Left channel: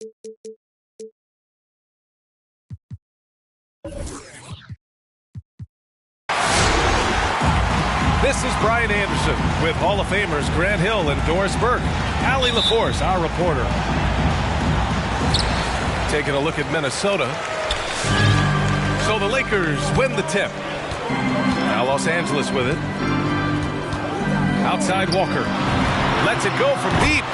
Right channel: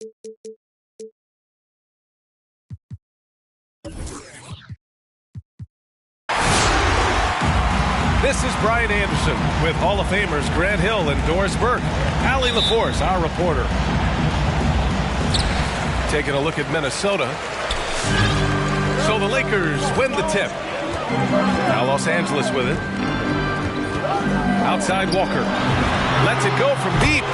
This is Brian Anderson with Hall of Famers Grant Hill and Doris Burke. Allie LaForce, our reporter. Taking a look at Minnesota. So the Lakers win the tip. Now Los Angeles with it. Outside Walker. Lets it go from deep.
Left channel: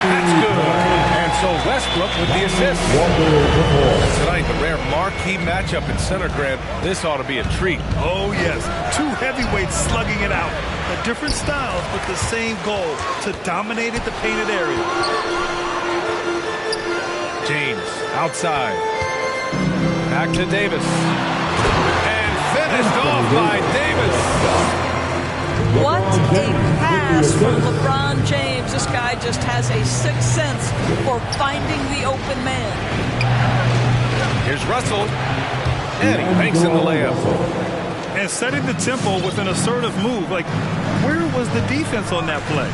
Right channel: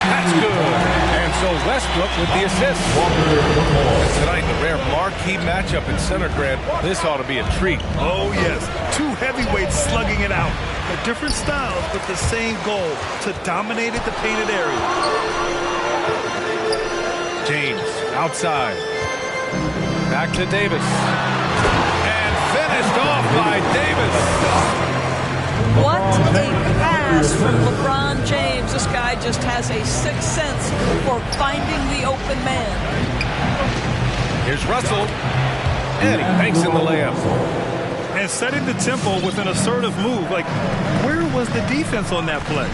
That's good. And so Westbrook with the assist. And tonight, the rare marquee matchup in center, Grant. This ought to be a treat. Oh, yes. Two heavyweights slugging it out. The different styles, but the same goal, to dominate the painted area. James outside. Back to Davis. And finished off by Davis. What a pass from LeBron James. This guy just has a sixth sense for finding the open man. Here's Russell. And he banks in the layup. And setting the tempo with an assertive move. Like, where was the defense on that play?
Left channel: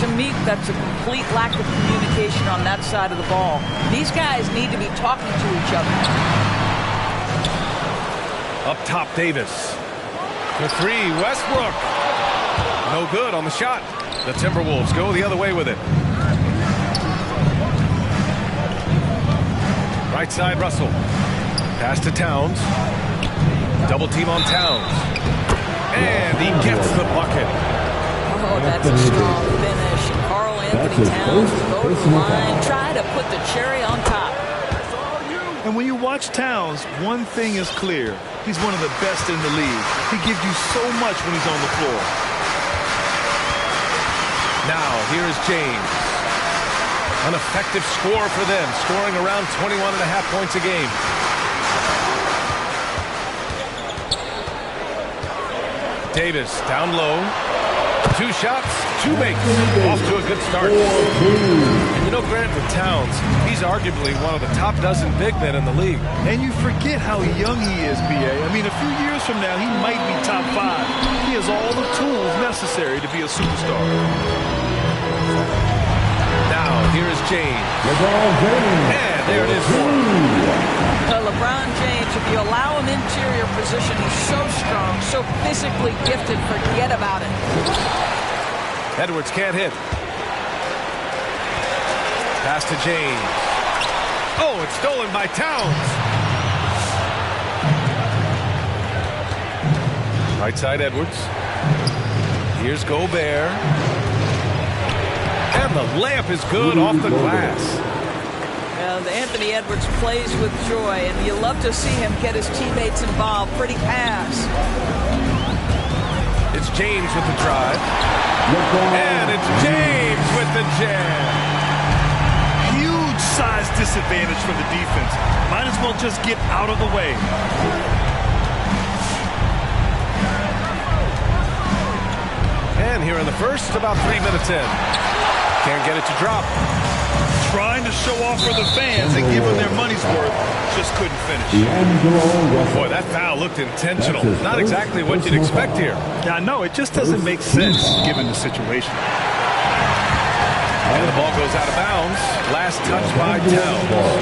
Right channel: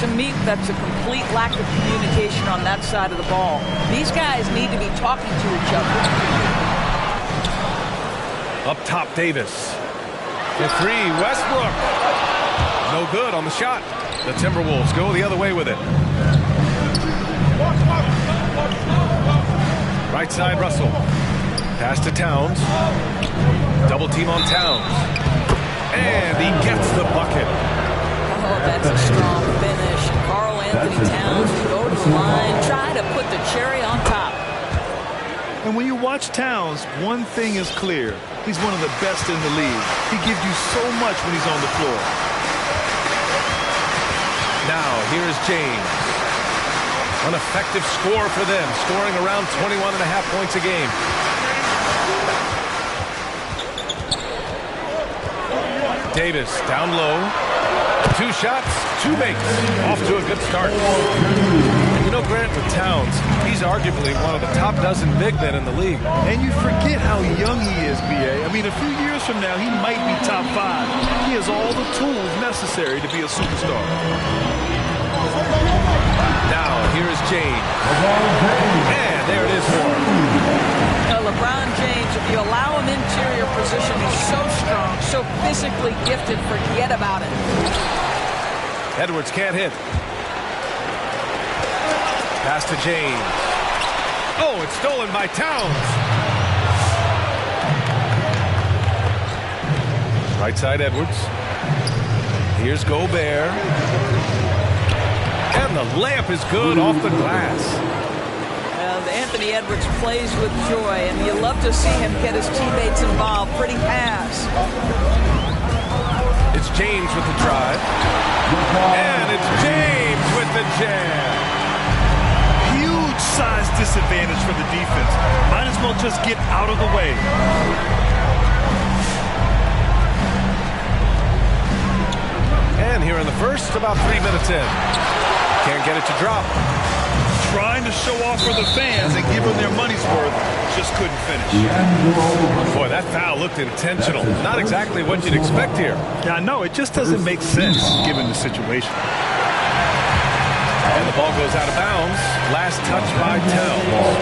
To me, that's a complete lack of communication on that side of the ball. These guys need to be talking to each other. Up top, Davis. For three, Westbrook. No good on the shot. The Timberwolves go the other way with it. Right side, Russell. Pass to Towns. Double team on Towns. And he gets the bucket. Oh, that's a strong finish. And Karl Anthony Towns will go to the line, try to put the cherry on top. And when you watch Towns, one thing is clear. He's one of the best in the league. He gives you so much when he's on the floor. Now, here is James. An effective score for them, scoring around 21.5 points a game. Davis down low. 2 shots, 2 makes. Off to a good start. And you know, Grant, with Towns, he's arguably one of the top dozen big men in the league. And you forget how young he is, B.A. I mean, a few years from now, he might be top 5. He has all the tools necessary to be a superstar. Now, here is James. And there it is for him. LeBron James, if you allow him interior position, he's so strong, so physically gifted, forget about it. Edwards can't hit. Pass to James. Oh, it's stolen by Towns. Right side, Edwards. Here's Gobert. And the layup is good off the glass. And Anthony Edwards plays with joy, and you love to see him get his teammates involved. Pretty pass. It's James with the drive. And it's James with the jam. Huge size disadvantage for the defense. Might as well just get out of the way. And here in the first, about 3 minutes in. Can't get it to drop. Trying to show off for the fans and give them their money's worth. Just couldn't finish. Boy, that foul looked intentional. Not exactly what you'd expect here. Yeah, I know. It just doesn't make sense given the situation. And the ball goes out of bounds. Last touch by Towns.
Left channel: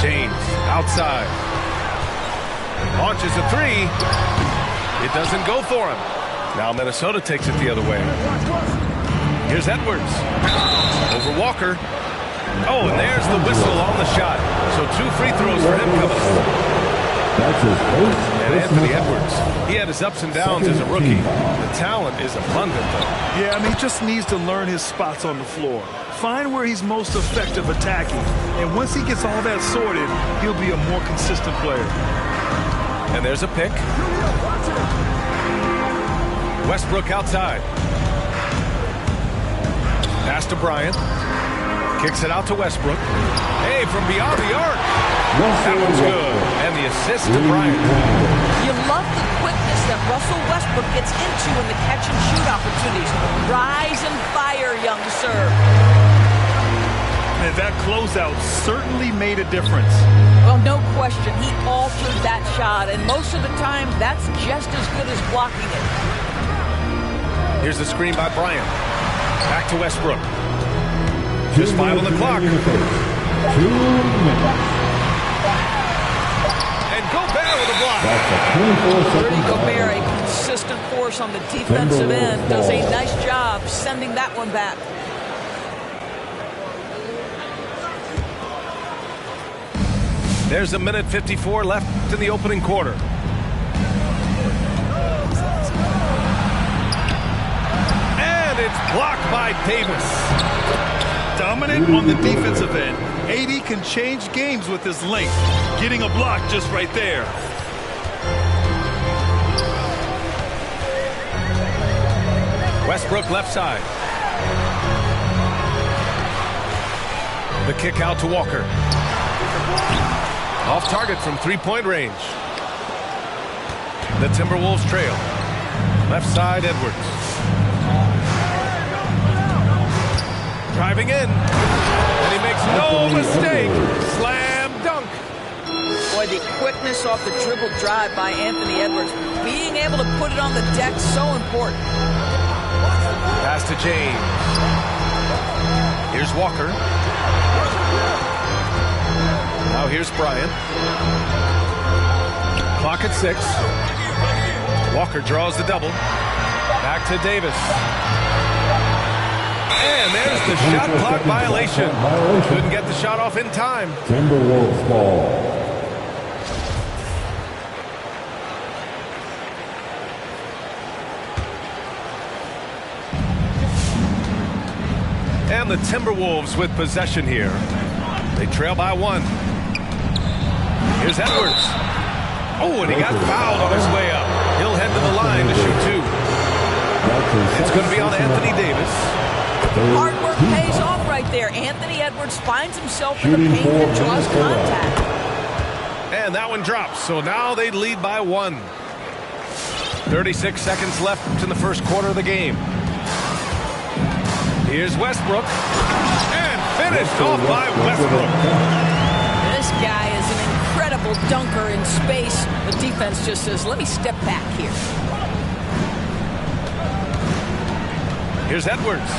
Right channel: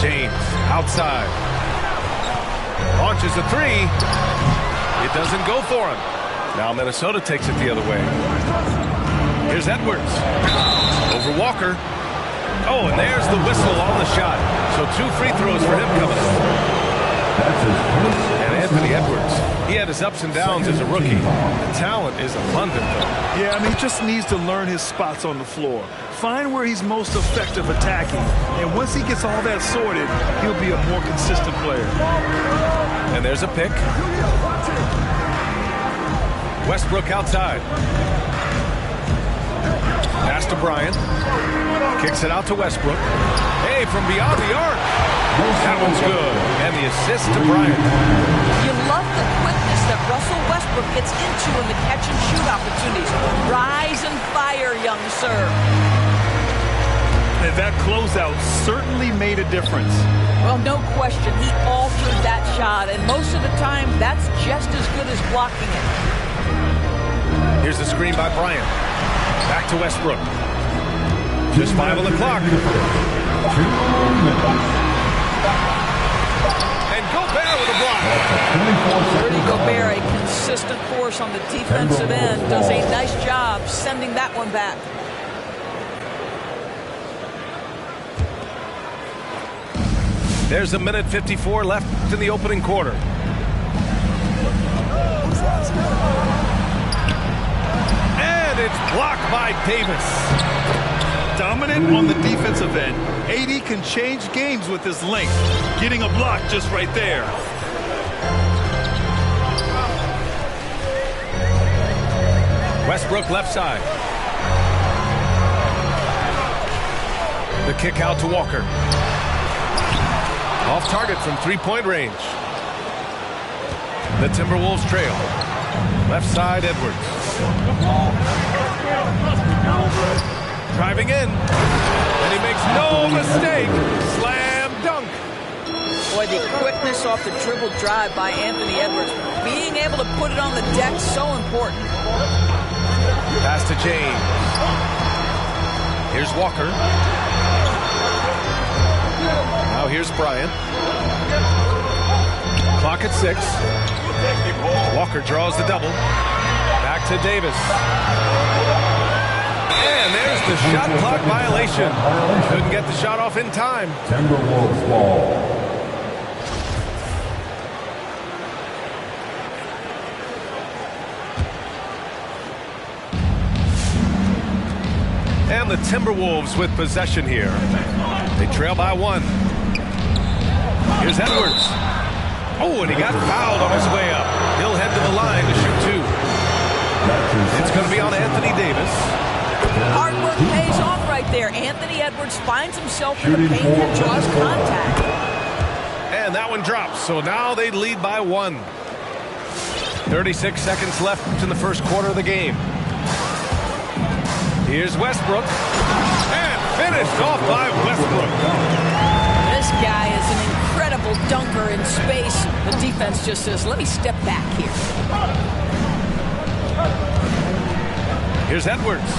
James outside. Launches a 3. It doesn't go for him. Now Minnesota takes it the other way. Here's Edwards. Over Walker. Oh, and there's the whistle on the shot. So 2 free throws for him coming up. And Anthony Edwards, he had his ups and downs as a rookie. The talent is abundant, though. Yeah, I mean, he just needs to learn his spots on the floor. Find where he's most effective attacking. And once he gets all that sorted, he'll be a more consistent player. And there's a pick. Westbrook outside. Pass to Bryant. Kicks it out to Westbrook. Hey, from beyond the arc. That one's good. And the assist to Bryant. You love the quickness that Russell Westbrook gets into in the catch-and-shoot opportunities. Rise and fire, young sir. And that closeout certainly made a difference. Well, no question. He altered that shot, and most of the time, that's just as good as blocking it. Here's the screen by Bryant. Back to Westbrook. Just 5 on the clock. 2 minutes. And Gobert with a block. Rudy Gobert, a consistent force on the defensive end, does a nice job sending that one back. There's a minute 54 left in the opening quarter. And it's blocked by Davis. Dominant on the defensive end. AD can change games with his length. Getting a block just right there. Westbrook left side. The kick out to Walker. Off target from three-point range. The Timberwolves trail. Left side, Edwards. Driving in. And he makes no mistake. Slam dunk. Boy, the quickness off the dribble drive by Anthony Edwards. Being able to put it on the deck, so important. Pass to James. Here's Walker. Now here's Bryant. Clock at 6. Walker draws the double. Back to Davis. And there's the shot clock violation. Couldn't get the shot off in time. Timberwolves ball. And the Timberwolves with possession here. They trail by 1. Here's Edwards. Oh, and he got fouled on his way up. He'll head to the line to shoot 2. It's going to be on Anthony Davis. Hard work pays off right there. Anthony Edwards finds himself in the paint and draws contact. And that one drops. So now they lead by 1. 36 seconds left in the first quarter of the game. Here's Westbrook. And finished off by Westbrook. This guy is an incredible dunker in space. The defense just says, let me step back here. Here's Edwards.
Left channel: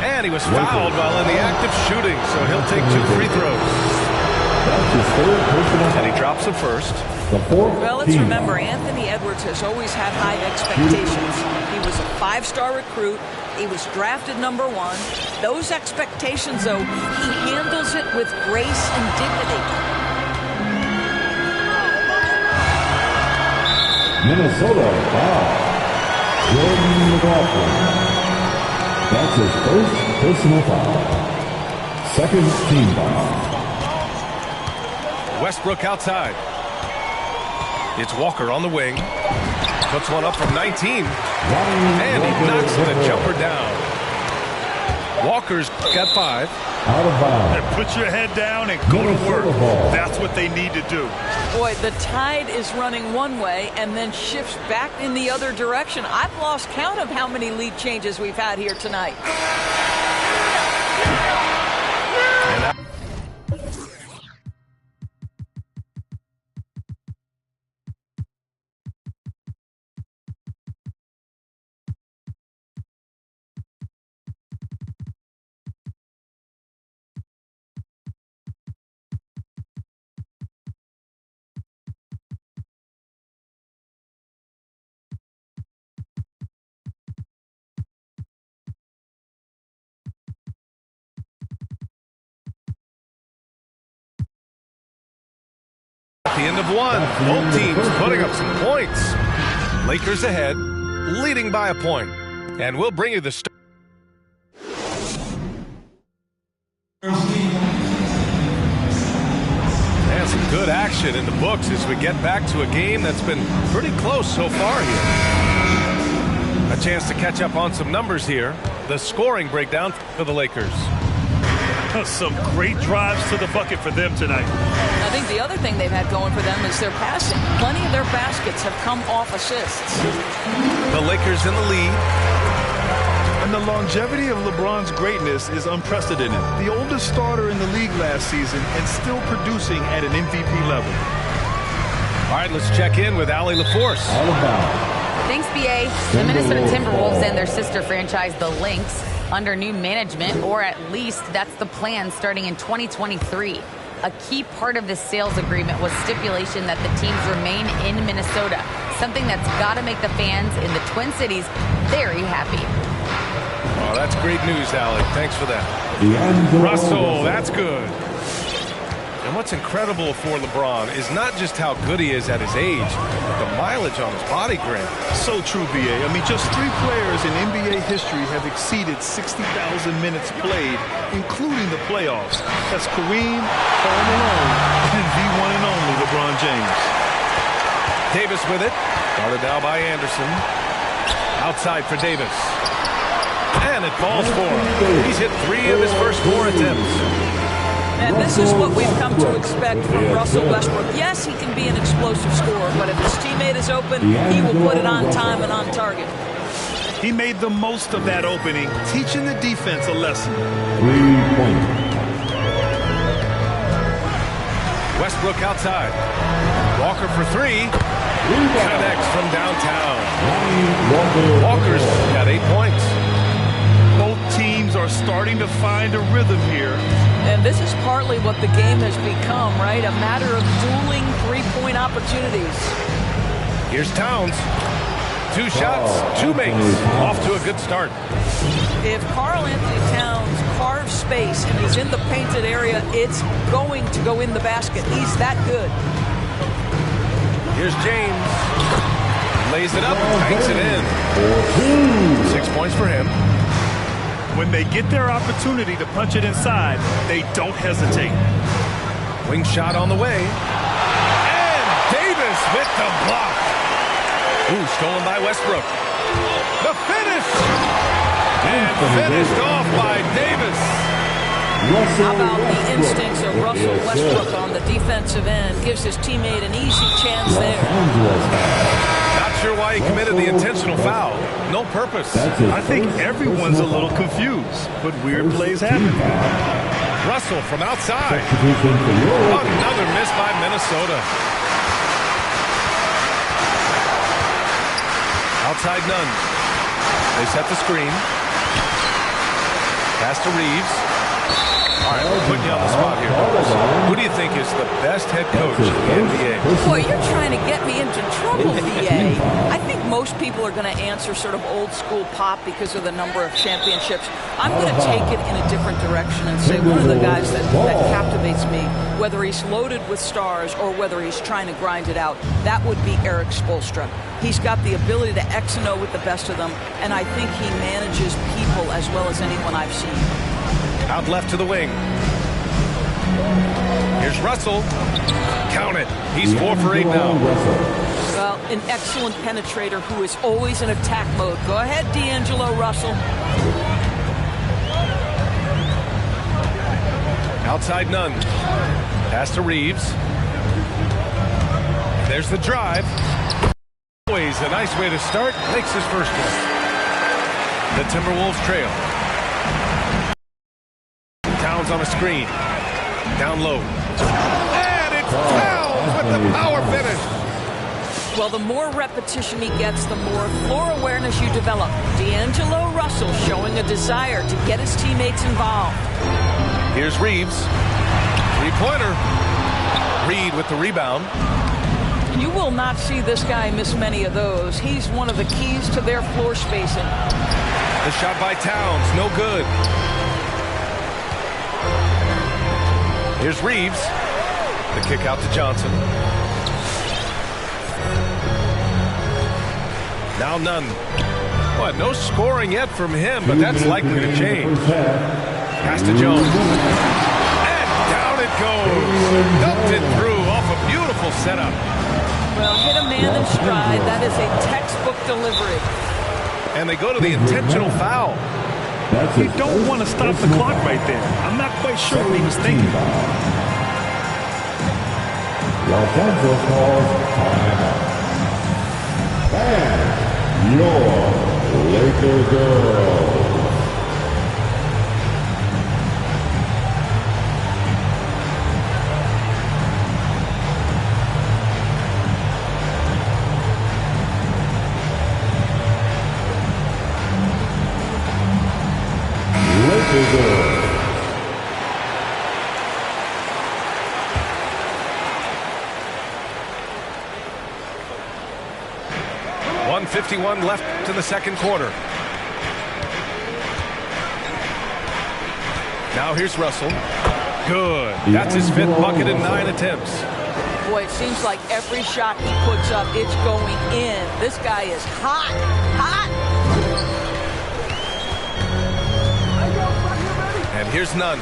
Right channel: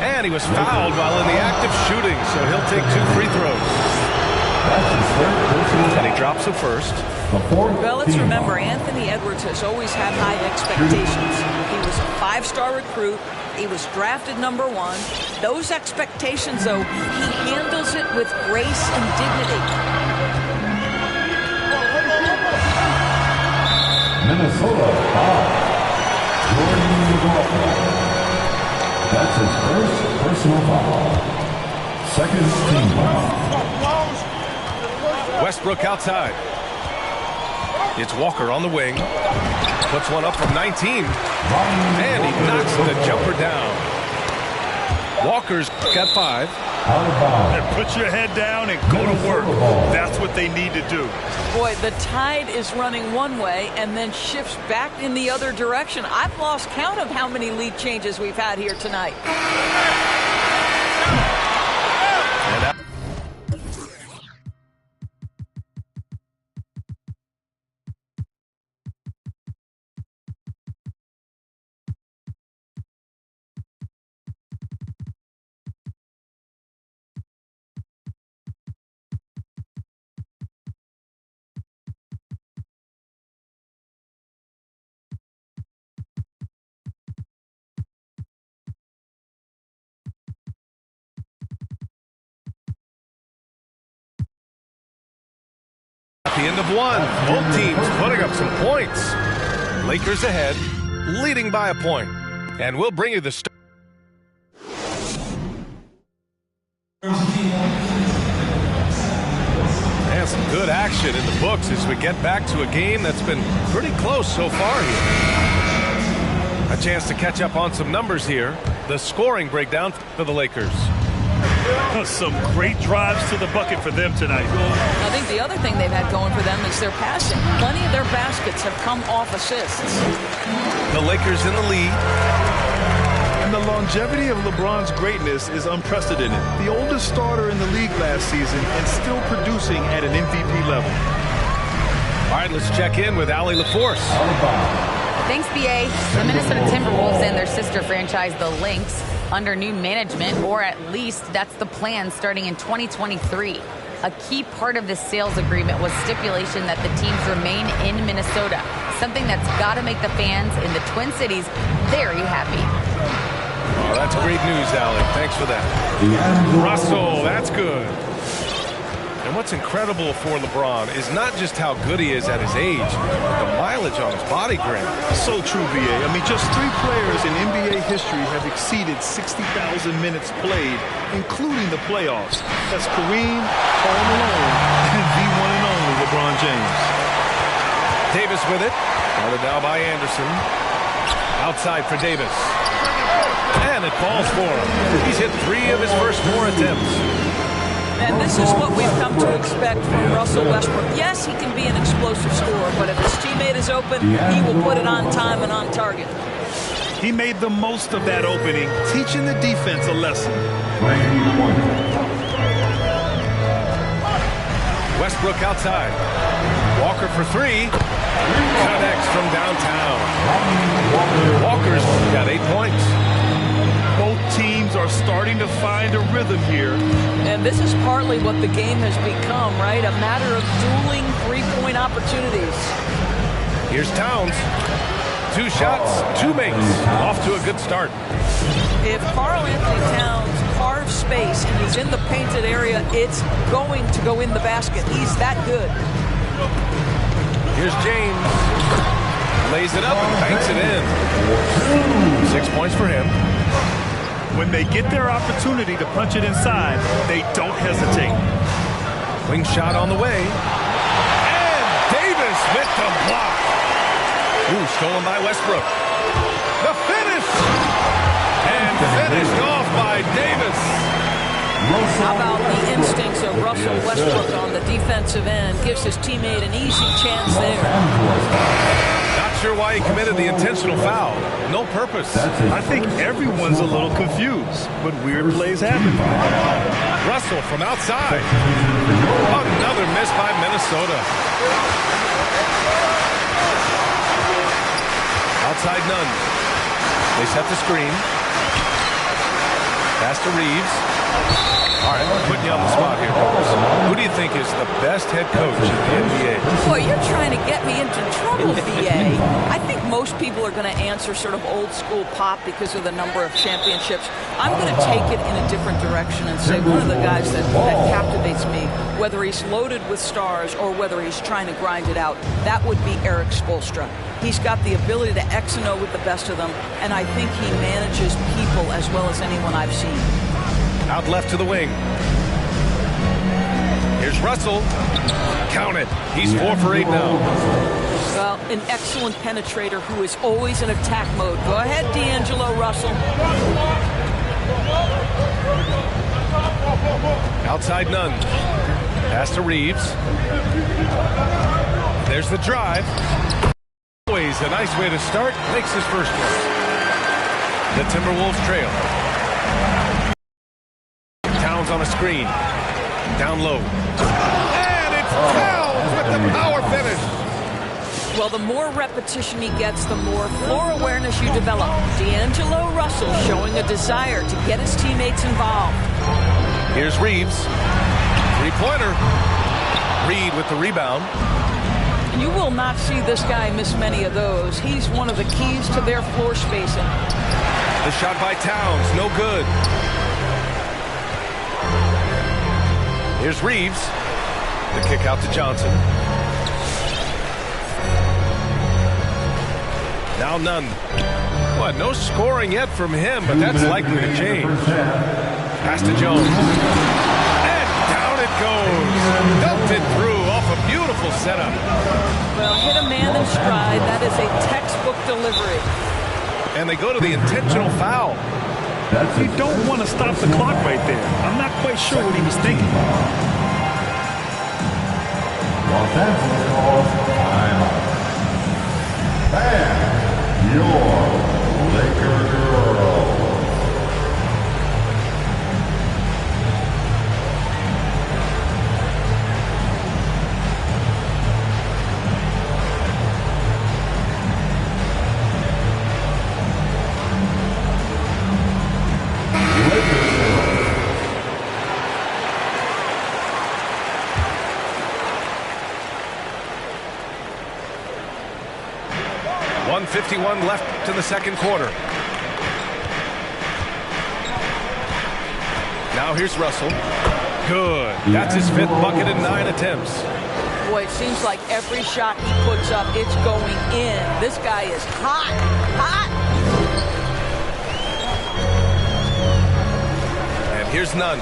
And he was fouled while in the act of shooting, so he'll take 2 free throws. And he drops the first. Well, let's remember, Anthony Edwards has always had high expectations. He was a 5-star recruit. He was drafted number 1. Those expectations, though, he handles it with grace and dignity. Minnesota foul. Jordan McLaughlin. That's his first personal foul. Second team foul. Westbrook outside. It's Walker on the wing. Puts one up from 19. And he knocks the jumper down. Walker's got 5. Out of bounds. And put your head down and go to work. That's what they need to do. Boy, the tide is running one way and then shifts back in the other direction. I've lost count of how many lead changes we've had here tonight. And at the end of 1, both teams putting up some points. Lakers ahead, leading by a point. And we'll bring you the start. And some good action in the books as we get back to a game that's been pretty close so far here. A chance to catch up on some numbers here. The scoring breakdown for the Lakers. Some great drives to the bucket for them tonight. I think the other thing they've had going for them is their passing. Plenty of their baskets have come off assists. The Lakers in the lead. And the longevity of LeBron's greatness is unprecedented. The oldest starter in the league last season and still producing at an MVP level. All right, let's check in with Allie LaForce. Thanks, BA. The Minnesota Timberwolves and their sister franchise, the Lynx, under new management, or at least that's the plan starting in 2023. A key part of this sales agreement was stipulation that the teams remain in Minnesota, something that's got to make the fans in the Twin Cities very happy. Oh, that's great news, Allie. Thanks for that. Russell, that's good. And what's incredible for LeBron is not just how good he is at his age, but the mileage on his body grade. So true, BA. I mean, just 3 players in NBA history have exceeded 60,000 minutes played, including the playoffs. That's Kareem, Karl Malone, and the one and only LeBron James. Davis with it. Guarded now by Anderson. Outside for Davis. And it falls for him. He's hit 3 of his first 4 attempts. And this is what we've come to expect from Russell Westbrook. Yes, he can be an explosive scorer, but if his teammate is open, he will put it on time and on target. He made the most of that opening, teaching the defense a lesson. 3-point. Westbrook outside. Walker for 3. Connects from downtown. Walker's got 8 points. Both teams are starting to find a rhythm here. And this is partly what the game has become, right? A matter of dueling 3-point opportunities. Here's Towns. 2 shots, 2 makes. Off to a good start. If Karl Anthony Towns carves space and is in the painted area, it's going to go in the basket. He's that good. Here's James. Lays it up and banks it in. 6 points for him. When they get their opportunity to punch it inside, they don't hesitate. Wing shot on the way. And Davis with the block. Ooh, stolen by Westbrook. The finish! And finished off by Davis. How about the instincts of Russell Westbrook on the defensive end? Gives his teammate an easy chance there. Not sure why he committed the intentional foul. No purpose. I think everyone's a little confused, but weird plays happen. Russell from outside. Another miss by Minnesota. Outside Nunn. They set the screen. Pass to Reeves. All right, we're putting you on the spot here, Doris. Who do you think is the best head coach in the NBA? Boy, you're trying to get me into trouble, BA. I think most people are going to answer sort of old school Pop because of the number of championships. I'm going to take it in a different direction and say one of the guys that captivates me, whether he's loaded with stars or whether he's trying to grind it out, that would be Erik Spoelstra. He's got the ability to X and O with the best of them, and I think he manages people as well as anyone I've seen. Out left to the wing. Here's Russell. Count it. He's 4 for 8 now. Well, an excellent penetrator who is always in attack mode. Go ahead, D'Angelo Russell. Outside Nunn. Pass to Reeves. There's the drive. Always a nice way to start. Makes his first one. The Timberwolves trail. Towns on a screen. Down low. And it's Towns with the power finish. Well, the more repetition he gets, the more floor awareness you develop. D'Angelo Russell showing a desire to get his teammates involved. Here's Reeves. 3-pointer. Reed with the rebound. You will not see this guy miss many of those. He's one of the keys to their floor spacing. The shot by Towns, no good. Here's Reeves. The kick out to Johnson. Now Nunn. What, no scoring yet from him, but that's likely to change. Pass to Jones. And down it goes. Dumped it through off a beautiful setup. Well, hit a man in stride. That is a textbook delivery. And they go to the intentional foul. You don't want to stop the clock right there. I'm not quite sure what he was thinking. Los Angeles calls timeout. Ban your Laker girls. Laker girls. 1:51 left in the second quarter. Now here's Russell. Good. That's his 5th bucket in 9 attempts. Boy, it seems like every shot he puts up, it's going in. This guy is hot, hot. And here's Nunn.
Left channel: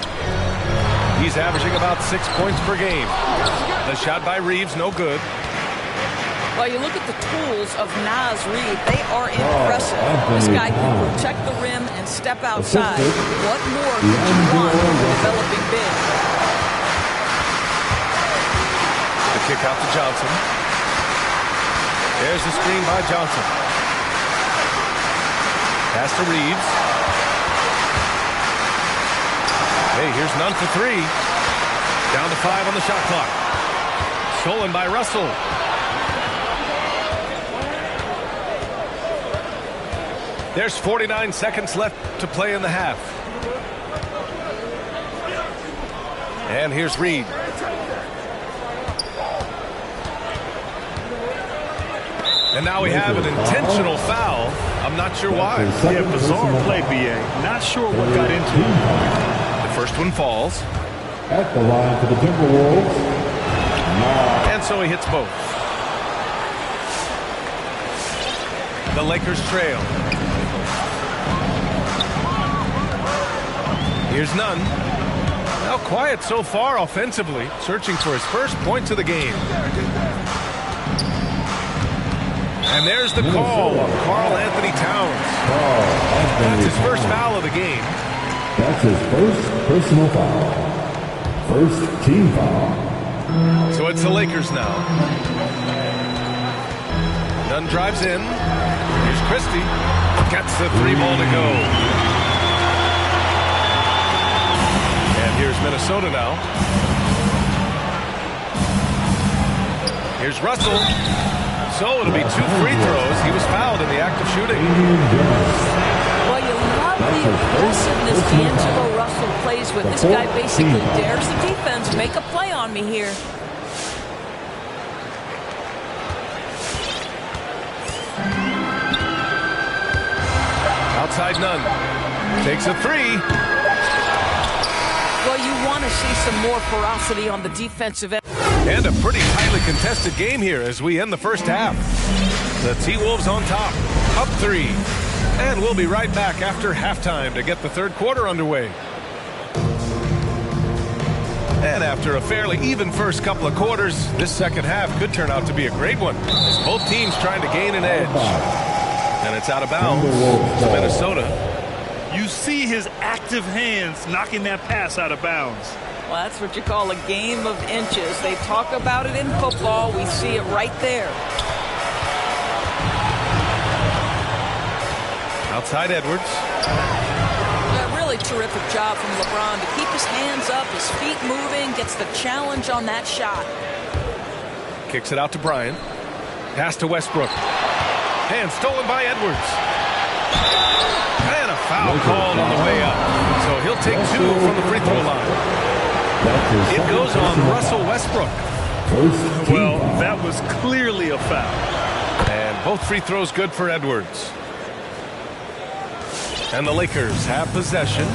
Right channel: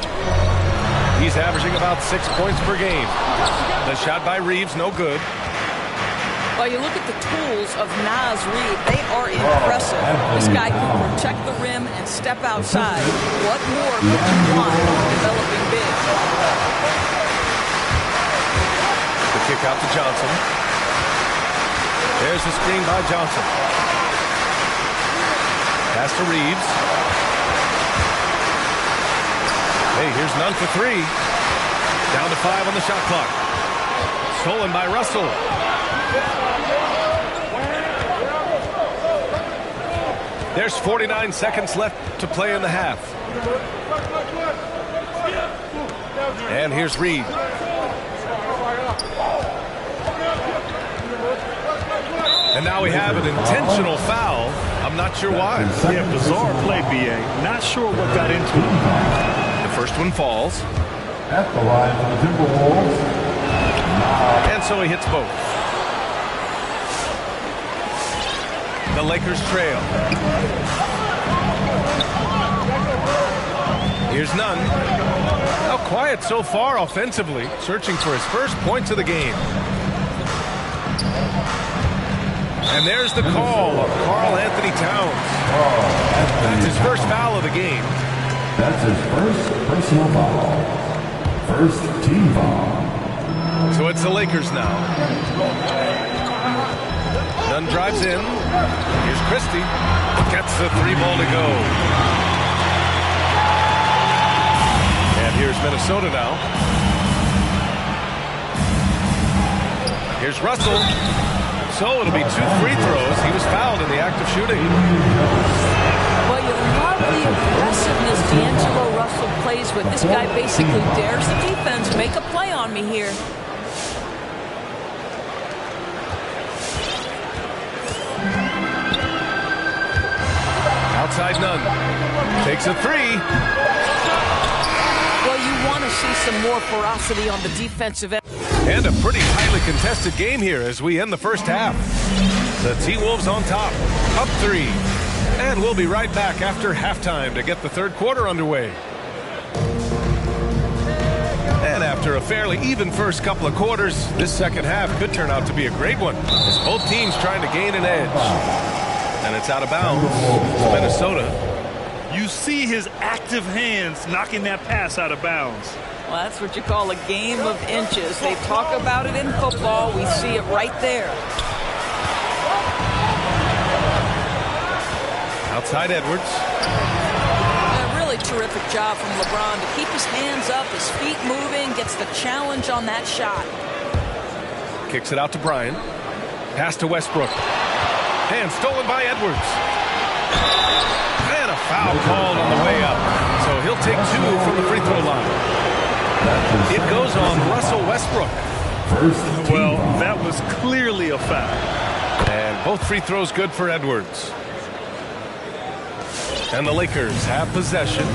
He's averaging about 6 points per game. The shot by Reeves, no good. Well, you look at the tools of Naz Reid. They are impressive. This guy can protect the rim and step outside. What more could you want from a developing big? The kick out to Johnson. There's the screen by Johnson. Pass to Reeves. Hey, here's Nunn for 3. Down to 5 on the shot clock. Stolen by Russell. There's 49 seconds left to play in the half. And here's Reed. And now we have an intentional foul. I'm not sure why. Yeah, bizarre play, B.A. Not sure what got into him. The first one falls. At the line for the Timberwolves. And so he hits both. The Lakers trail. Here's Nunn. Now quiet so far offensively, searching for his first points of the game. And there's the call on Karl Anthony Towns. That's his first foul of the game. That's his first personal foul. First team foul. So it's the Lakers now. Nunn drives in. Here's Christie. Gets the 3-ball to go. And here's Minnesota now. Here's Russell. So it'll be 2 free throws. He was fouled in the act of shooting. Well, you love the aggressiveness D'Angelo Russell plays with. This guy basically dares the defense. Make a play on me here. Outside Nunn. Takes a 3. Well, you want to see some more ferocity on the defensive end. And a pretty tightly contested game here as we end the first half. The T-Wolves on top, up 3. And we'll be right back after halftime to get the third quarter underway. And after a fairly even first couple of quarters, this second half could turn out to be a great one as both teams trying to gain an edge. And it's out of bounds to Minnesota. You see his active hands knocking that pass out of bounds. Well, that's what you call a game of inches. They talk about it in football. We see it right there. Outside Edwards. A really terrific job from LeBron to keep his hands up, his feet moving, gets the challenge on that shot. Kicks it out to Bryant. Pass to Westbrook. And stolen by Edwards. And a foul called on the way up. So he'll take 2 from the free throw line. It goes on Russell Westbrook. Well, that was clearly a foul. And both free throws good for Edwards. And the Lakers have possession.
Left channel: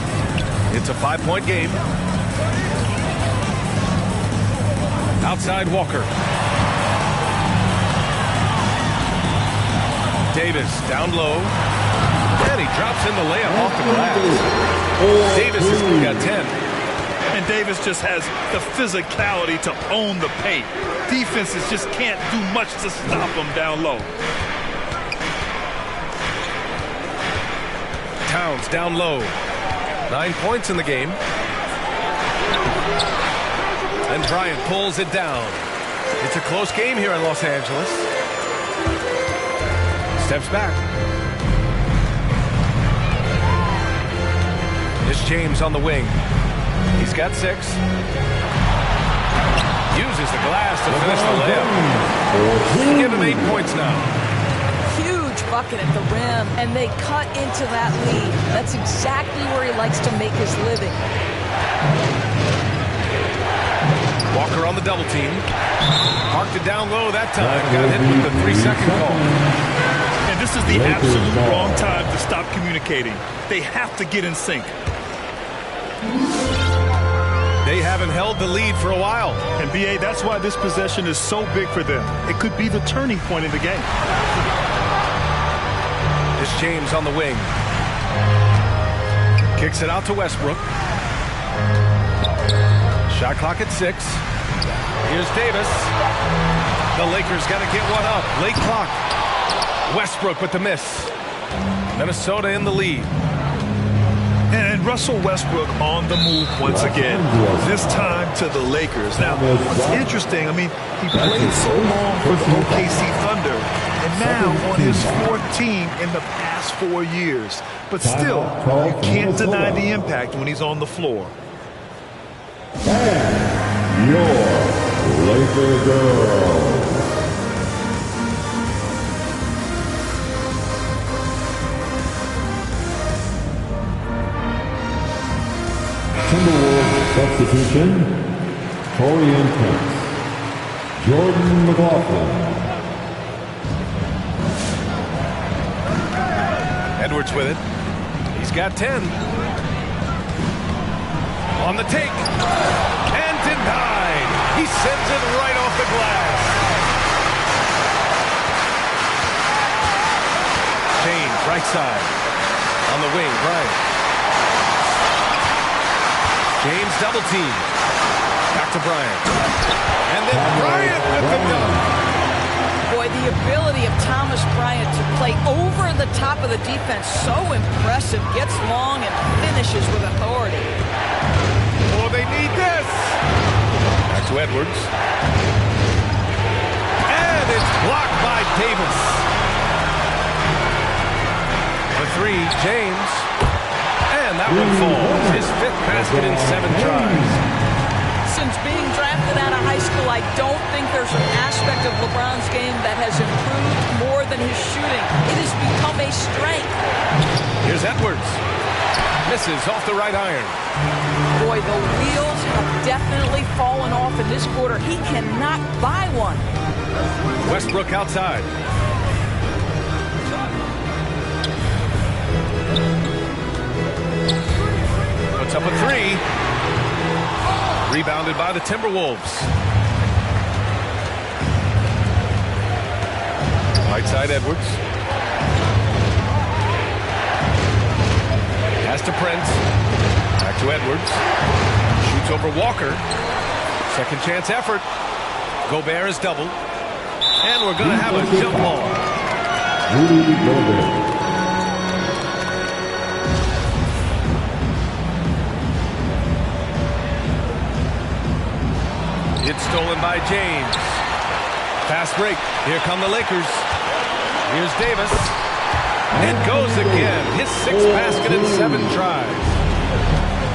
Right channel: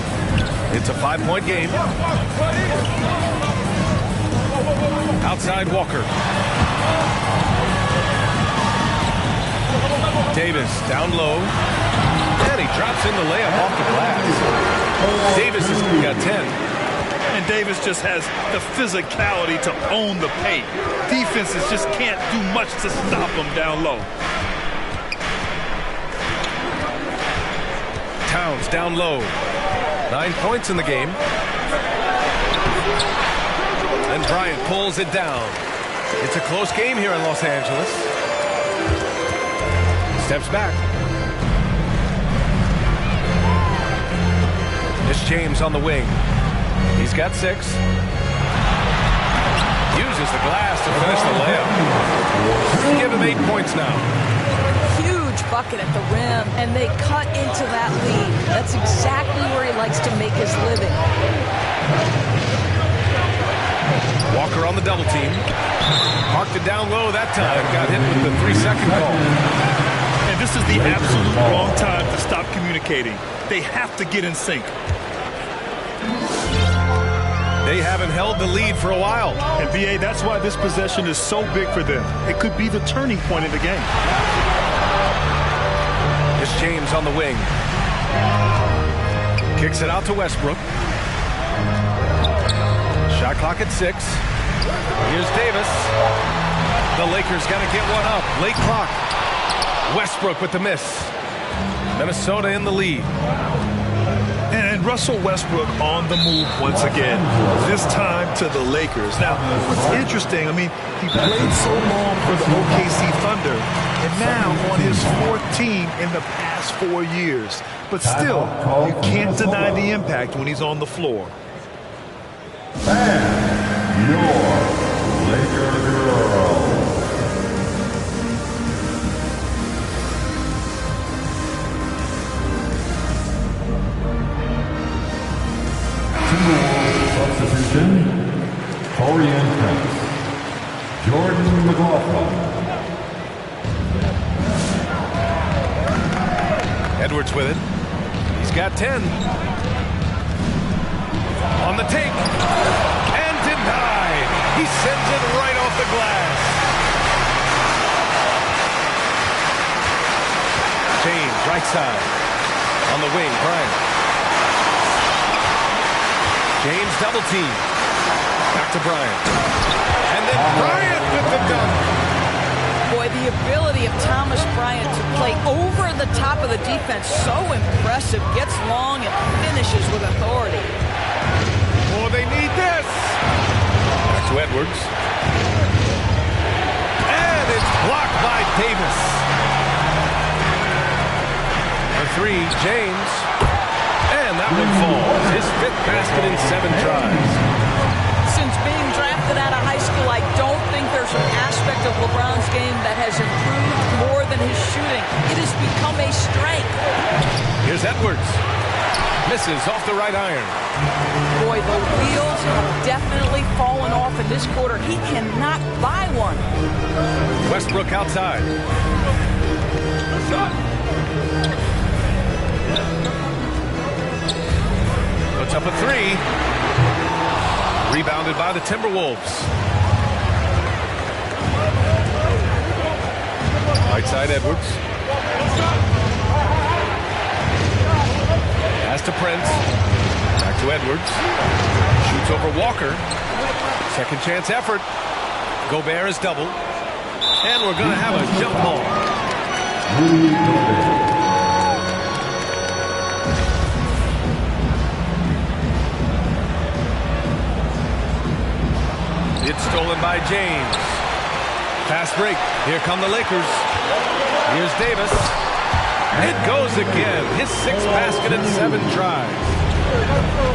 It's a 5-point game. Outside Walker. Davis down low. And he drops in the layup off the glass. Davis has got 10. And Davis just has the physicality to own the paint. Defenses just can't do much to stop him down low. Towns down low. 9 points in the game. And Bryant pulls it down. It's a close game here in Los Angeles. Steps back. It's James on the wing. He's got 6. Uses the glass to finish the layup. Give him 8 points now. Huge bucket at the rim, and they cut into that lead. That's exactly where he likes to make his living. Walker on the double team. Parked it down low that time. Got hit with the 3-second call. And this is the absolute wrong time to stop communicating. They have to get in sync. They haven't held the lead for a while. And B.A., that's why this possession is so big for them. It could be the turning point in the game. It's James on the wing. Kicks it out to Westbrook. Shot clock at 6. Here's Davis. The Lakers got to get one up. Late clock. Westbrook with the miss. Minnesota in the lead. And Russell Westbrook on the move once again, this time to the Lakers. Now, what's interesting, I mean, he played so long for the OKC Thunder, and now on his 4th team in the past 4 years. But still, you can't deny the impact when he's on the floor. And your Laker girl. Timberwolves substitution, Taurean Prince, Jordan McLaughlin. Edwards with it. He's got 10. On the take. And denied. He sends it right off the glass. James, right side. On the wing, Bryant. James double team. Back to Bryant. And then Bryant with the dunk. Boy, the ability of Thomas Bryant to play over the top of the defense, so impressive. Gets long and finishes with authority. Oh, they need this. Back to Edwards. And it's blocked by Davis. For 3, James. And that one falls. His 5th basket in 7 tries. Since being drafted out of high school, I don't think there's an aspect of LeBron's game that has improved more than his shooting. It has become a strength. Here's Edwards. Misses off the right iron. Boy, the wheels have definitely fallen off in this quarter. He cannot buy one. Westbrook outside. Puts up a 3. Rebounded by the Timberwolves. Right side Edwards. Pass to Prince. Back to Edwards. Shoots over Walker. Second chance effort. Gobert is doubled. And we're going to have a jump ball. Rudy Gobert. It's stolen by James. Fast break. Here come the Lakers. Here's Davis. It goes again. His 6th basket in 7 tries.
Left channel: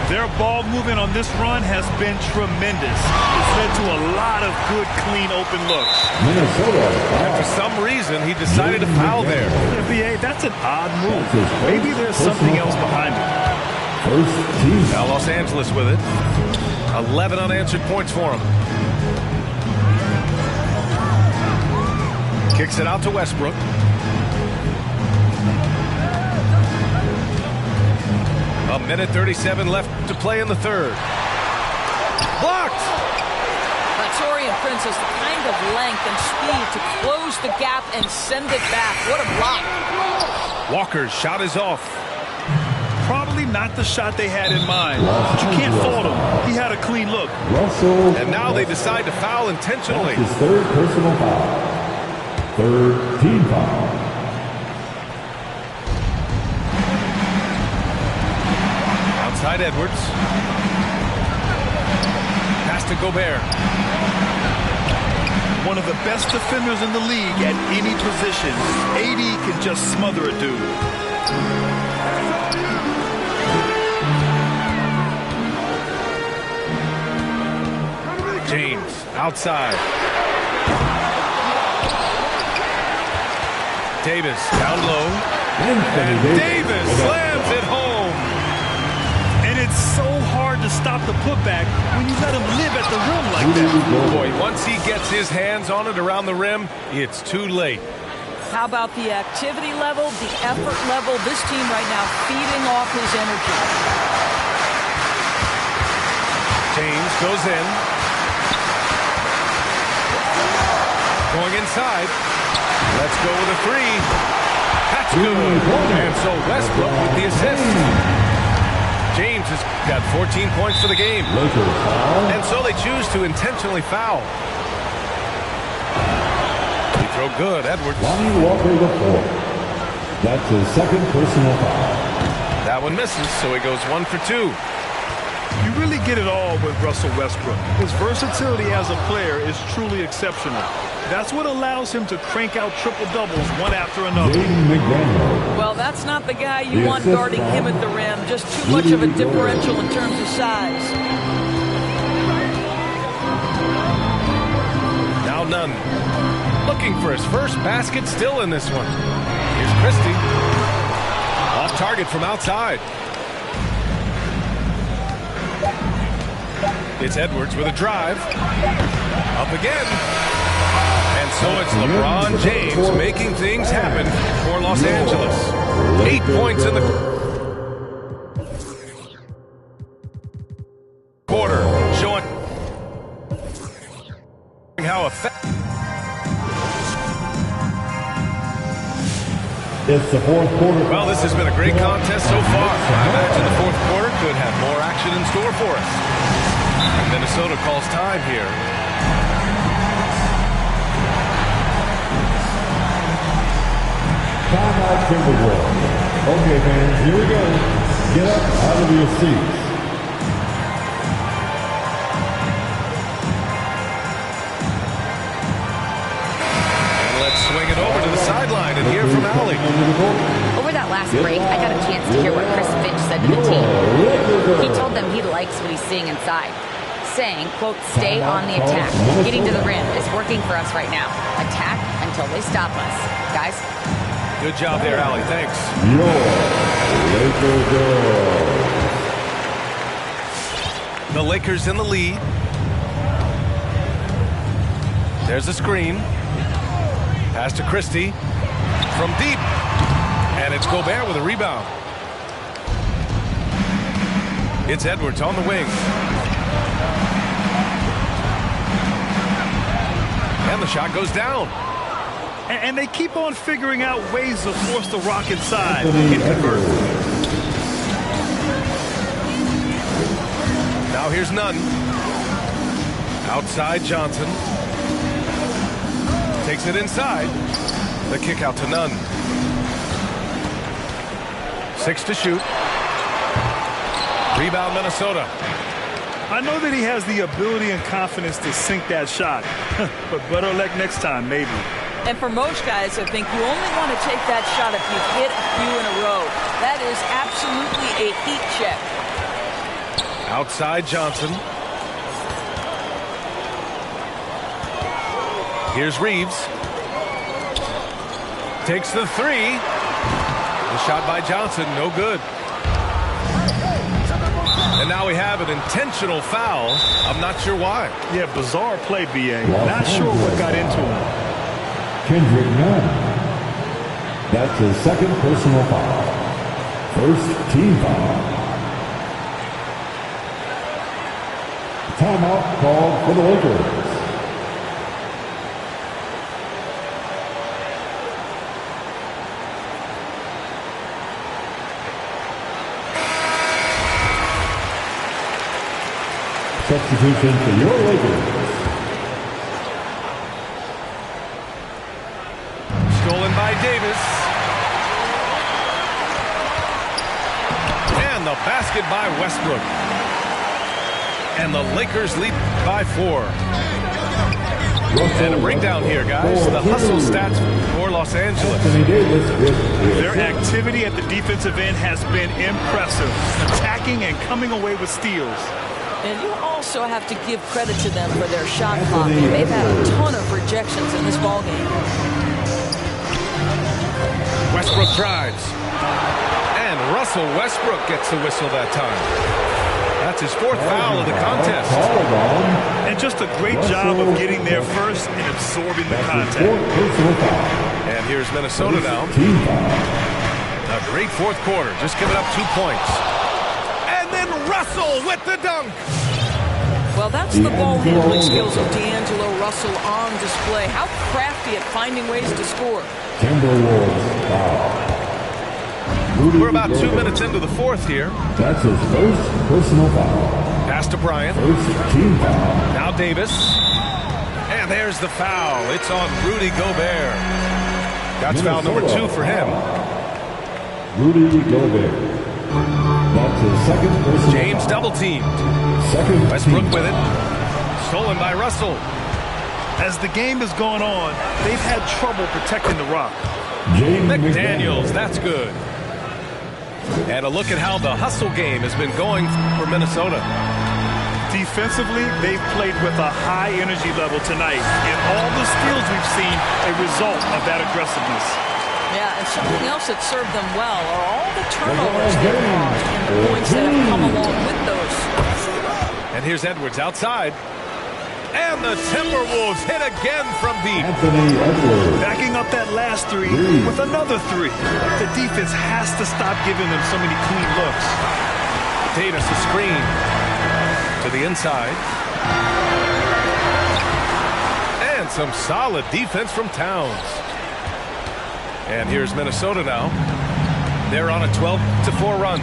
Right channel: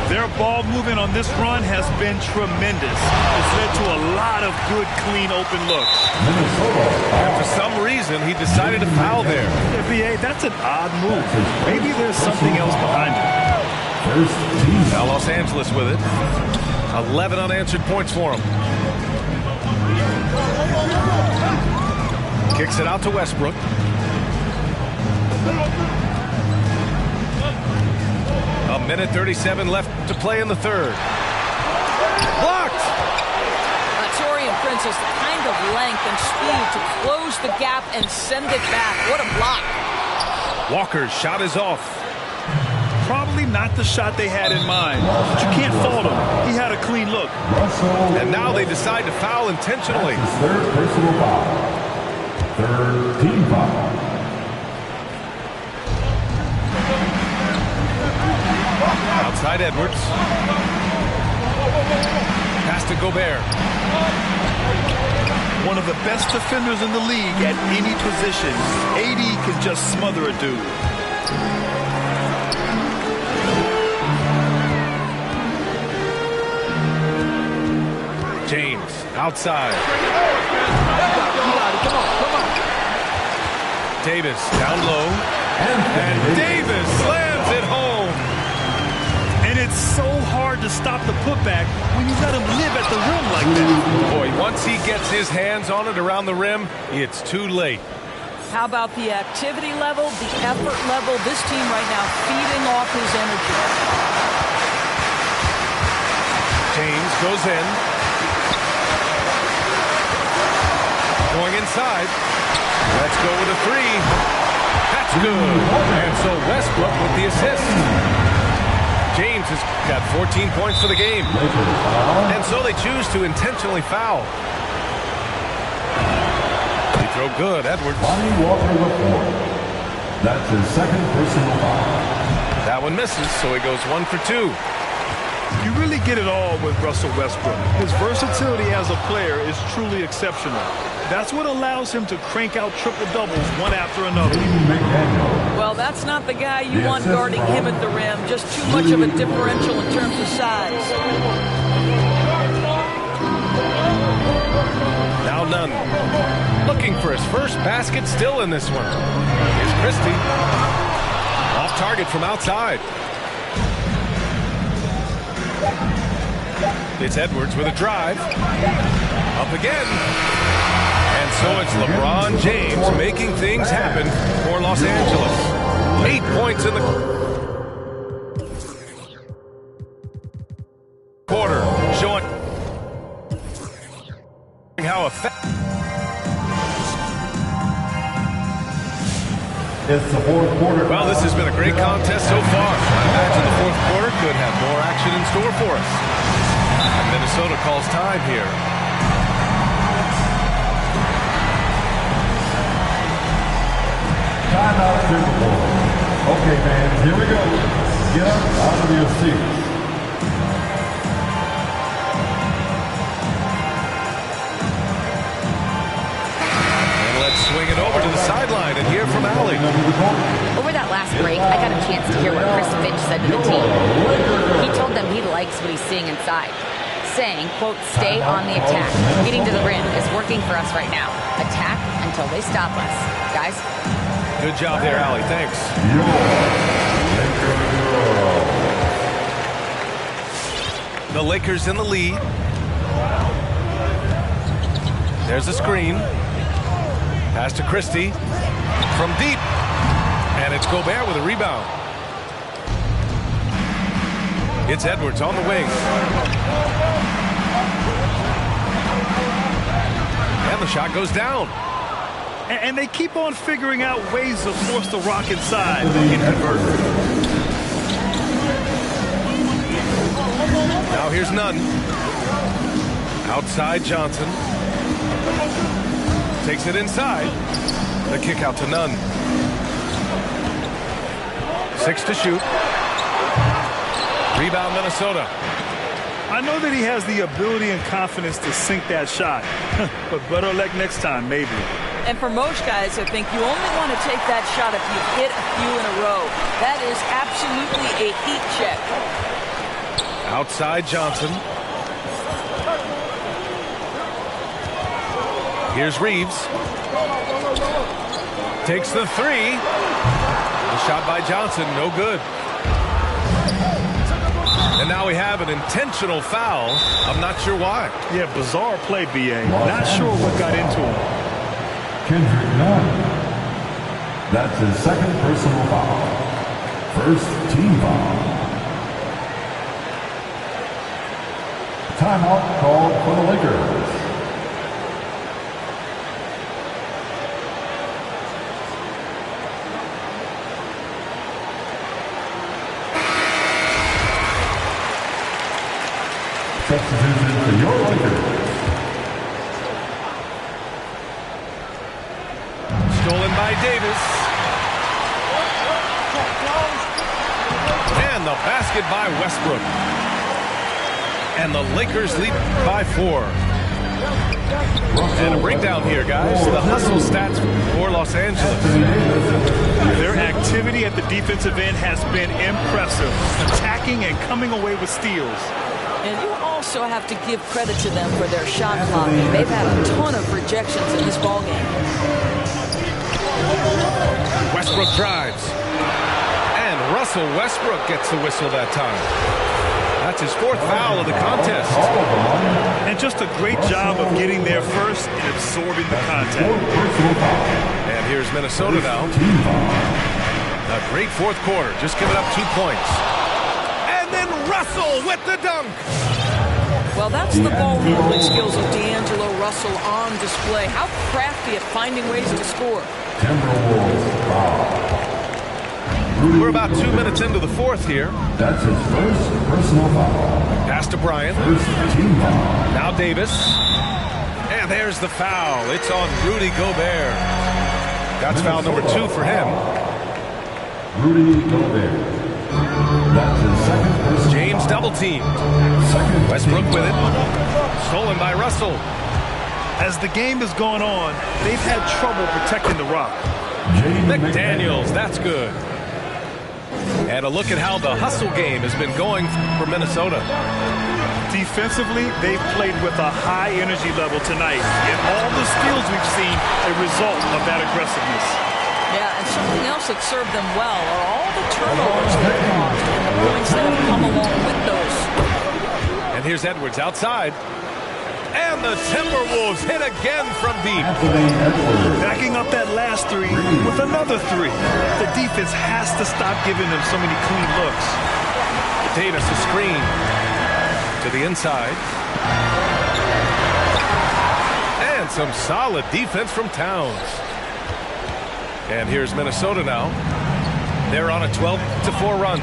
Their ball movement on this run has been tremendous. It's led to a lot of good, clean, open looks. Minnesota. And for some reason, he decided to foul there. NBA, that's an odd move. Maybe there's something else behind it. First team. Now Los Angeles with it. 11 unanswered points for him. Kicks it out to Westbrook. A minute 37 left to play in the 3rd. Blocked! Taurean Prince has the kind of length and speed to close the gap and send it back. What a block. Walker's shot is off. Probably not the shot they had in mind, but you can't fault him. He had a clean look. Russell. And now they decide to foul intentionally. That's his 3rd personal foul. 3rd team foul. Outside Edwards. Pass to Gobert. One of the best defenders in the league at any position. AD can just smother a dude. James outside. Davis down low. And Davis slams it home. And it's so hard to stop the putback when you let him live at the rim like that. Oh boy, once he gets his hands on it around the rim, it's too late. How about the activity level, the effort level? This team right now feeding off his energy. James goes in. Going inside. Let's go with a three. That's good. And so Westbrook with the assist. James has got 14 points for the game. And so they choose to intentionally foul. They throw good, Edwards. Lonnie Walker the fourth. That's his second personal foul. That one misses, so he goes 1 for 2. You really get it all with Russell Westbrook. His versatility as a player is truly exceptional. That's what allows him to crank out triple-doubles one after another. McDaniel. Well, that's not the guy you want guarding him at the rim. Just too much of a differential in terms of size. Now Nunn. Looking for his first basket still in this one. Here's Christie. Off target from outside. It's Edwards with a drive. Up again. And so it's LeBron James making things happen for Los Angeles. 8 points in the quarter. Showing how effective. It's the fourth quarter. Well, this has been a great contest so far. I imagine the fourth quarter could have more action in store for us. And Minnesota calls time here. Timeout, Timberwolves. Okay, fans, here we go. Get up out of your seats. And let's swing it over to the sideline and hear from Allie. Over that last break, I got a chance to hear what Chris Finch said to the team. He told them he likes what he's seeing inside, saying, quote, stay on the attack. Getting to the rim is working for us right now. Attack until they stop us. Guys? Good job there, Allie. Thanks. The Lakers in the lead. There's a screen. Pass to Christie. From deep. And it's Gobert with a rebound. It's Edwards on the wing. And the shot goes down. And they keep on figuring out ways to force the rock inside and convert. Now here's Nunn. Outside Johnson. Takes it inside. The kick out to Nunn. 6 to shoot. Rebound Minnesota. I know that he has the ability and confidence to sink that shot, but better luck next time, maybe. And for most guys, I think you only want to take that shot if you've hit a few in a row. That is absolutely a heat check. Outside Johnson. Here's Reeves. Takes the three. The shot by Johnson, no good. And now we have an intentional foul. I'm not sure why. Yeah, bizarre play, B.A. Not sure what got into him. Kendrick Nunn. That's his second personal foul. First team foul. Timeout called for the Lakers. Substitution for your Lakers. Stolen by Davis. And the basket by Westbrook. And the Lakers lead by 4. And a breakdown here, guys. The hustle stats for Los Angeles. Their activity at the defensive end has been impressive, attacking and coming away with steals. And you also have to give credit to them for their shot blocking. They've had a ton of rejections in this ballgame. Westbrook drives. And Russell Westbrook gets the whistle that time. That's his 4th foul of the contest. And just a great job of getting there first and absorbing the contact. And here's Minnesota now. A great 4th quarter, just giving up 2 points. And then Russell with the dunk. Well, that's the ball handling skills of D'Angelo Russell on display. How crafty at finding ways to score. Timberwolves foul. We're about 2 minutes into the 4th here. That's his first personal foul. Pass to Bryant. First team foul. Now Davis. And there's the foul. It's on Rudy Gobert. That's foul number 2 for him. Rudy Gobert. That's his second personal James foul. double teamed. Second Westbrook team with it. foul. Stolen by Russell. As the game has gone on, they've had trouble protecting the rock. James McDaniels, that's good. And a look at how the hustle game has been going for Minnesota. Defensively, they've played with a high energy level tonight, and all the steals we've seen a result of that aggressiveness. Yeah, and something else that served them well are all the turnovers they've caused and the points that have come along with those. And here's Edwards outside. And the Timberwolves hit again from deep. Anthony Edwards. Backing up that last three with another 3. The defense has to stop giving them so many clean looks. Davis a screen to the inside. And some solid defense from Towns. And here's Minnesota now. They're on a 12-4 run.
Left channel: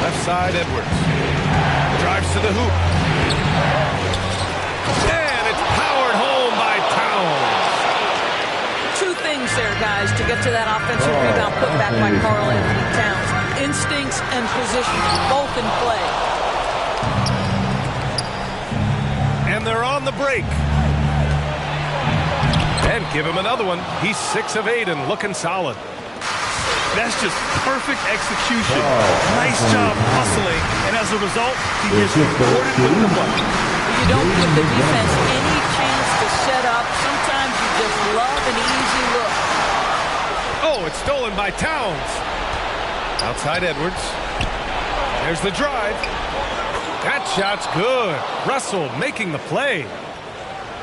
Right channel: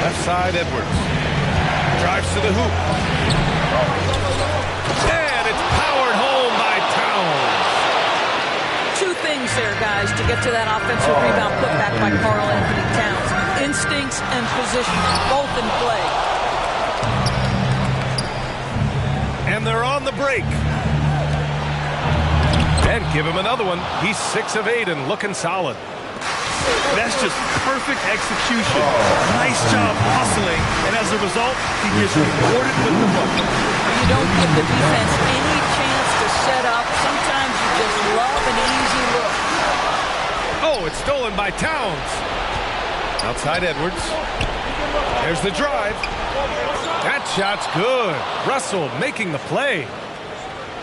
Left side, Edwards. Drives to the hoop. And it's powered home by Towns. 2 things there, guys, to get to that offensive rebound put back by Karl Anthony Towns. Instincts and positioning, both in play. And they're on the break. And give him another one. He's 6 of 8 and looking solid. That's just perfect execution. Nice job hustling, and as a result, he gets rewarded with the bucket. You don't give the defense any chance to set up. Sometimes you just love an easy look. Oh, it's stolen by Towns. Outside Edwards. There's the drive. That shot's good. Russell making the play.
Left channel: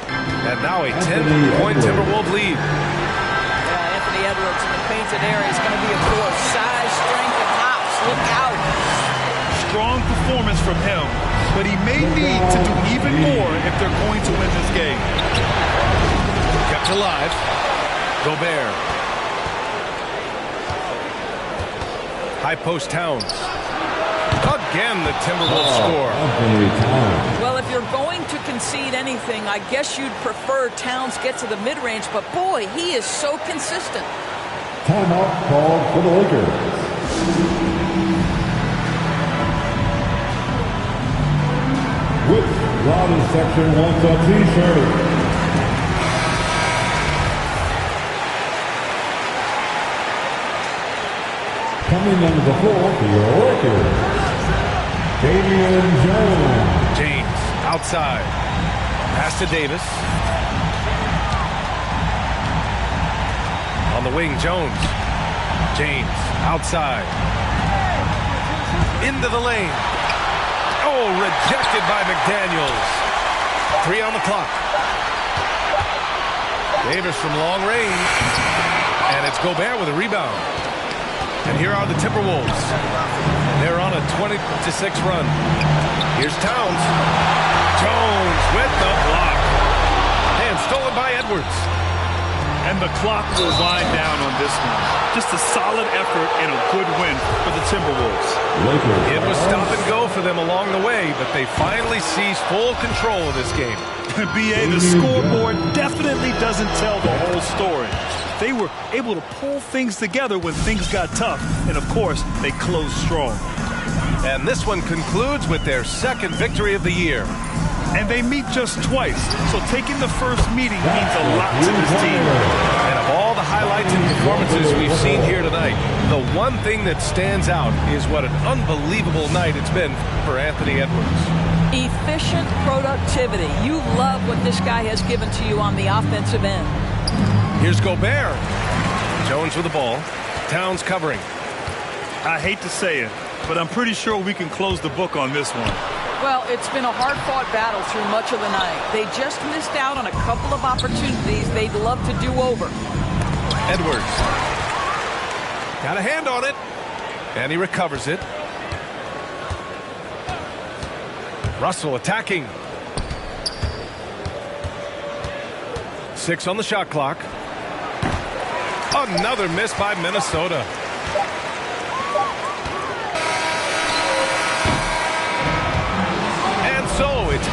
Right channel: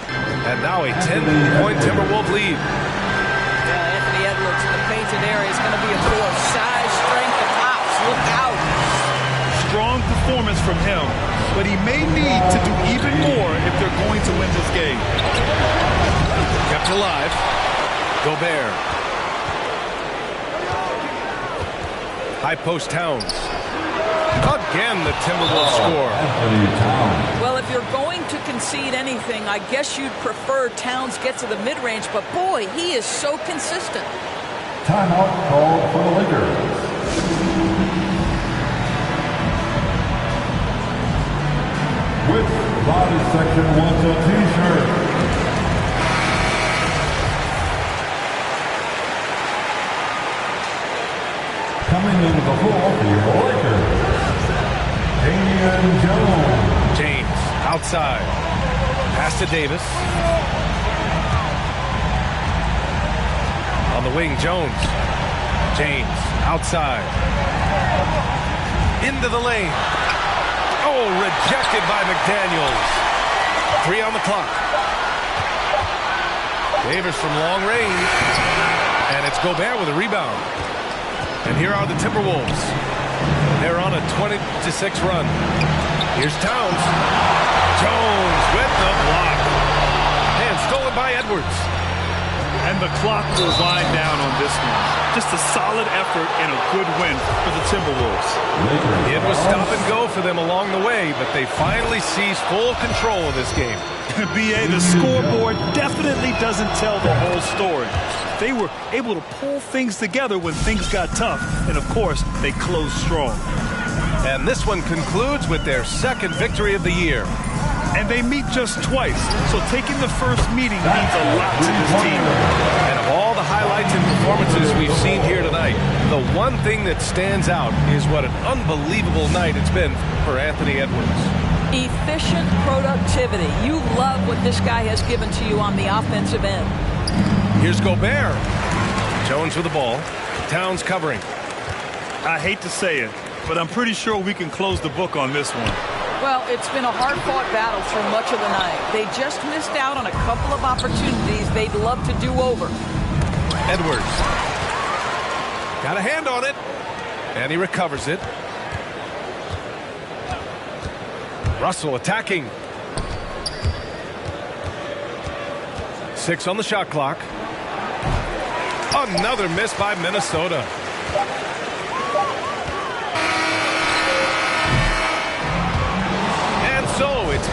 And now a 10-point Timberwolves lead. Yeah, Anthony Edwards in the painted area is going to be a force. Size, strength, and hops. Look out. Strong performance from him, but he may need to do even more if they're going to win this game. Kept alive. Gobert. High post Towns. Again, the Timberwolves score. Anthony Towns. Well, if you're going to concede anything, I guess you'd prefer Towns get to the mid-range, but boy, he is so consistent. Timeout called for the Lakers. Which Rowdy section wants a t-shirt? Coming into the floor for your Lakers, Damian Jones. James outside. Pass to Davis. On the wing, Jones. James outside. Into the lane. Oh, rejected by McDaniels. 3 on the clock. Davis from long range. And it's Gobert with a rebound. And here are the Timberwolves. They're on a 20-6 run. Here's Towns. Jones with the block. And stolen by Edwards. And the clock will wind down on this one. Just a solid effort and a good win for the Timberwolves. It was stop and go for them along the way, but they finally seized full control of this game. B.A., the scoreboard definitely doesn't tell the whole story. They were able to pull things together when things got tough, and of course, they closed strong. And this one concludes with their second victory of the year. And they meet just twice, so taking the first meeting means a lot to this team. And of all the highlights and performances we've seen here tonight, the one thing that stands out is what an unbelievable night it's been for Anthony Edwards. Efficient productivity. You love what this guy has given to you on the offensive end. Here's Gobert. Jones with the ball. Towns covering. I hate to say it, but I'm pretty sure we can close the book on this one. Well, it's been a hard-fought battle through much of the night. They just missed out on a couple of opportunities they'd love to do over. Edwards. Got a hand on it. And he recovers it. Russell attacking. 6 on the shot clock. Another miss by Minnesota. And so it's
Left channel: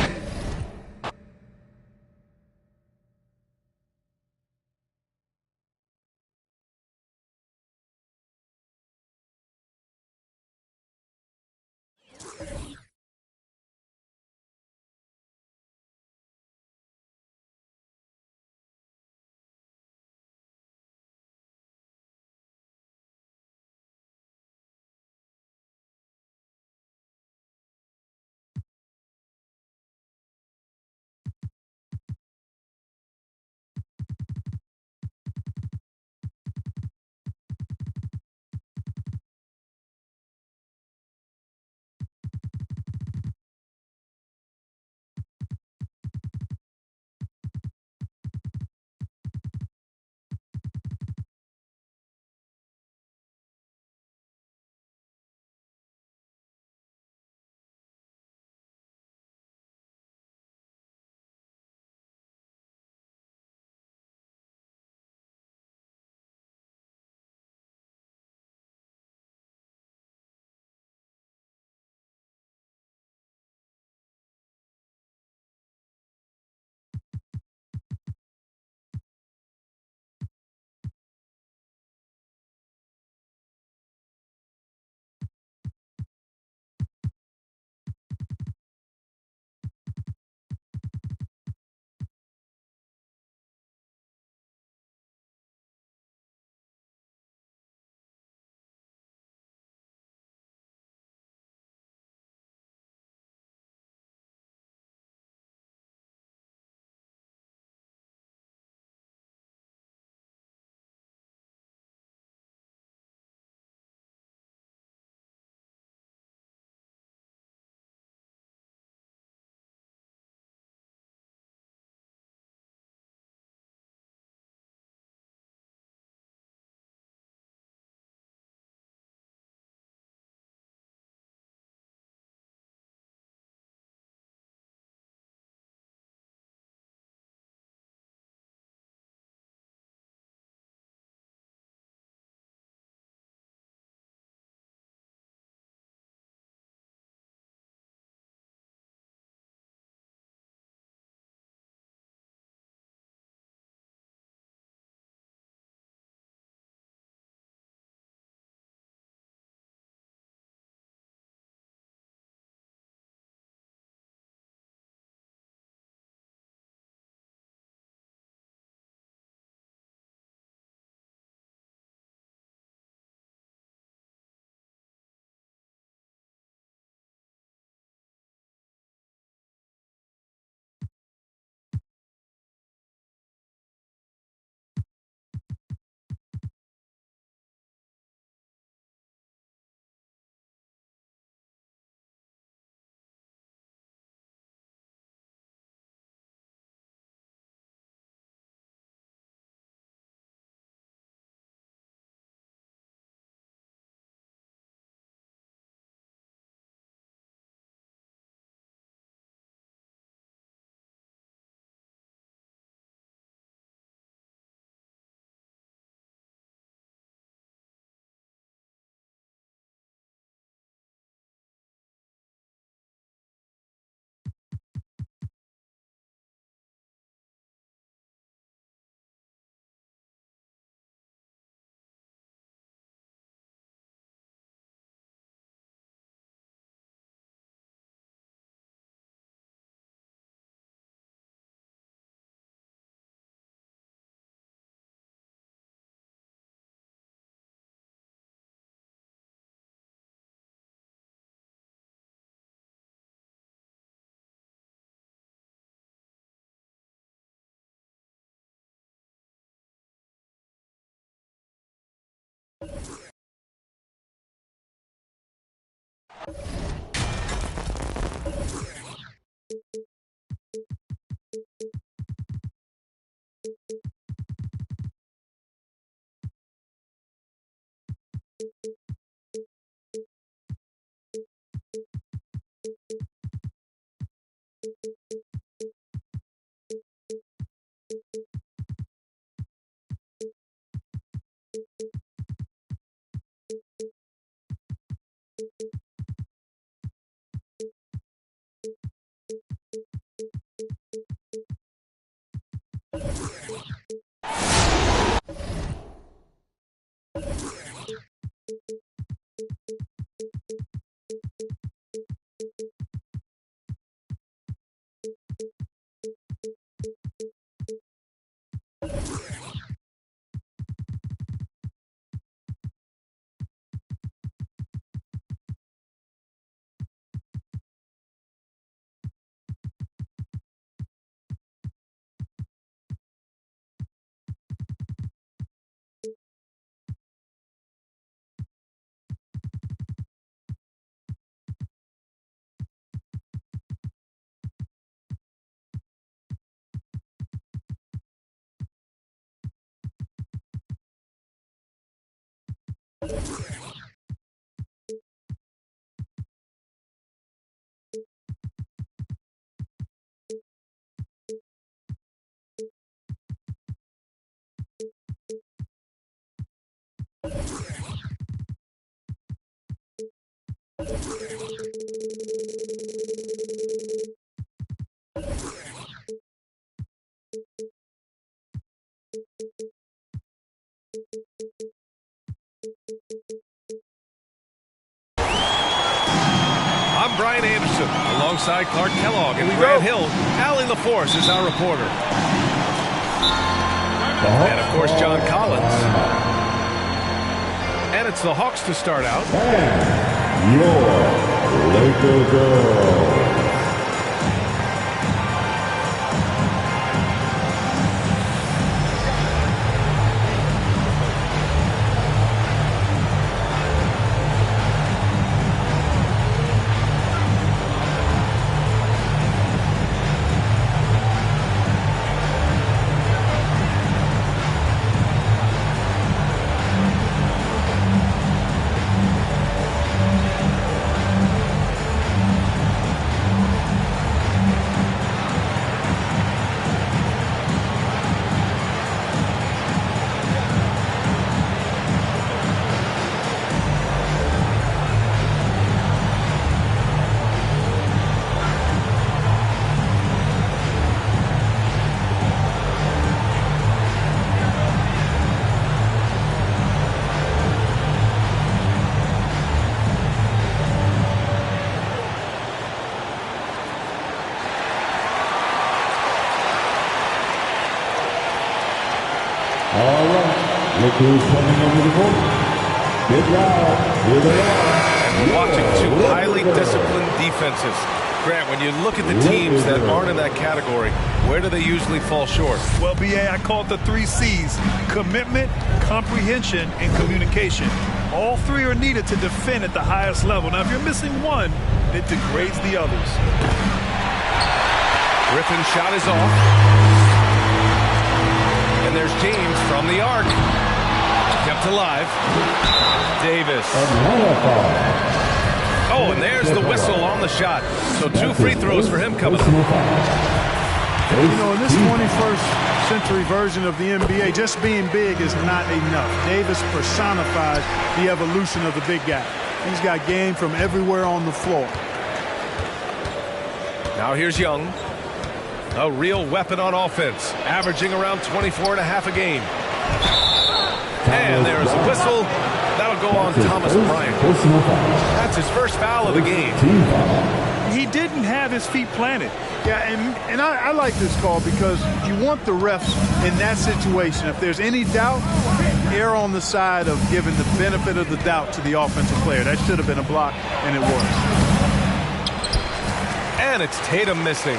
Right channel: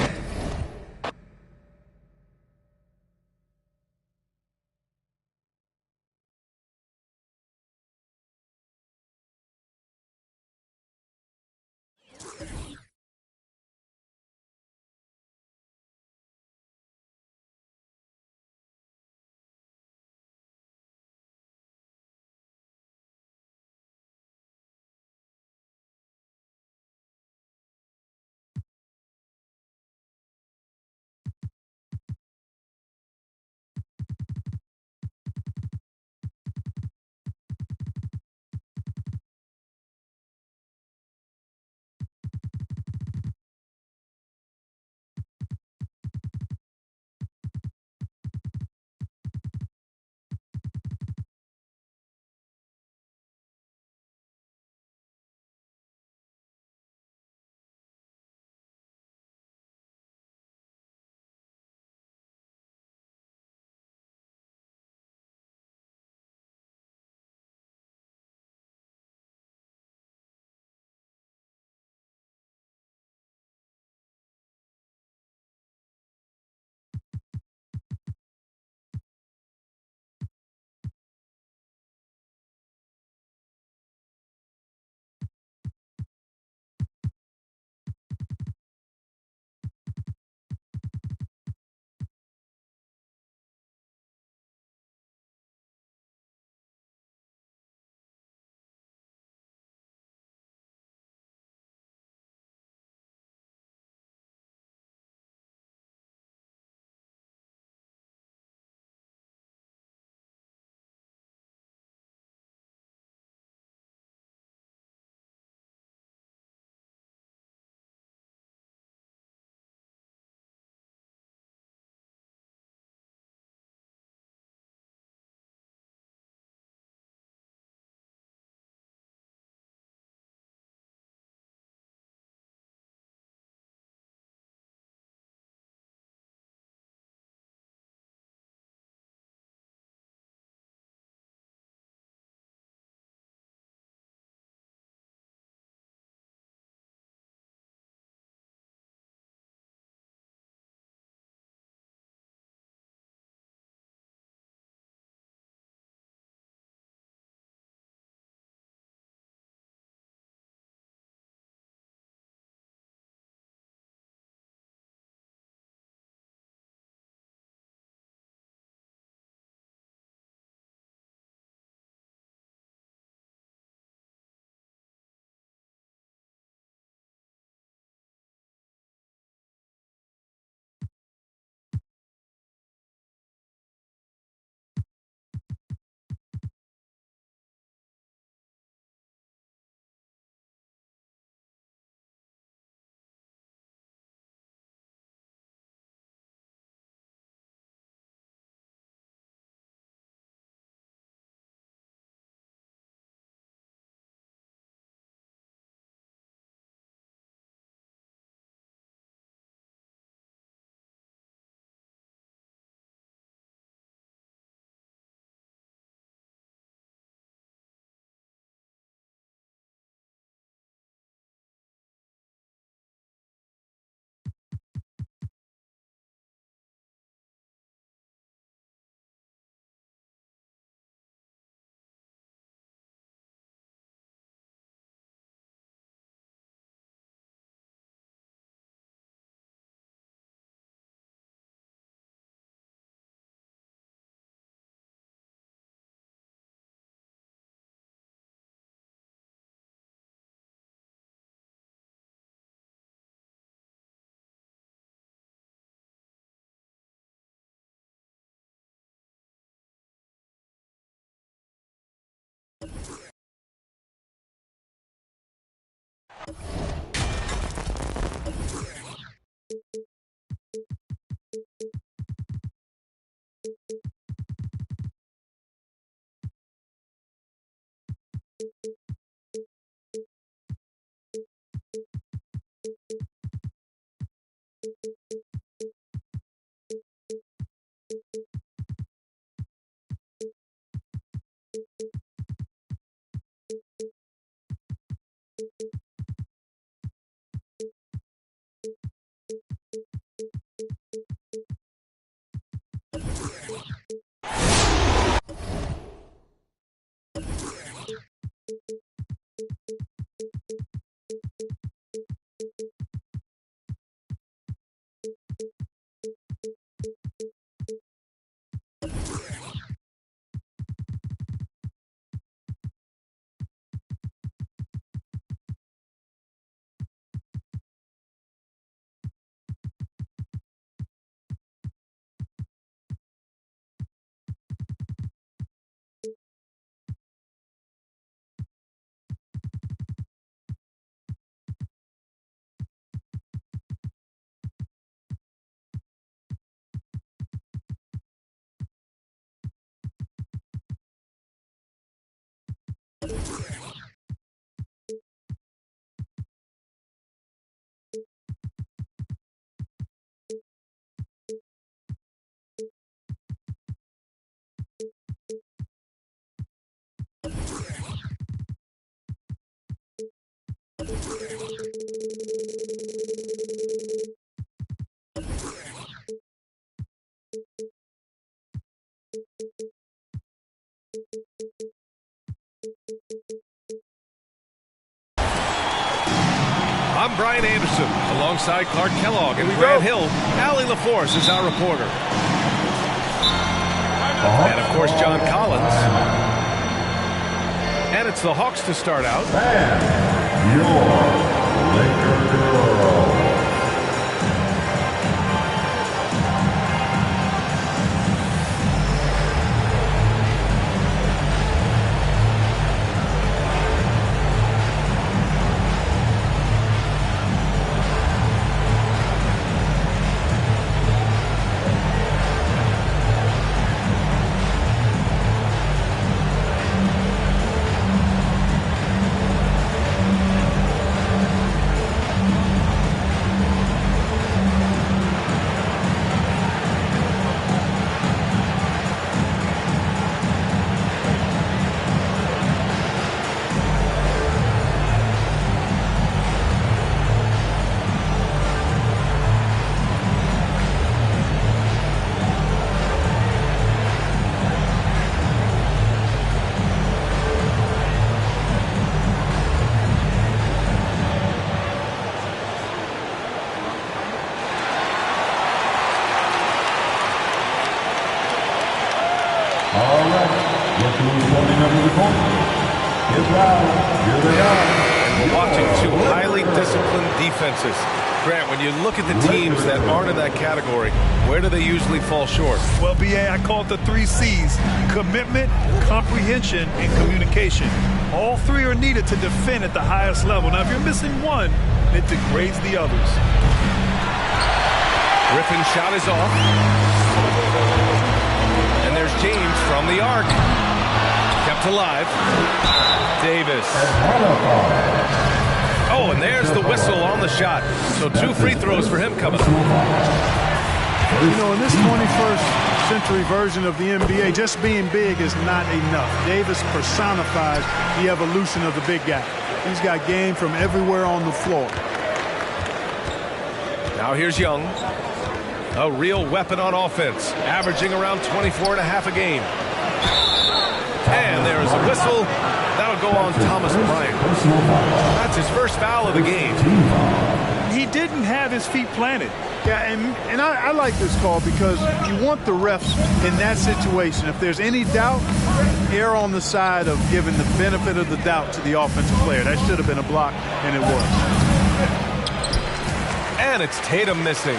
I'm Brian Anderson, alongside Clark Kellogg and Grant Hill. Allie LaForce is our reporter. And, of course, John Collins. And it's the Hawks to start out. And your Laker girls. All right, look who's coming over the court. It's loud. Here they are. And we're watching two highly disciplined defenses. Grant, when you look at the teams that aren't in that category, where do they usually fall short? Well, BA, I call it the 3 C's. Commitment, comprehension, and communication. All 3 are needed to defend at the highest level. Now, if you're missing one, it degrades the others. Griffin's shot is off. And there's James from the arc. Kept alive. Davis. Oh, and there's the whistle on the shot. So 2 free throws for him coming up. You know, in this 21st century version of the NBA, just being big is not enough. Davis personifies the evolution of the big guy. He's got game from everywhere on the floor. Now here's Young. A real weapon on offense, averaging around 24.5 a game. And there's a whistle. That'll go on Thomas Bryant. That's his first foul of the game. He didn't have his feet planted. Yeah, and I like this call because you want the refs in that situation. If there's any doubt, err on the side of giving the benefit of the doubt to the offensive player. That should have been a block, and it was. And it's Tatum missing.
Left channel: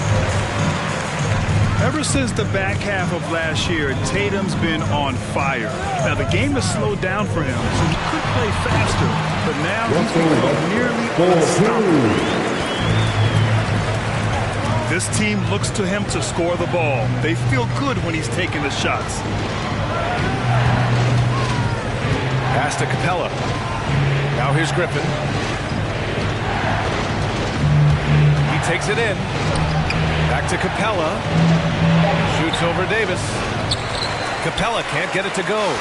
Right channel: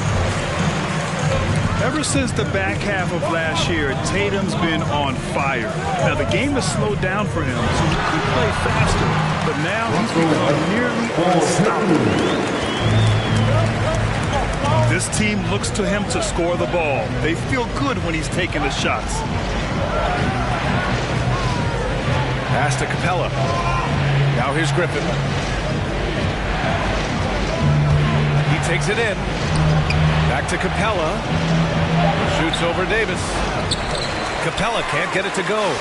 Ever since the back half of last year, Tatum's been on fire. Now, the game has slowed down for him, so he could play faster, but now he's become nearly unstoppable. This team looks to him to score the ball. They feel good when he's taking the shots. Pass to Capella. Now here's Griffin. He takes it in. Back to Capella. Shoots over Davis. Capella can't get it to go.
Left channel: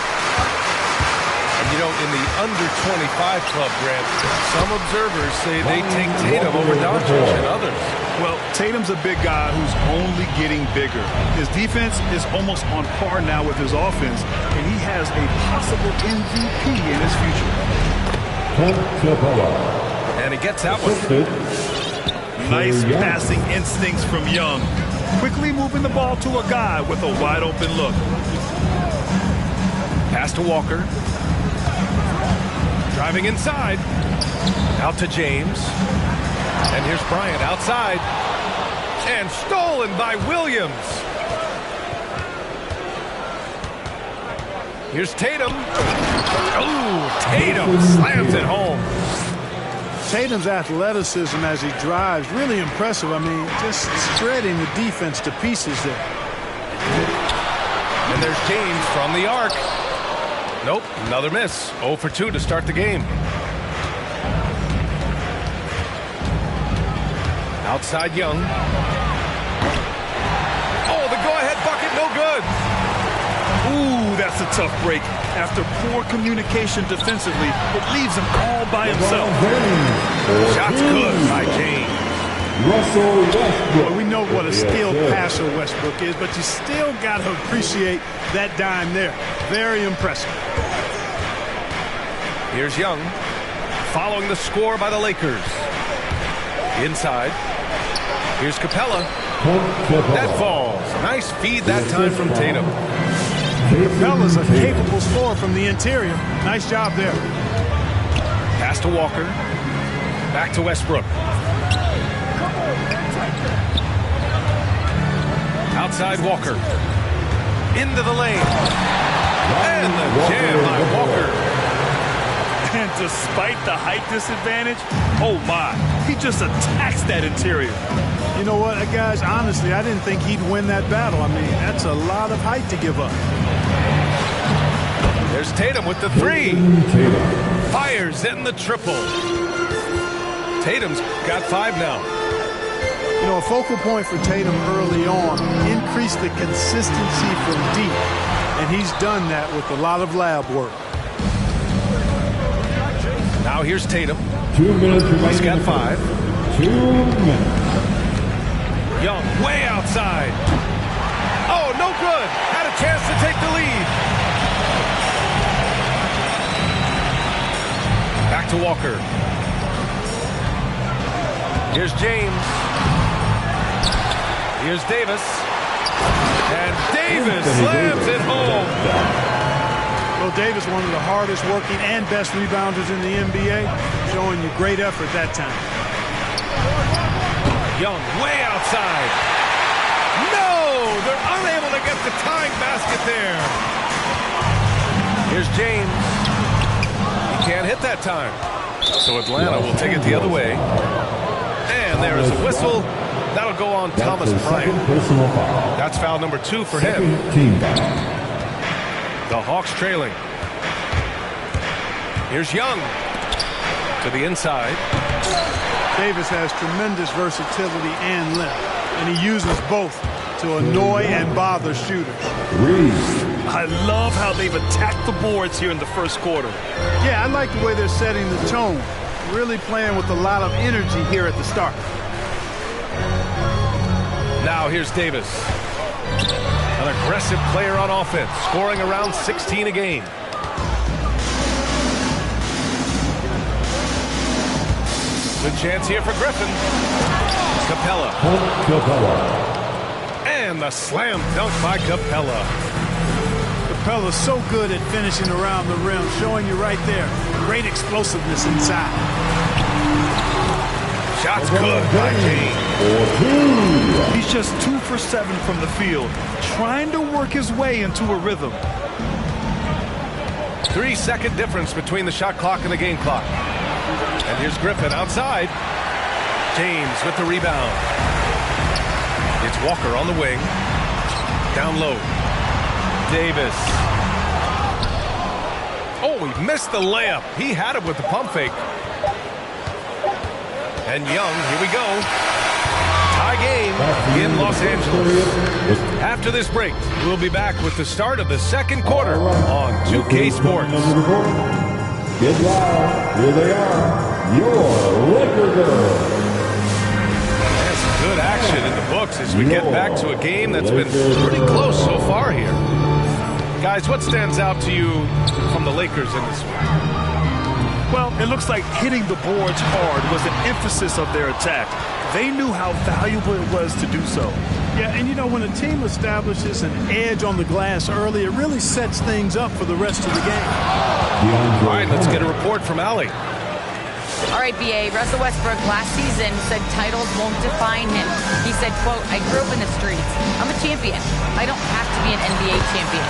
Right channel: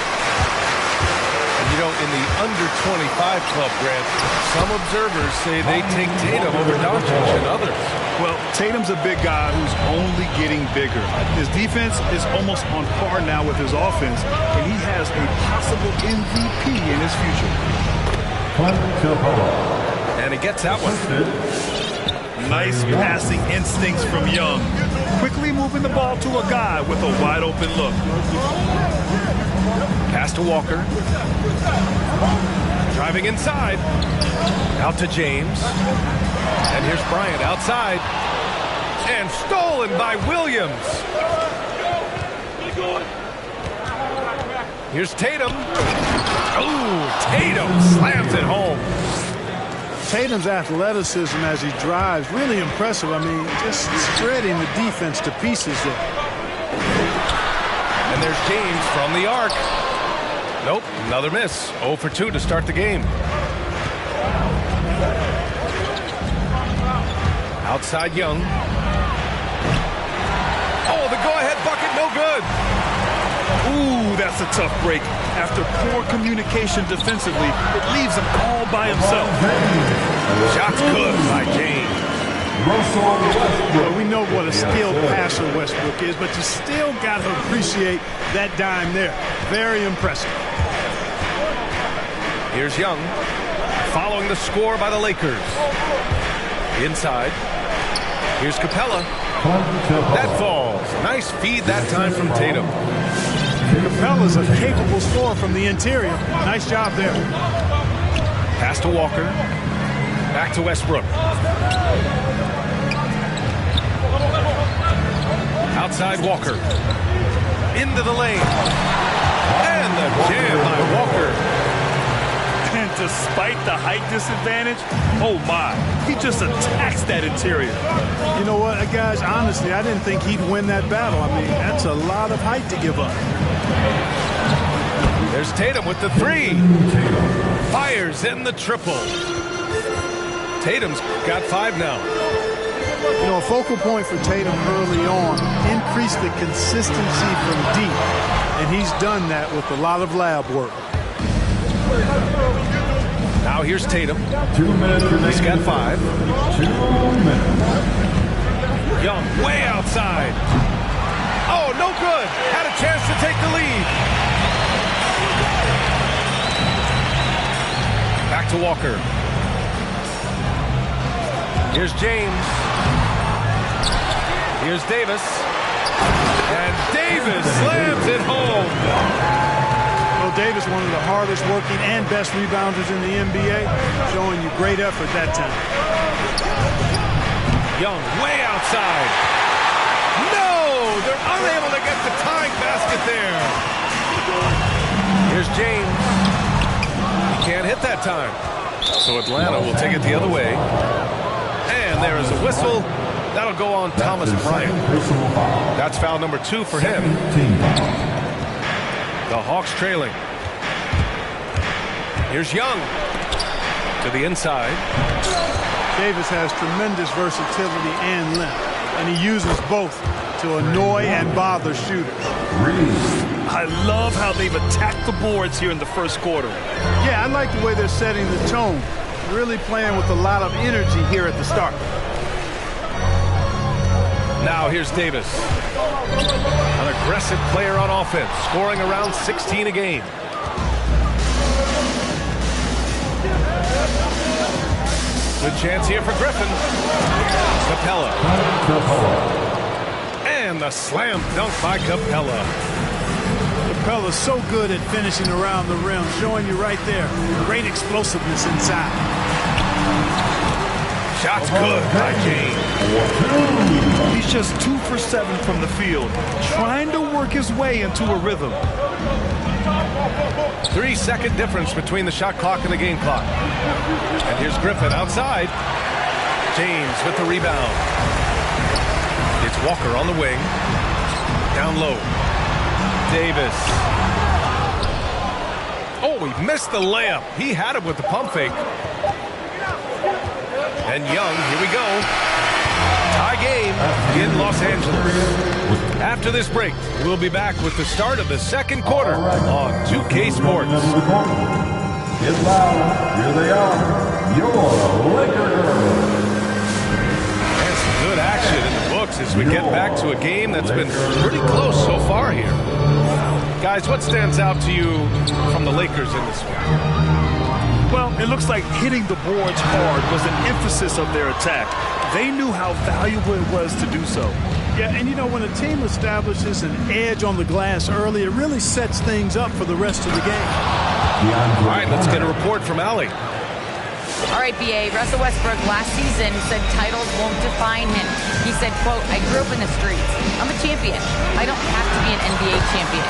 And, you know, in the under-25 club, Grant, some observers say they take Tatum over Doncic and others. Well, Tatum's a big guy who's only getting bigger. His defense is almost on par now with his offense, and he has a possible MVP in his future. And he gets that one. Nice passing instincts from Young. Quickly moving the ball to a guy with a wide-open look. Pass to Walker. Driving inside. Out to James. And here's Bryant outside. And stolen by Williams. Here's Tatum. Oh, Tatum slams it home. Tatum's athleticism as he drives, really impressive. I mean, just spreading the defense to pieces there. And there's James from the arc. Nope, another miss. 0 for 2 to start the game. Outside Young. Oh, the go-ahead bucket, no good. Ooh, that's a tough break. After poor communication defensively, it leaves him all by himself. Shot's good by James. Russell Westbrook. Well, we know what a skilled passer Westbrook is, but you still got to appreciate that dime there. Very impressive. Here's Young, following the score by the Lakers. Inside. Here's Capella. That falls. Nice feed that time from Tatum. Capella's a capable scorer from the interior. Nice job there. Pass to Walker. Back to Westbrook. Outside Walker. Into the lane. And the jam by Walker. And despite the height disadvantage, oh my, he just attacks that interior. You know what, guys, honestly, I didn't think he'd win that battle. I mean, that's a lot of height to give up. There's Tatum with the three. Fires in the triple. Tatum's got 5 now. You know, a focal point for Tatum early on, increase the consistency from deep. And he's done that with a lot of lab work. Now here's Tatum. 2 minutes remaining. He's got 5. 2 minutes. Young way outside. Oh, no good. Had a chance to take the lead. Back to Walker. Here's James. Here's Davis. And Davis slams it home. Well, Davis, one of the hardest working and best rebounders in the NBA, showing you great effort that time. Young way outside. No! They're unable to get the tying basket there. Here's James. He can't hit that time. So Atlanta will take it the other way. And there is a whistle. That'll go on Thomas Bryant. That's foul number 2 for him. The Hawks trailing. Here's Young to the inside. Davis has tremendous versatility and length, and he uses both to annoy and bother shooters. I love how they've attacked the boards here in the first quarter. Yeah, I like the way they're setting the tone. Really playing with a lot of energy here at the start. Now here's Davis. An aggressive player on offense, scoring around 16 a game. Good chance here for Griffin. Capella. And the slam dunk by Capella. Capella's so good at finishing around the rim, showing you right there. Great explosiveness inside. Shot's good by James. He's just 2 for 7 from the field, trying to work his way into a rhythm. 3-second difference between the shot clock and the game clock. And here's Griffin outside. James with the rebound. It's Walker on the wing. Down low. Davis. Oh, he missed the layup. He had it with the pump fake. And Young, here we go. Tie game in Los Angeles. After this break, we'll be back with the start of the second quarter on 2K Sports. Get loud. Here they are. Your Laker girls. There's some good action in the books as we get back to a game that's been pretty close so far here. Guys, what stands out to you from the Lakers in this one? Well, it looks like hitting the boards hard was an emphasis of their attack. They knew how valuable it was to do so. Yeah, and you know, when a team establishes an edge on the glass early, it really sets things up for the rest of the game. All right, let's get a report from Allie. All right, BA, Russell Westbrook last season said titles won't define him. He said, quote, I grew up in the streets. I'm a champion. I don't have to be an NBA champion.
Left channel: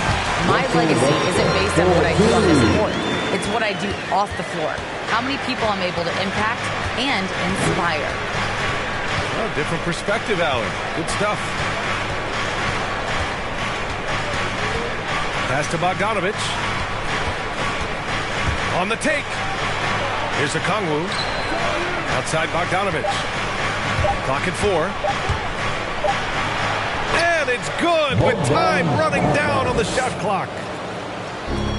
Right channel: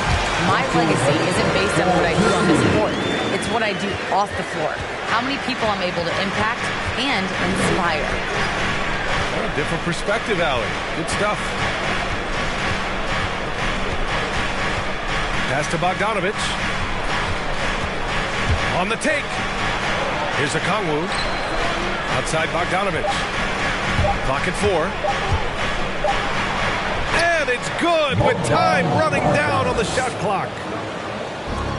My legacy isn't based on what I do on this court. It's what I do off the floor. How many people I'm able to impact and inspire. Well, different perspective, Allie. Good stuff. Pass to Bogdanovic. On the take. Here's Okongwu. Outside Bogdanovic. Clock at 4. And it's good with time running down on the shot clock.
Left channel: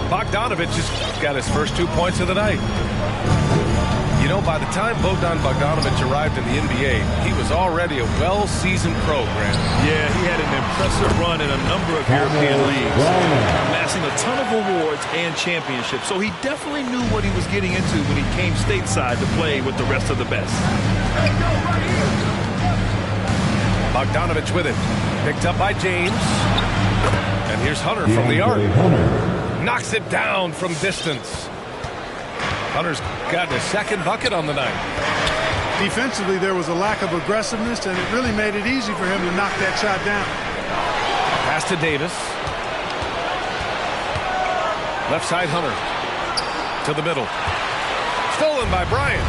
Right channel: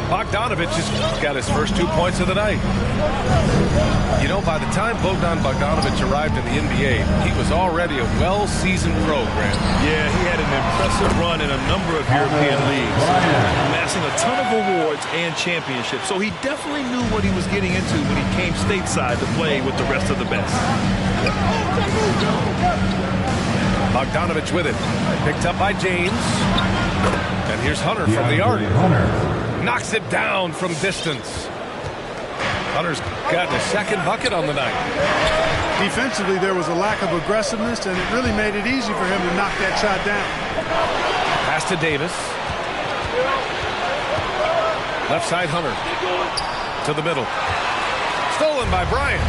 Bogdanovic has got his first 2 points of the night. You know, by the time Bogdan Bogdanovic arrived in the NBA, he was already a well-seasoned pro, Grant. Yeah, he had an impressive run in a number of European leagues, amassing a ton of awards and championships. So he definitely knew what he was getting into when he came stateside to play with the rest of the best. Bogdanovic with it. Picked up by James. And here's Hunter from the arc. Knocks it down from distance. Hunter's gotten his second bucket on the night. Defensively, there was a lack of aggressiveness, and it really made it easy for him to knock that shot down. Pass to Davis. Left side Hunter. To the middle. Stolen by Bryant.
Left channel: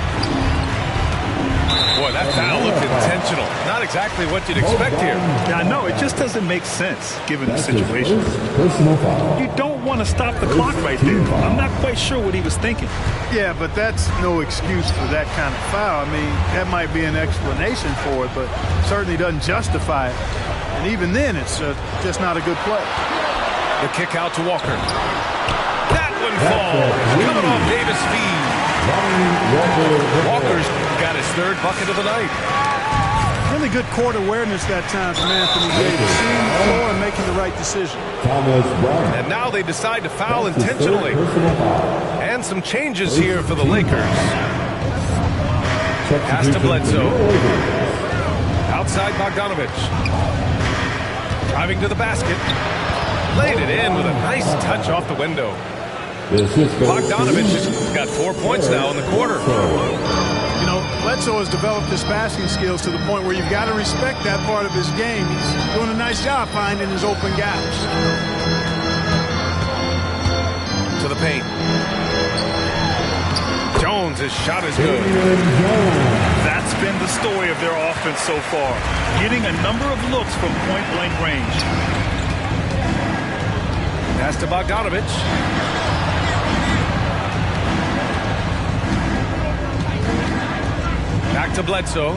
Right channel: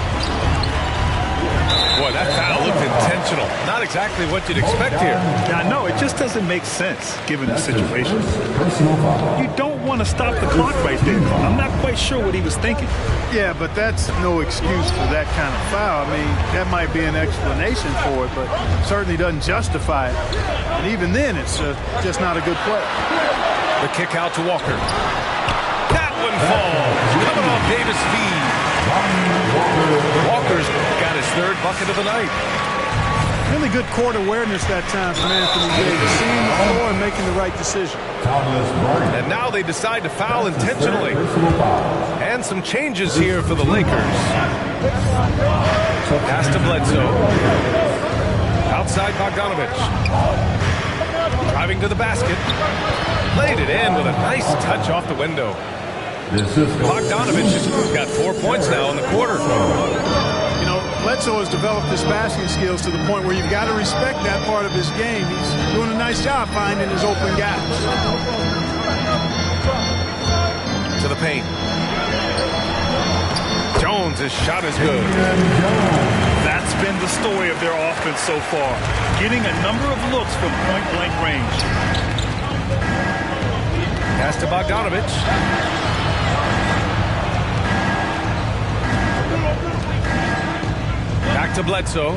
Boy, that foul looked intentional. Not exactly what you'd expect here. Yeah, I know. It just doesn't make sense given the situation. Personal foul. You don't want to stop the clock right there. I'm not quite sure what he was thinking. Yeah, but that's no excuse for that kind of foul. I mean, that might be an explanation for it, but certainly doesn't justify it. And even then, it's just not a good play. The kick out to Walker. That one falls. Coming off Davis' feed. Walker's got his third bucket of the night. Really good court awareness that time from Anthony Davis, seeing the floor and making the right decision. And now they decide to foul intentionally. And some changes here for the Lakers. Pass to Bledsoe. Outside Bogdanovic. Driving to the basket. Laid it in with a nice touch off the window. Bogdanovic has got 4 points now in the quarter. You know, Bledsoe has developed his passing skills to the point where you've got to respect that part of his game. He's doing a nice job finding his open gaps. To the paint. Jones, his shot is good. That's been the story of their offense so far. Getting a number of looks from point-blank range. Pass to Bogdanovic. Back to Bledsoe.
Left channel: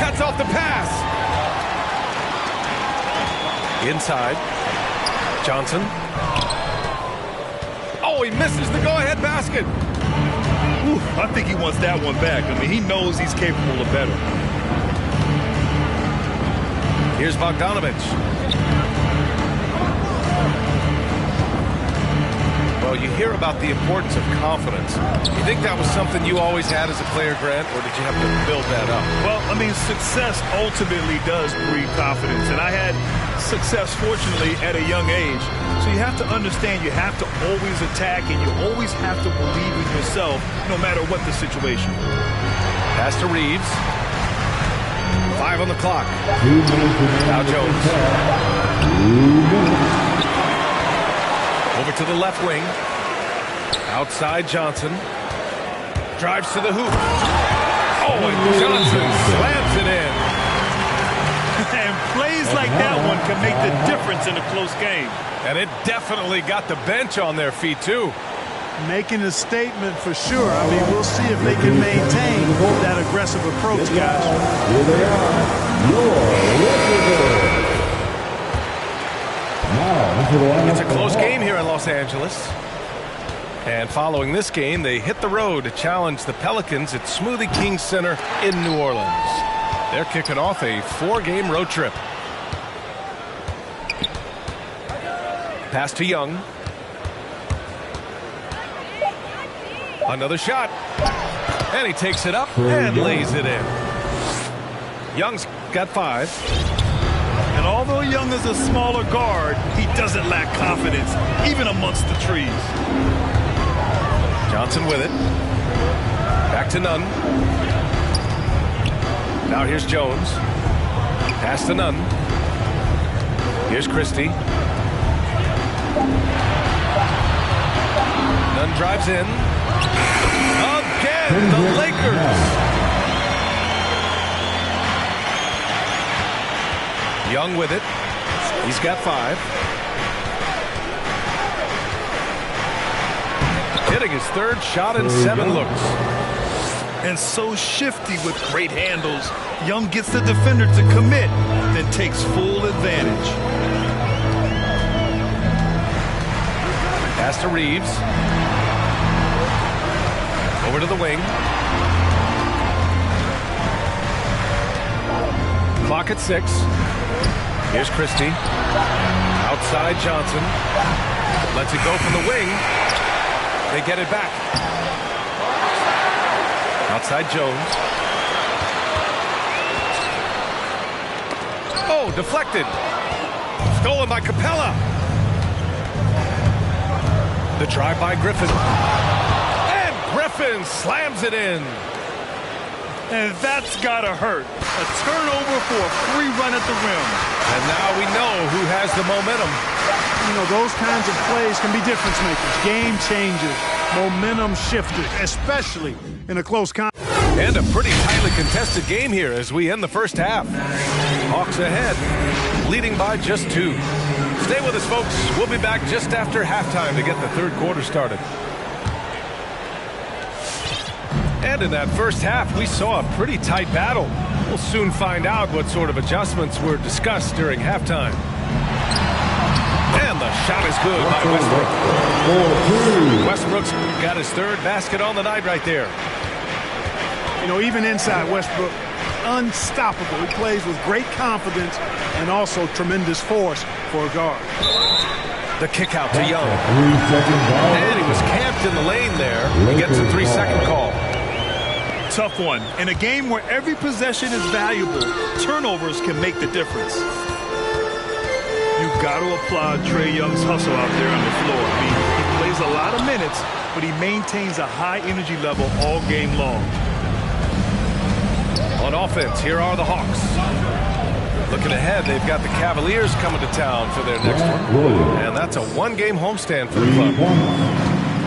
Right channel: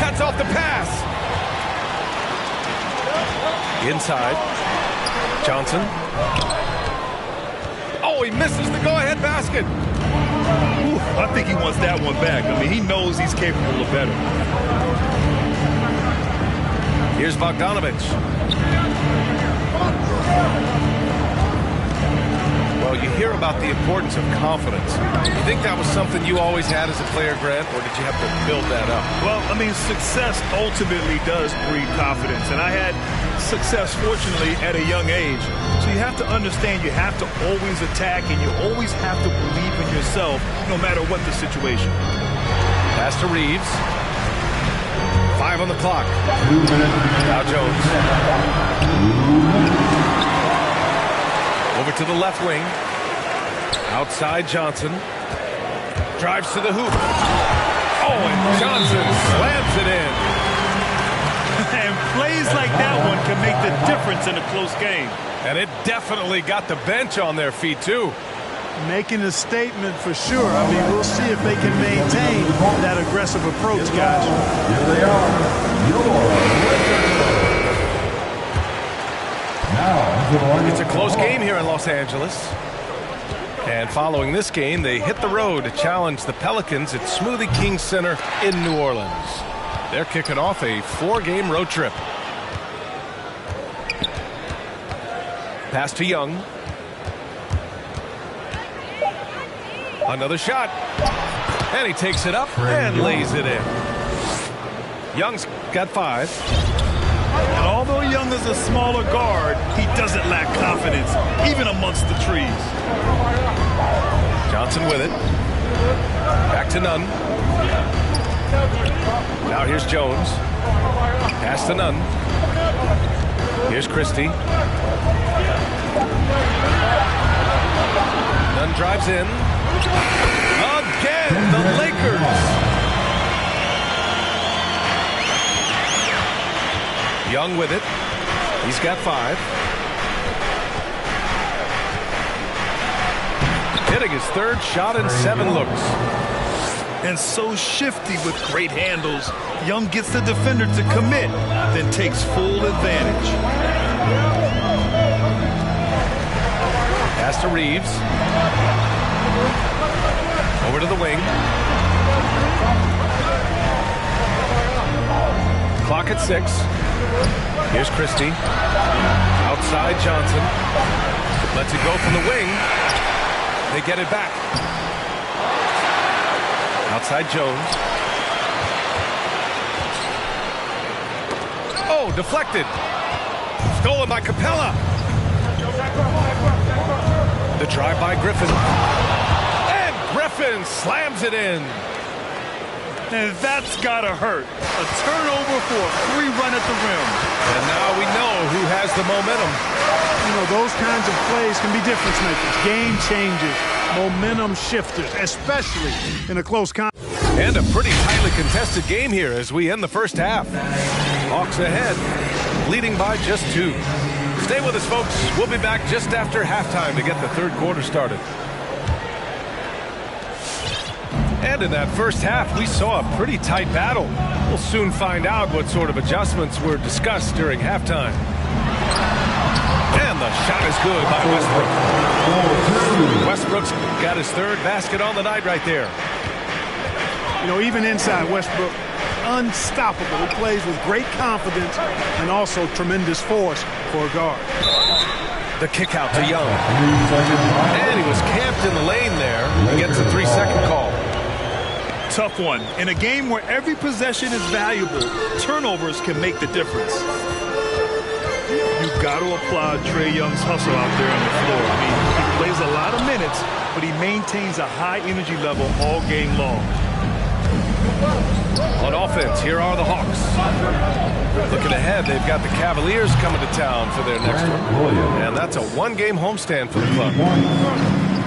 Cuts off the pass. Inside. Johnson. Oh, he misses the go-ahead basket. Ooh, I think he wants that one back. I mean, he knows he's capable of better. Here's Bogdanovic. Well, you hear about the importance of confidence. You think that was something you always had as a player, Grant, or did you have to build that up? Well, I mean, success ultimately does breed confidence. And I had success, fortunately, at a young age. So you have to understand you have to always attack and you always have to believe in yourself no matter what the situation. Pass to Reeves. 5 on the clock. 2 minutes remaining. Now Jones. 2 minutes. Over to the left wing. Outside Johnson. Drives to the hoop. Oh, and Johnson slams it in. And plays like that one can make the difference in a close game. And it definitely got the bench on their feet, too. Making a statement for sure. I mean, we'll see if they can maintain that aggressive approach, guys. Here they are, your Lakers. Now, into the lineup. It's a close game here in Los Angeles. And following this game, they hit the road to challenge the Pelicans at Smoothie King Center in New Orleans. They're kicking off a 4-game road trip. Pass to Young. Another shot. And he takes it up and lays it in. Young's got 5. And although Young is a smaller guard, he doesn't lack confidence, even amongst the trees. Johnson with it. Back to Nunn. Now here's Jones. Pass to Nunn. Here's Christie. Nunn drives in. Again, the Lakers. Young with it. He's got 5. Hitting his third shot in 7 looks. And so shifty with great handles. Young gets the defender to commit, then takes full advantage. Pass to Reeves. Over to the wing. Clock at 6. Here's Christie. Outside Johnson. Lets it go from the wing. They get it back. Outside Jones. Oh, deflected. Stolen by Capella. The drive by Griffin. And Griffin slams it in. And that's gotta hurt. A turnover for a free run at the rim. And now we know who has the momentum. You know, those kinds of plays can be difference makers, game changers, momentum shifters, especially in a close contest. And a pretty tightly contested game here as we end the first half. Hawks ahead, leading by just 2. Stay with us, folks. We'll be back just after halftime to get the third quarter started. And in that first half, we saw a pretty tight battle. We'll soon find out what sort of adjustments were discussed during halftime. And the shot is good by Westbrook. Westbrook's got his third basket on the night right there. You know, even inside Westbrook, unstoppable. He plays with great confidence and also tremendous force for a guard. The kick out to Young. And he was camped in the lane there. He gets a 3-second call. Tough one. In a game where every possession is valuable, turnovers can make the difference. You've got to applaud Trae Young's hustle out there on the floor. I mean, he plays a lot of minutes, but he maintains a high energy level all game long. On offense, here are the Hawks. Looking ahead, they've got the Cavaliers coming to town for their next one. And that's a one-game homestand for the club.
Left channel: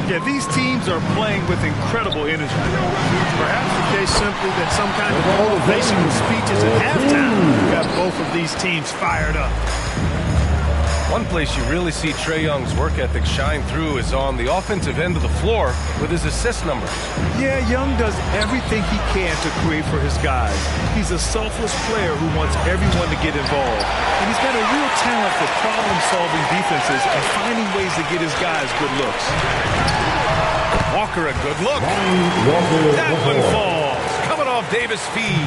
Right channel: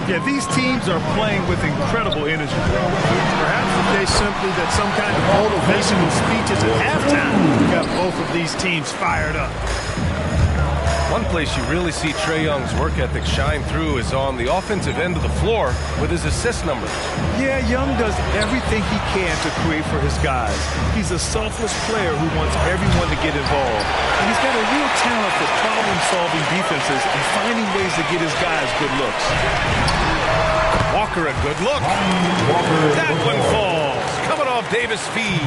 Yeah, these teams are playing with incredible energy. Perhaps the case simply that some kind of motivational speeches at halftime got both of these teams fired up. One place you really see Trae Young's work ethic shine through is on the offensive end of the floor with his assist numbers. Yeah, Young does everything he can to create for his guys. He's a selfless player who wants everyone to get involved. And he's got a real talent for problem-solving defenses and finding ways to get his guys good looks. Walker, a good look. That one falls. Coming off Davis' feed.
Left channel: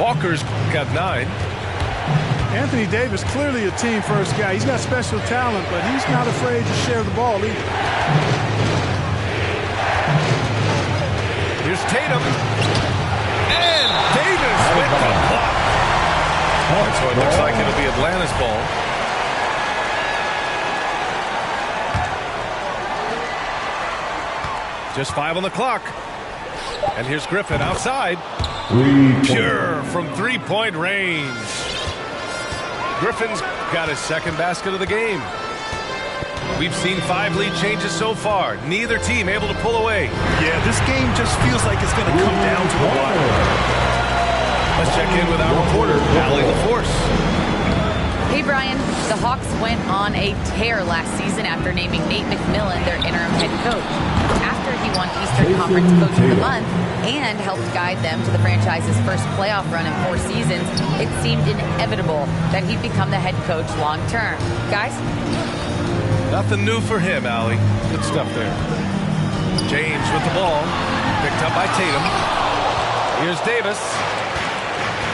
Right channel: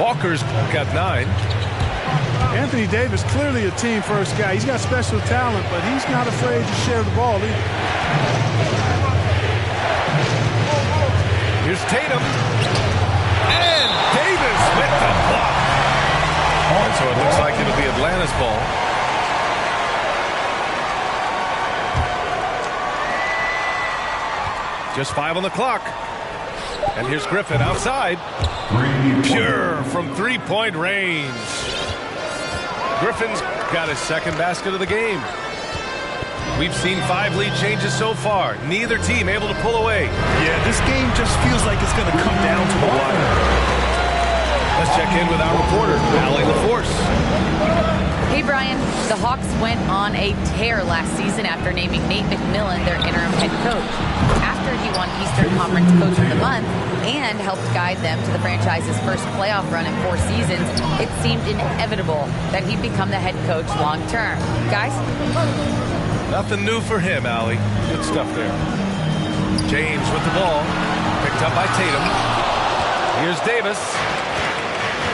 Walker's got 9. Anthony Davis, clearly a team-first guy. He's got special talent, but he's not afraid to share the ball either. Here's Tatum. And Davis with the block. And so it looks like it'll be Atlanta's ball. Just 5 on the clock. And here's Griffin outside. Pure from three-point range. Griffin's got his second basket of the game. We've seen 5 lead changes so far. Neither team able to pull away. Yeah, this game just feels like it's going to come down to the wire. Let's check in with our reporter, Allie LaForce. Hey, Brian. The Hawks went on a tear last season after naming Nate McMillan their interim head coach. After he won Eastern Conference Coach of the Month and helped guide them to the franchise's first playoff run in 4 seasons, it seemed inevitable that he'd become the head coach long term. Guys? Nothing new for him, Allie. Good stuff there. James with the ball. Picked up by Tatum. Here's Davis.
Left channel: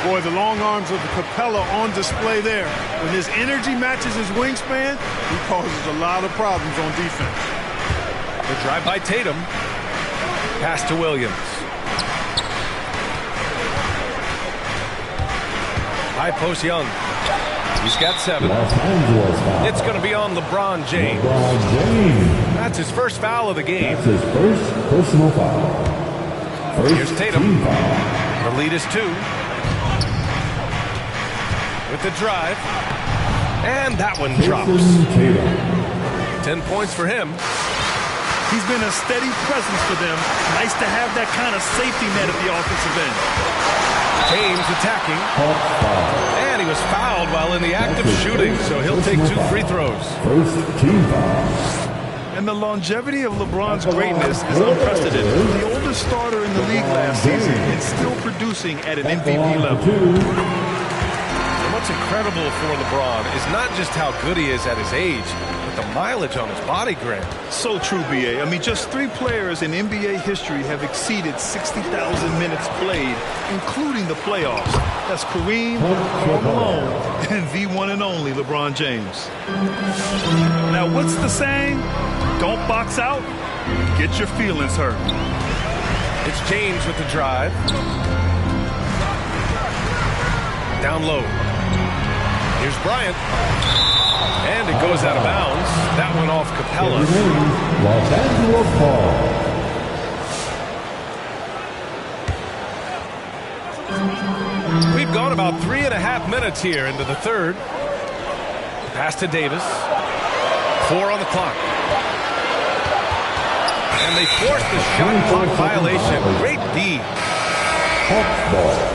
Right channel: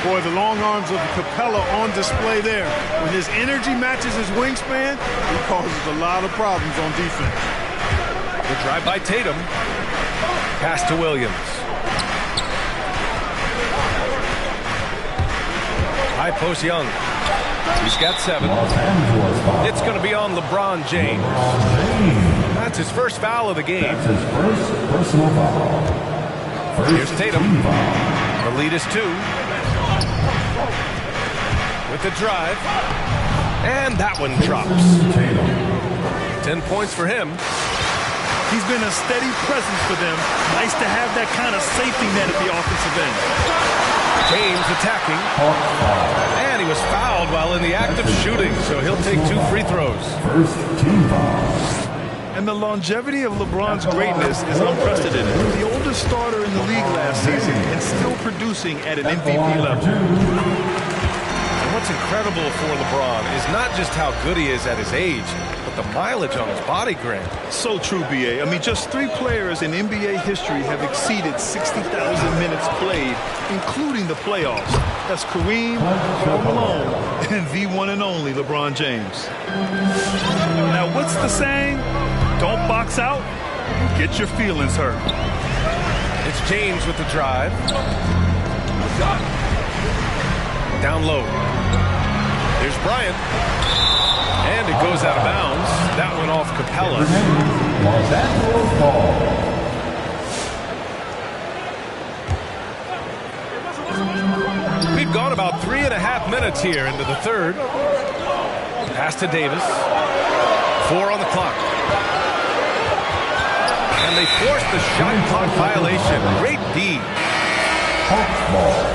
Boy, the long arms of Capella on display there. When his energy matches his wingspan, he causes a lot of problems on defense. The drive by Tatum. Pass to Williams. High post Young. He's got 7. It's going to be on LeBron James. That's his first foul of the game. That's his first personal foul. Here's Tatum. The lead is 2. With the drive. And that one drops. 10 points for him. He's been a steady presence for them. Nice to have that kind of safety net at the offensive end. James attacking. And he was fouled while in the act of shooting, so he'll take 2 free throws. First team foul. And the longevity of LeBron's greatness is unprecedented. The oldest starter in the league last season and still producing at an MVP level. And what's what's incredible for LeBron is not just how good he is at his age, but the mileage on his body, Grant. So true, B.A. I mean, just 3 players in NBA history have exceeded 60,000 minutes played, including the playoffs. That's Kareem, Karl Malone, and the one and only LeBron James. Now, what's the saying? Don't box out, get your feelings hurt. It's James with the drive. Down low. Here's Bryant. And it goes out of bounds. That went off Capella. Los Angeles ball. We've gone about 3.5 minutes here into the third. Pass to Davis. 4 on the clock. And they forced the shot clock violation. Great D. Hawks ball.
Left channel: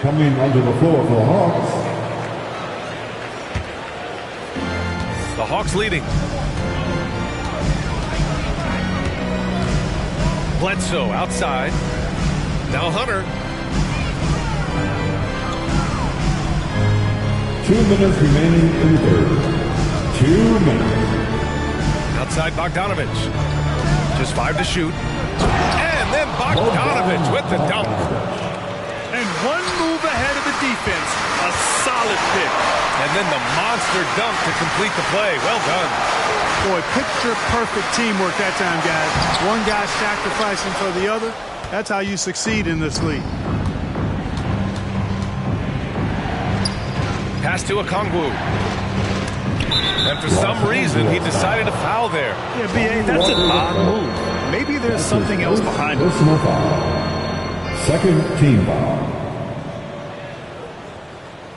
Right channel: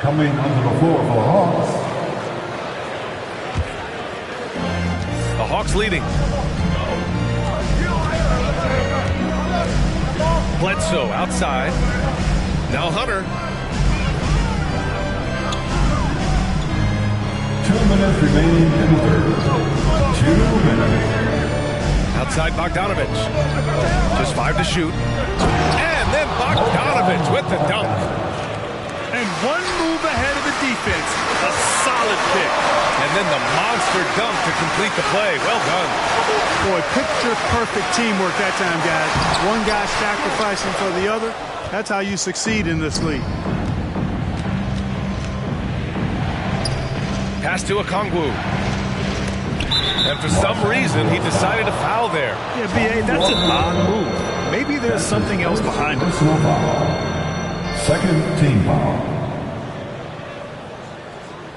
Coming onto the floor for the Hawks. The Hawks leading. Bledsoe outside. Now Hunter. 2 minutes remaining in the third. 2 minutes. Outside Bogdanovich. Just 5 to shoot. And then Bogdanovich with the dunk. And one move ahead of the defense. A solid pick. And then the monster dunk to complete the play. Well done. Boy, picture-perfect teamwork that time, guys. One guy sacrificing for the other. That's how you succeed in this league. Pass to Okongwu. And for some reason, he decided to foul there. Yeah, B.A., that's an odd move. Maybe there's something else behind it. Personal foul. Second team foul.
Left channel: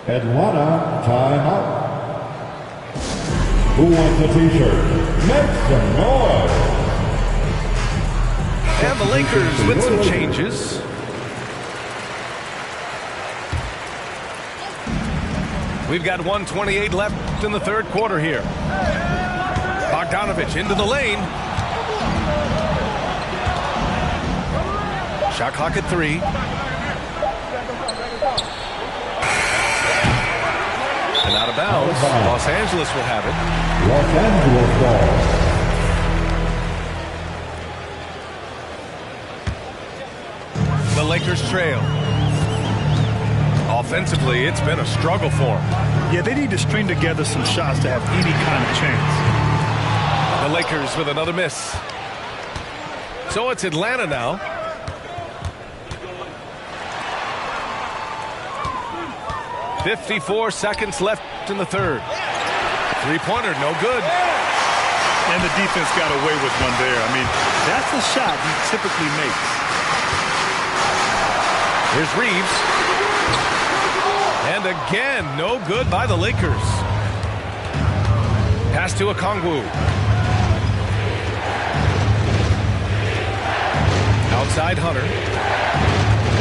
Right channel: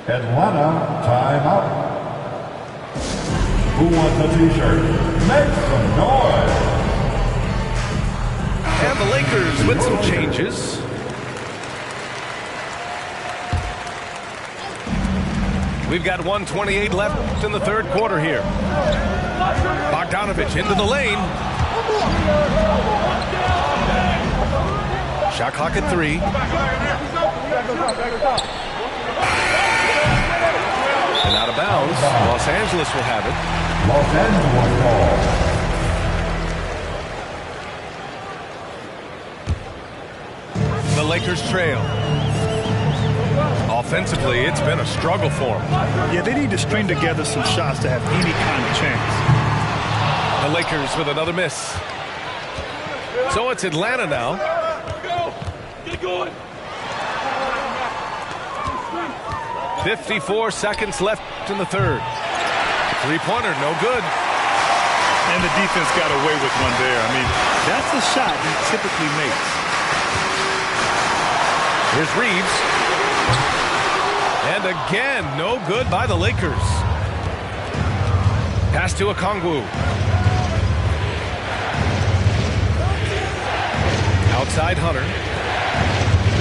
Atlanta timeout. Who wants a t-shirt? Make some noise. And the Lakers with some changes. We've got 1:28 left in the third quarter here. Bogdanovich into the lane. Shot clock at 3. And out of bounds. Los Angeles will have it. Los Angeles ball. The Lakers trail. Offensively, it's been a struggle for them. Yeah, they need to string together some shots to have any kind of chance. The Lakers with another miss. So it's Atlanta now. 54 seconds left in the third. 3-pointer, no good. And the defense got away with one there. I mean, that's a shot he typically makes. Here's Reeves. And again, no good by the Lakers. Pass to Okongwu. Outside Hunter.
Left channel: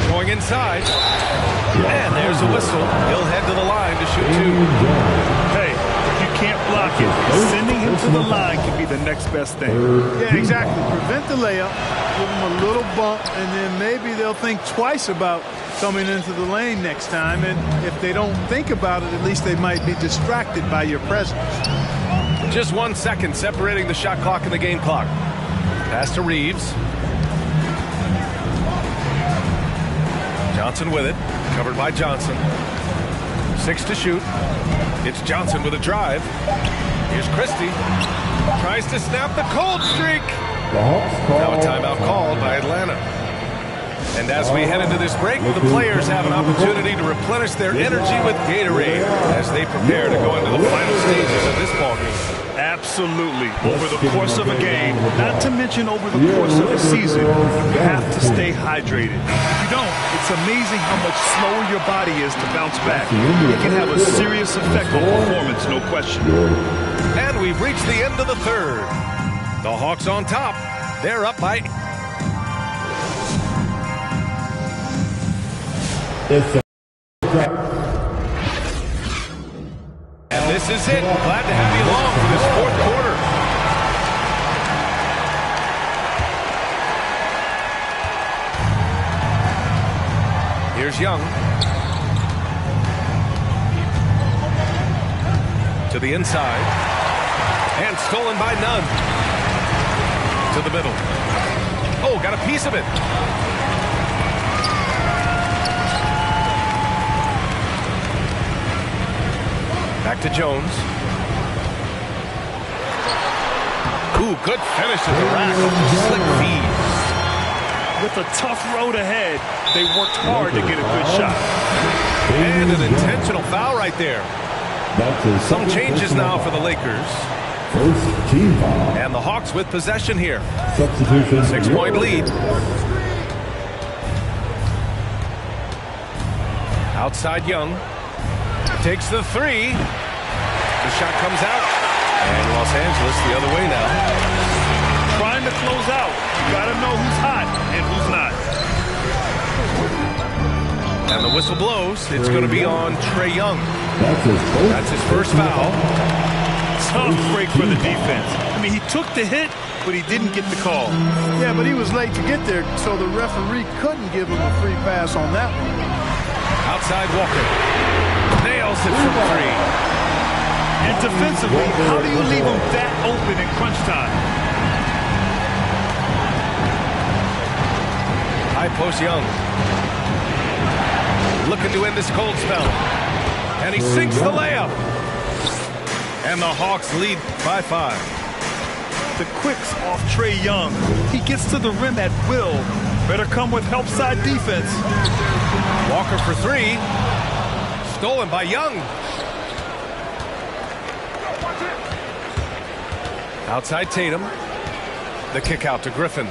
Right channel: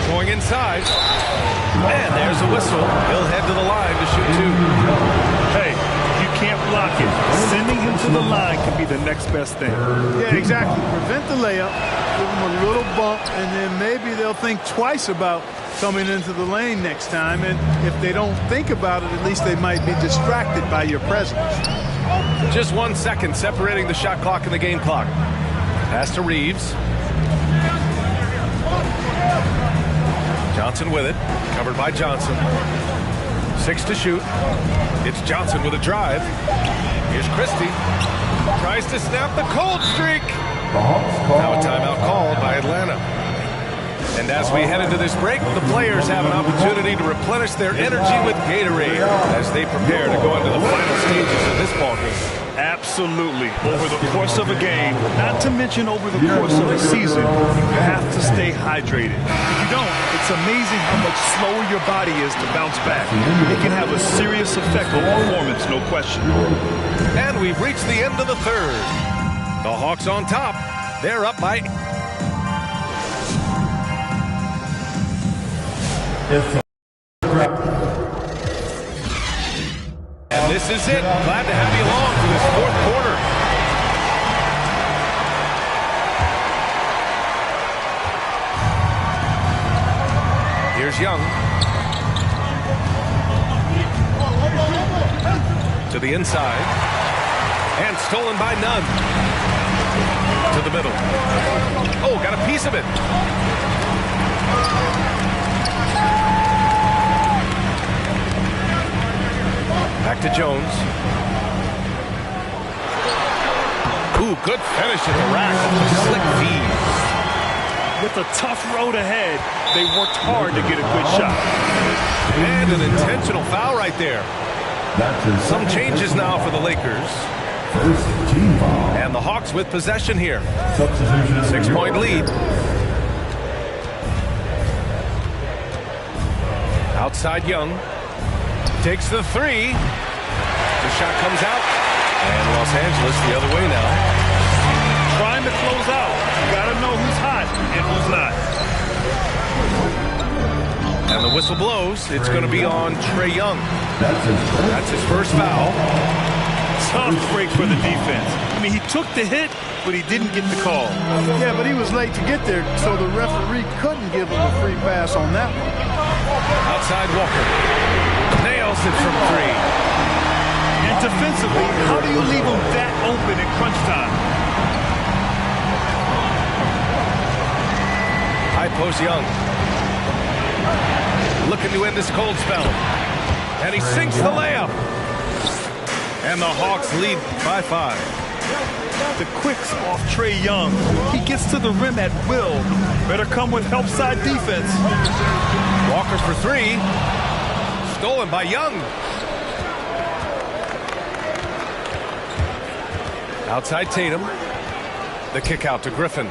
Going inside. And there's a whistle. He'll head to the line to shoot 2. Hey, if you can't block it, sending him to the line can be the next best thing. Yeah, exactly. Prevent the layup, give them a little bump, and then maybe they'll think twice about coming into the lane next time. And if they don't think about it, at least they might be distracted by your presence. Just 1 second separating the shot clock and the game clock. Pass to Reeves. Johnson with it. Covered by Johnson. 6 to shoot. It's Johnson with a drive. Here's Christie. Tries to snap the cold streak. Now a timeout called by Atlanta. And as we head into this break, the players have an opportunity to replenish their energy with Gatorade as they prepare to go into the final stages of this ballgame. Absolutely. Over the course of a game, not to mention over the course of a season, you have to stay hydrated. If you don't, it's amazing how much slower your body is to bounce back. It can have a serious effect on performance, no question. And we've reached the end of the third. The Hawks on top. They're up by... And this is it. Glad to have you along for this fourth quarter. Here's Young. To the inside. And stolen by Nunn. To the middle. Oh, got a piece of it. Back to Jones. Ooh, good finish at the rack off the slick feed. With a tough road ahead, they worked hard to get a good shot. And an intentional foul right there. Some changes now for the Lakers. First team foul. And the Hawks with possession here. Substitution. 6-point lead. Outside Young. Takes the three. The shot comes out. And Los Angeles the other way now. Trying to close out. You got to know who's hot and who's not. And the whistle blows. It's going to be on Trae Young. That's his first foul. Tough break for the defense. I mean, he took the hit, but he didn't get the call. Yeah, but he was late to get there, so the referee couldn't give him a free pass on that one. Outside Walker. Nails it from three. And defensively, how do you leave him that open in crunch time? High post Young. Looking to end this cold spell. And he sinks the layup. And the Hawks lead by 5. The quicks off Trae Young. He gets to the rim at will. Better come with help side defense. Walker for three. Stolen by Young. Outside Tatum. The kick out to Griffin.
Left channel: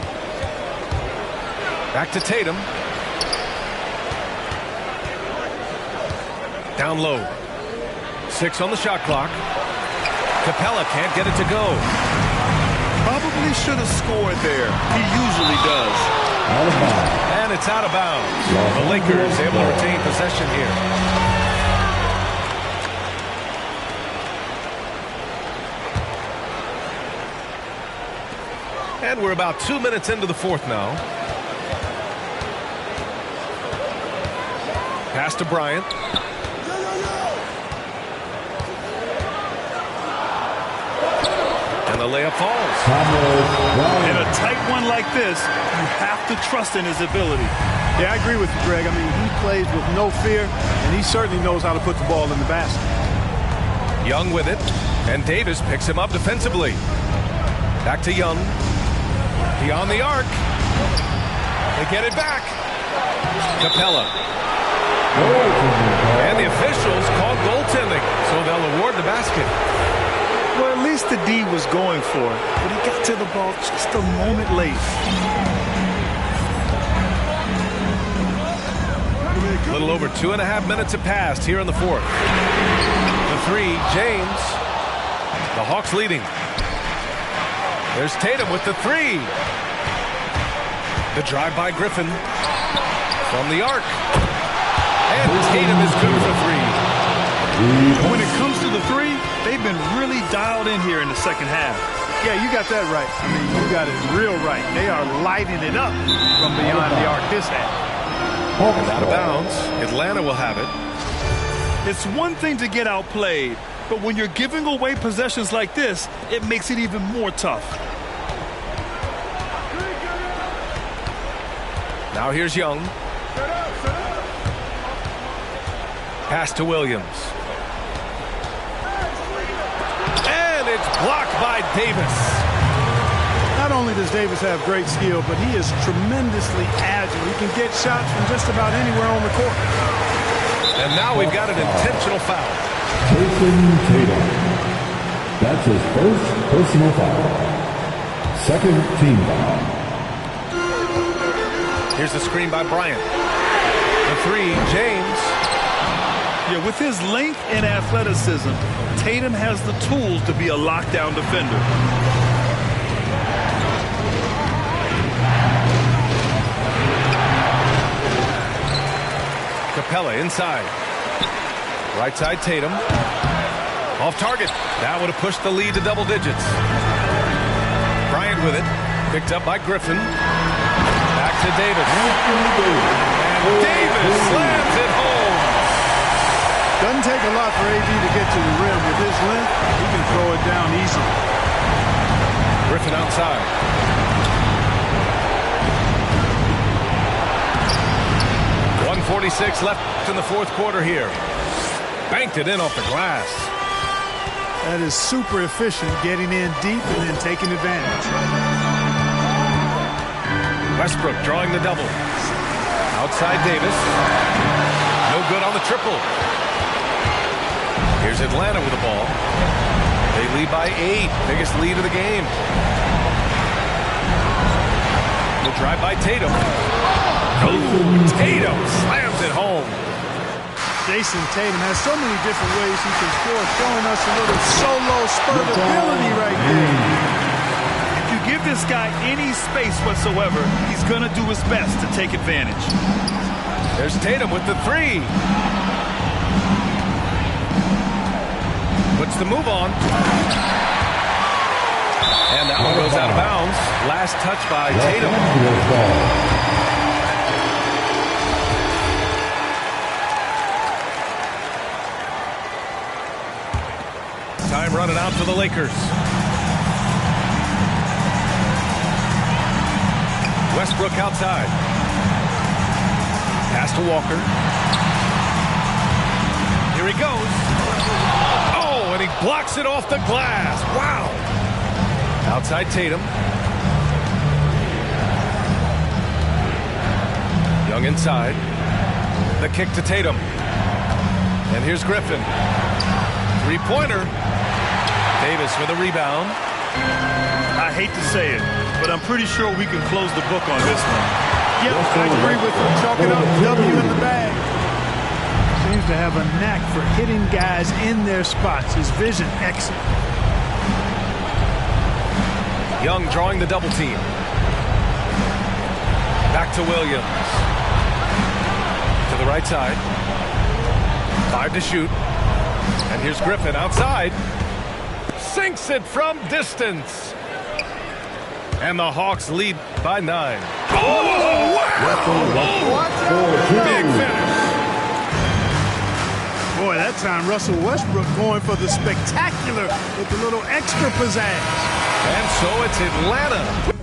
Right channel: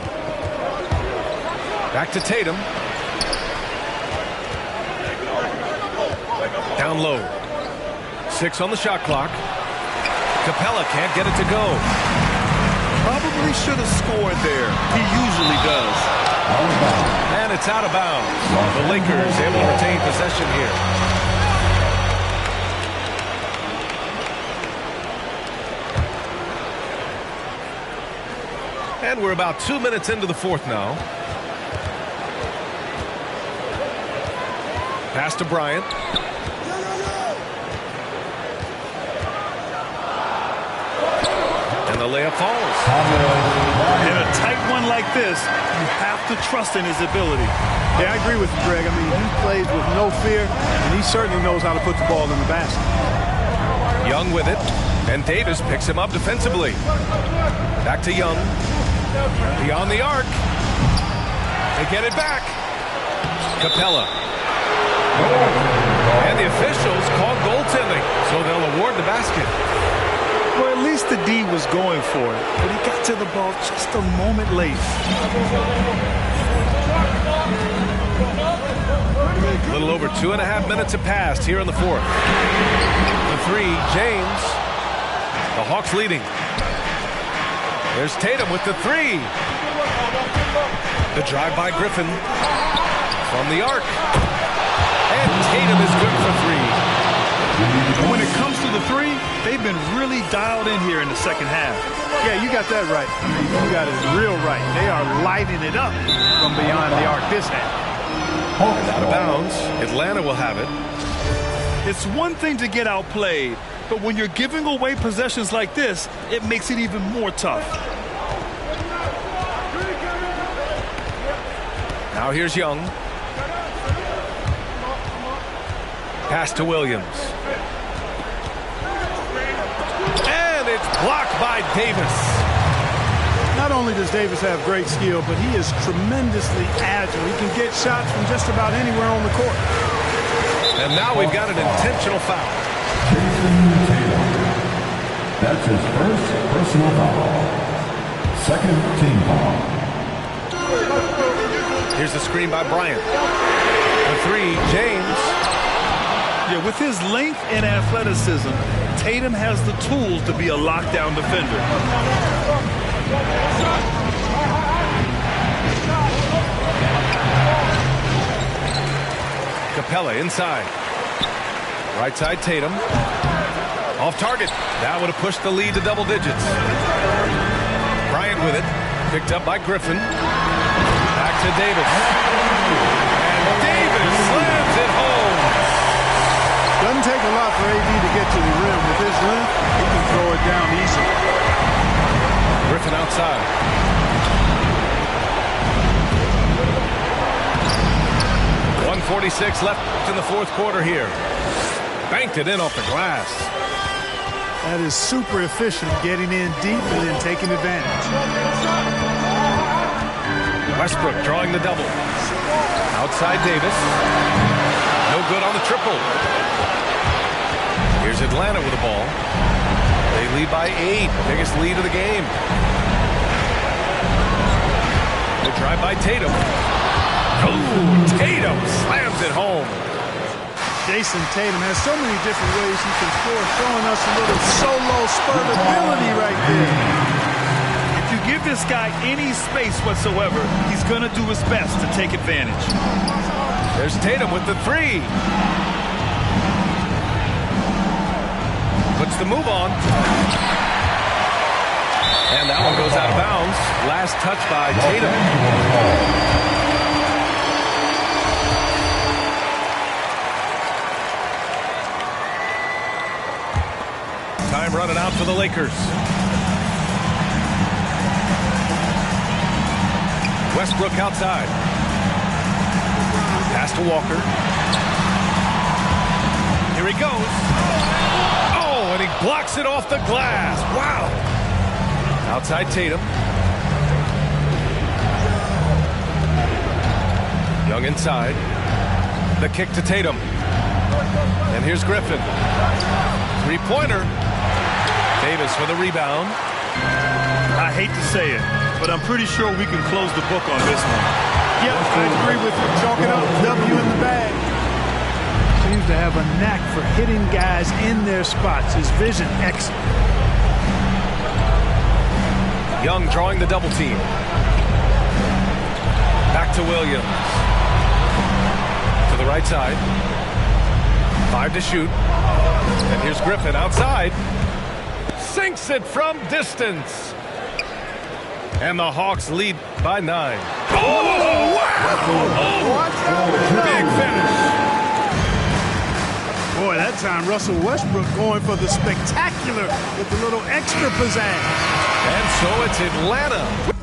Back to Tatum. Down low. 6 on the shot clock. Capella can't get it to go. Probably should have scored there. He usually does. And it's out of bounds. The Lakers able to retain possession here. And we're about 2 minutes into the fourth now. Pass to Bryant. And the layup falls. In a tight one like this, you have to trust in his ability. Yeah, I agree with you, Greg. I mean, he plays with no fear, and he certainly knows how to put the ball in the basket. Young with it, and Davis picks him up defensively. Back to Young. Beyond the arc. They get it back. Capella. And the officials call goaltending, so they'll award the basket. Well, at least the D was going for it, but he got to the ball just a moment late. A little over 2.5 minutes have passed here in the fourth. The three, James. The Hawks leading. There's Tatum with the three. The drive by Griffin. From the arc. And Tatum is good for three. And when it comes to the three, they've been really dialed in here in the second half. Yeah, you got that right. I mean, you got it real right. They are lighting it up from beyond the arc this half. And out of bounds, Atlanta will have it. It's one thing to get outplayed, but when you're giving away possessions like this, it makes it even more tough. Now here's Young. Pass to Williams. And it's blocked by Davis. Not only does Davis have great skill, but he is tremendously agile. He can get shots from just about anywhere on the court. And now we've got an intentional foul. Jason Tatum. That's his first personal foul. Second team foul. Here's the screen by Bryant. The three, James. Yeah, with his length and athleticism, Tatum has the tools to be a lockdown defender. Capella inside. Right side Tatum. Off target. That would have pushed the lead to double digits. Bryant with it. Picked up by Griffin. Back to Davis. And Davis slams it home. Doesn't take a lot for AD to get to the rim. With his length, he can throw it down easily. Griffin outside. .146 left in the fourth quarter here. Banked it in off the glass. That is super efficient, getting in deep and then taking advantage. Westbrook drawing the double. Outside Davis. No good on the triple. Here's Atlanta with the ball. They lead by 8. Biggest lead of the game. The drive by Tatum. Oh, Tatum slams it home. Jason Tatum has so many different ways he can score, showing us a little solo spurt ability right there. If you give this guy any space whatsoever, he's going to do his best to take advantage. There's Tatum with the 3. Puts the move on. And that one goes out of bounds. Last touch by Tatum. Time running out for the Lakers. Westbrook outside. Pass to Walker. Here he goes. Oh, and he blocks it off the glass. Wow. Outside Tatum. Young inside. The kick to Tatum. And here's Griffin. Three-pointer. Davis with a rebound. I hate to say it, but I'm pretty sure we can close the book on this one. Yep, I agree with you. Chalk it up, W in the bag. Seems to have a knack for hitting guys in their spots. His vision, excellent. Young drawing the double team. Back to Williams. To the right side. 5 to shoot. And here's Griffin outside. Sinks it from distance. And the Hawks lead by 9. Oh, wow! Oh, big finish. Boy, that time Russell Westbrook going for the spectacular with a little extra pizzazz. And so it's Atlanta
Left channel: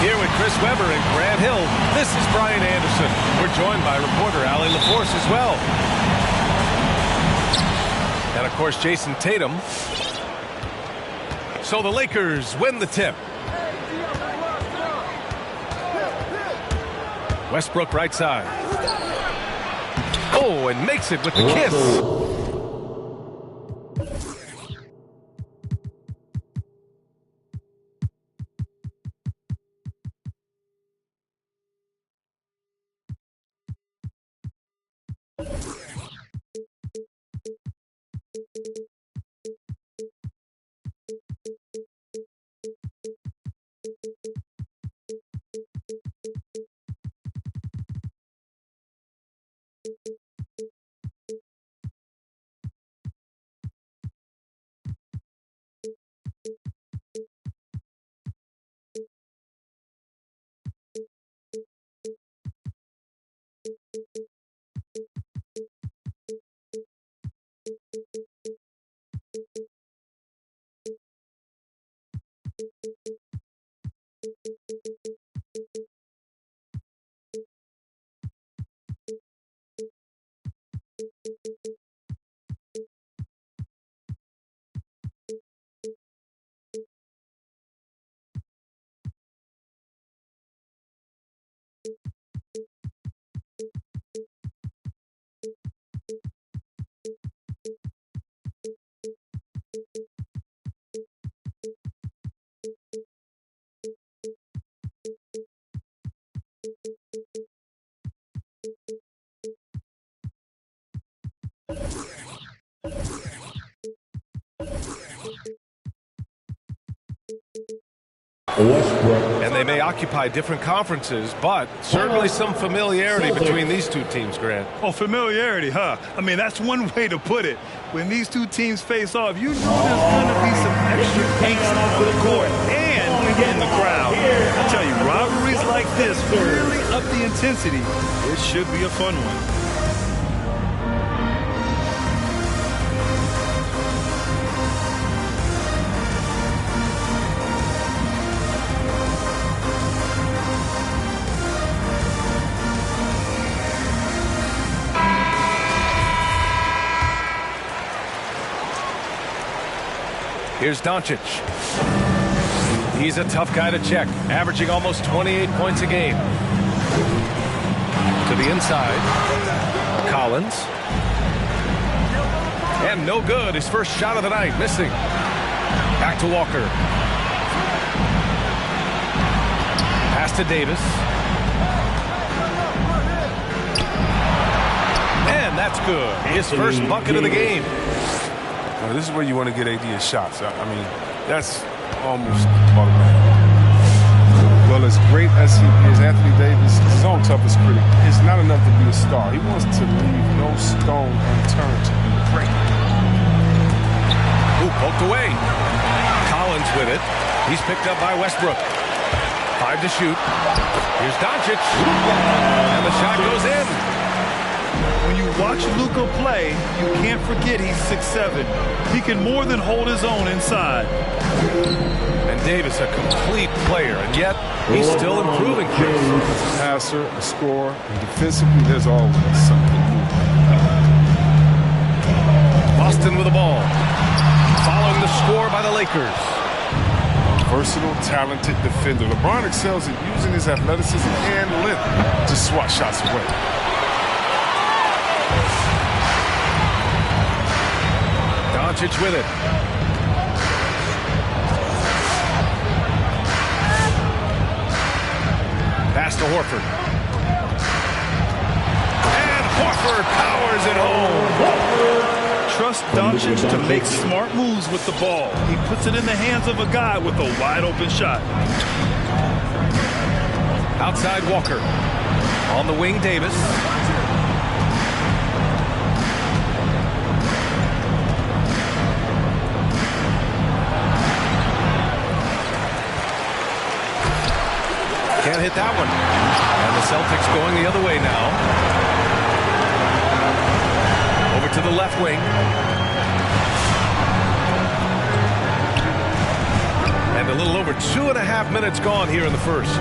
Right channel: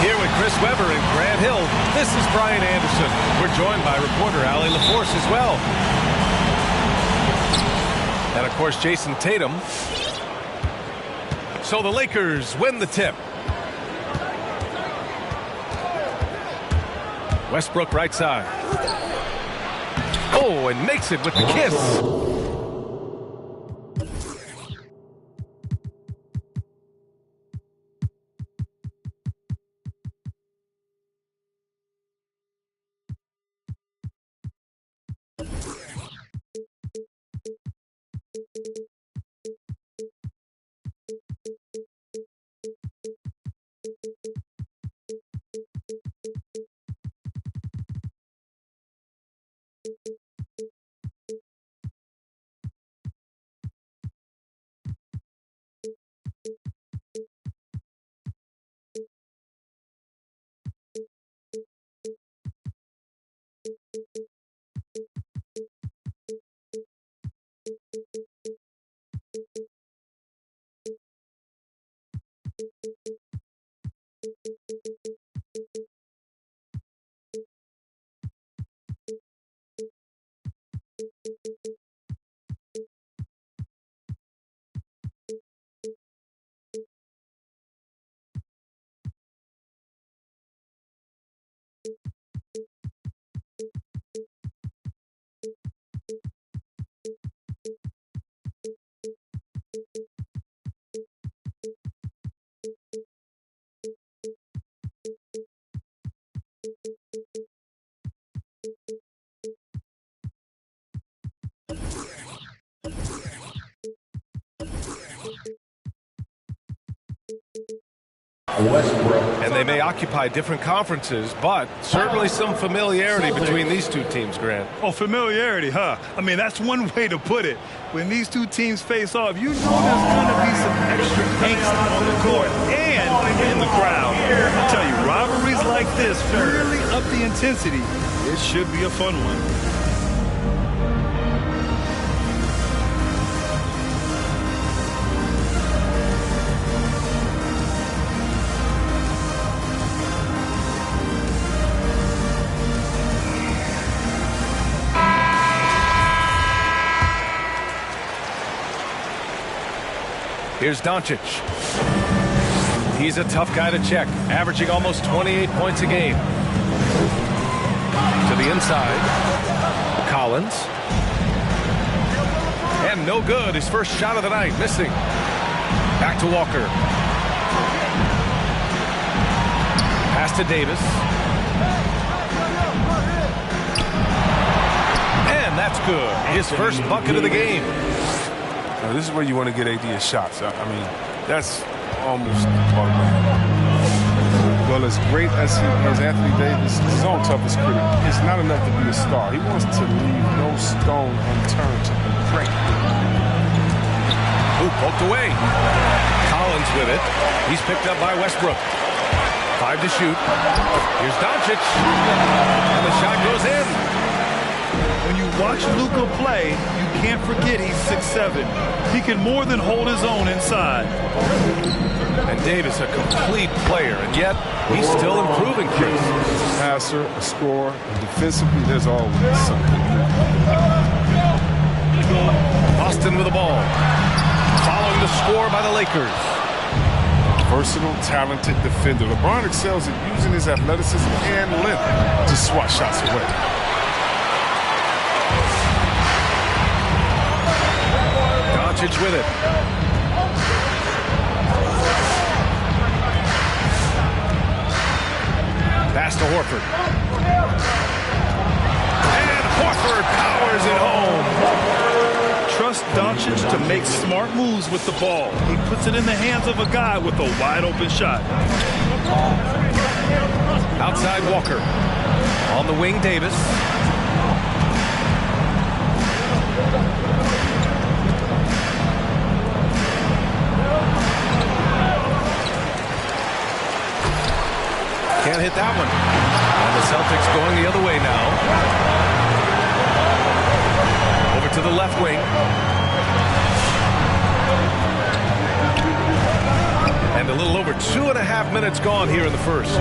Here with Chris Webber and Grant Hill, this is Brian Anderson. We're joined by reporter Allie LaForce as well. And, of course, Jason Tatum. So the Lakers win the tip. Westbrook right side. Oh, and makes it with the kiss. Westbrook. And they may occupy different conferences, but certainly some familiarity between these two teams, Grant. Oh, familiarity, huh? I mean, that's one way to put it. When these two teams face off, you know there's going to be some extra angst on the court and in the crowd. I tell you, rivalries like this really up the intensity. It should be a fun one. Here's Doncic. He's a tough guy to check, averaging almost 28 points a game. To the inside. Collins. And no good. His first shot of the night, missing. Back to Walker. Pass to Davis. And that's good. His first bucket of the game. This is where you want to get AD his shots. I mean, that's almost automatic. Well, as great as he is, Anthony Davis, his own toughest critic, it's not enough to be a star. He wants to leave no stone unturned to be great. Ooh, poked away. Collins with it. He's picked up by Westbrook. 5 to shoot. Here's Doncic. And the shot goes in. When you watch Luka play, you can't forget he's 6'7". He can more than hold his own inside. And Davis, a complete player, and yet he's still improving, Chris. As a passer, a scorer, and defensively, there's always something new. Boston with the ball. Following the score by the Lakers. A versatile, talented defender. LeBron excels at using his athleticism and length to swat shots away. Doncic with it. Pass to Horford. And Horford powers it home. Trust Doncic to make smart moves with the ball. He puts it in the hands of a guy with a wide open shot. Outside Walker. On the wing, Davis. Can't hit that one. And the Celtics going the other way now. Over to the left wing. And a little over 2.5 minutes gone here in the first.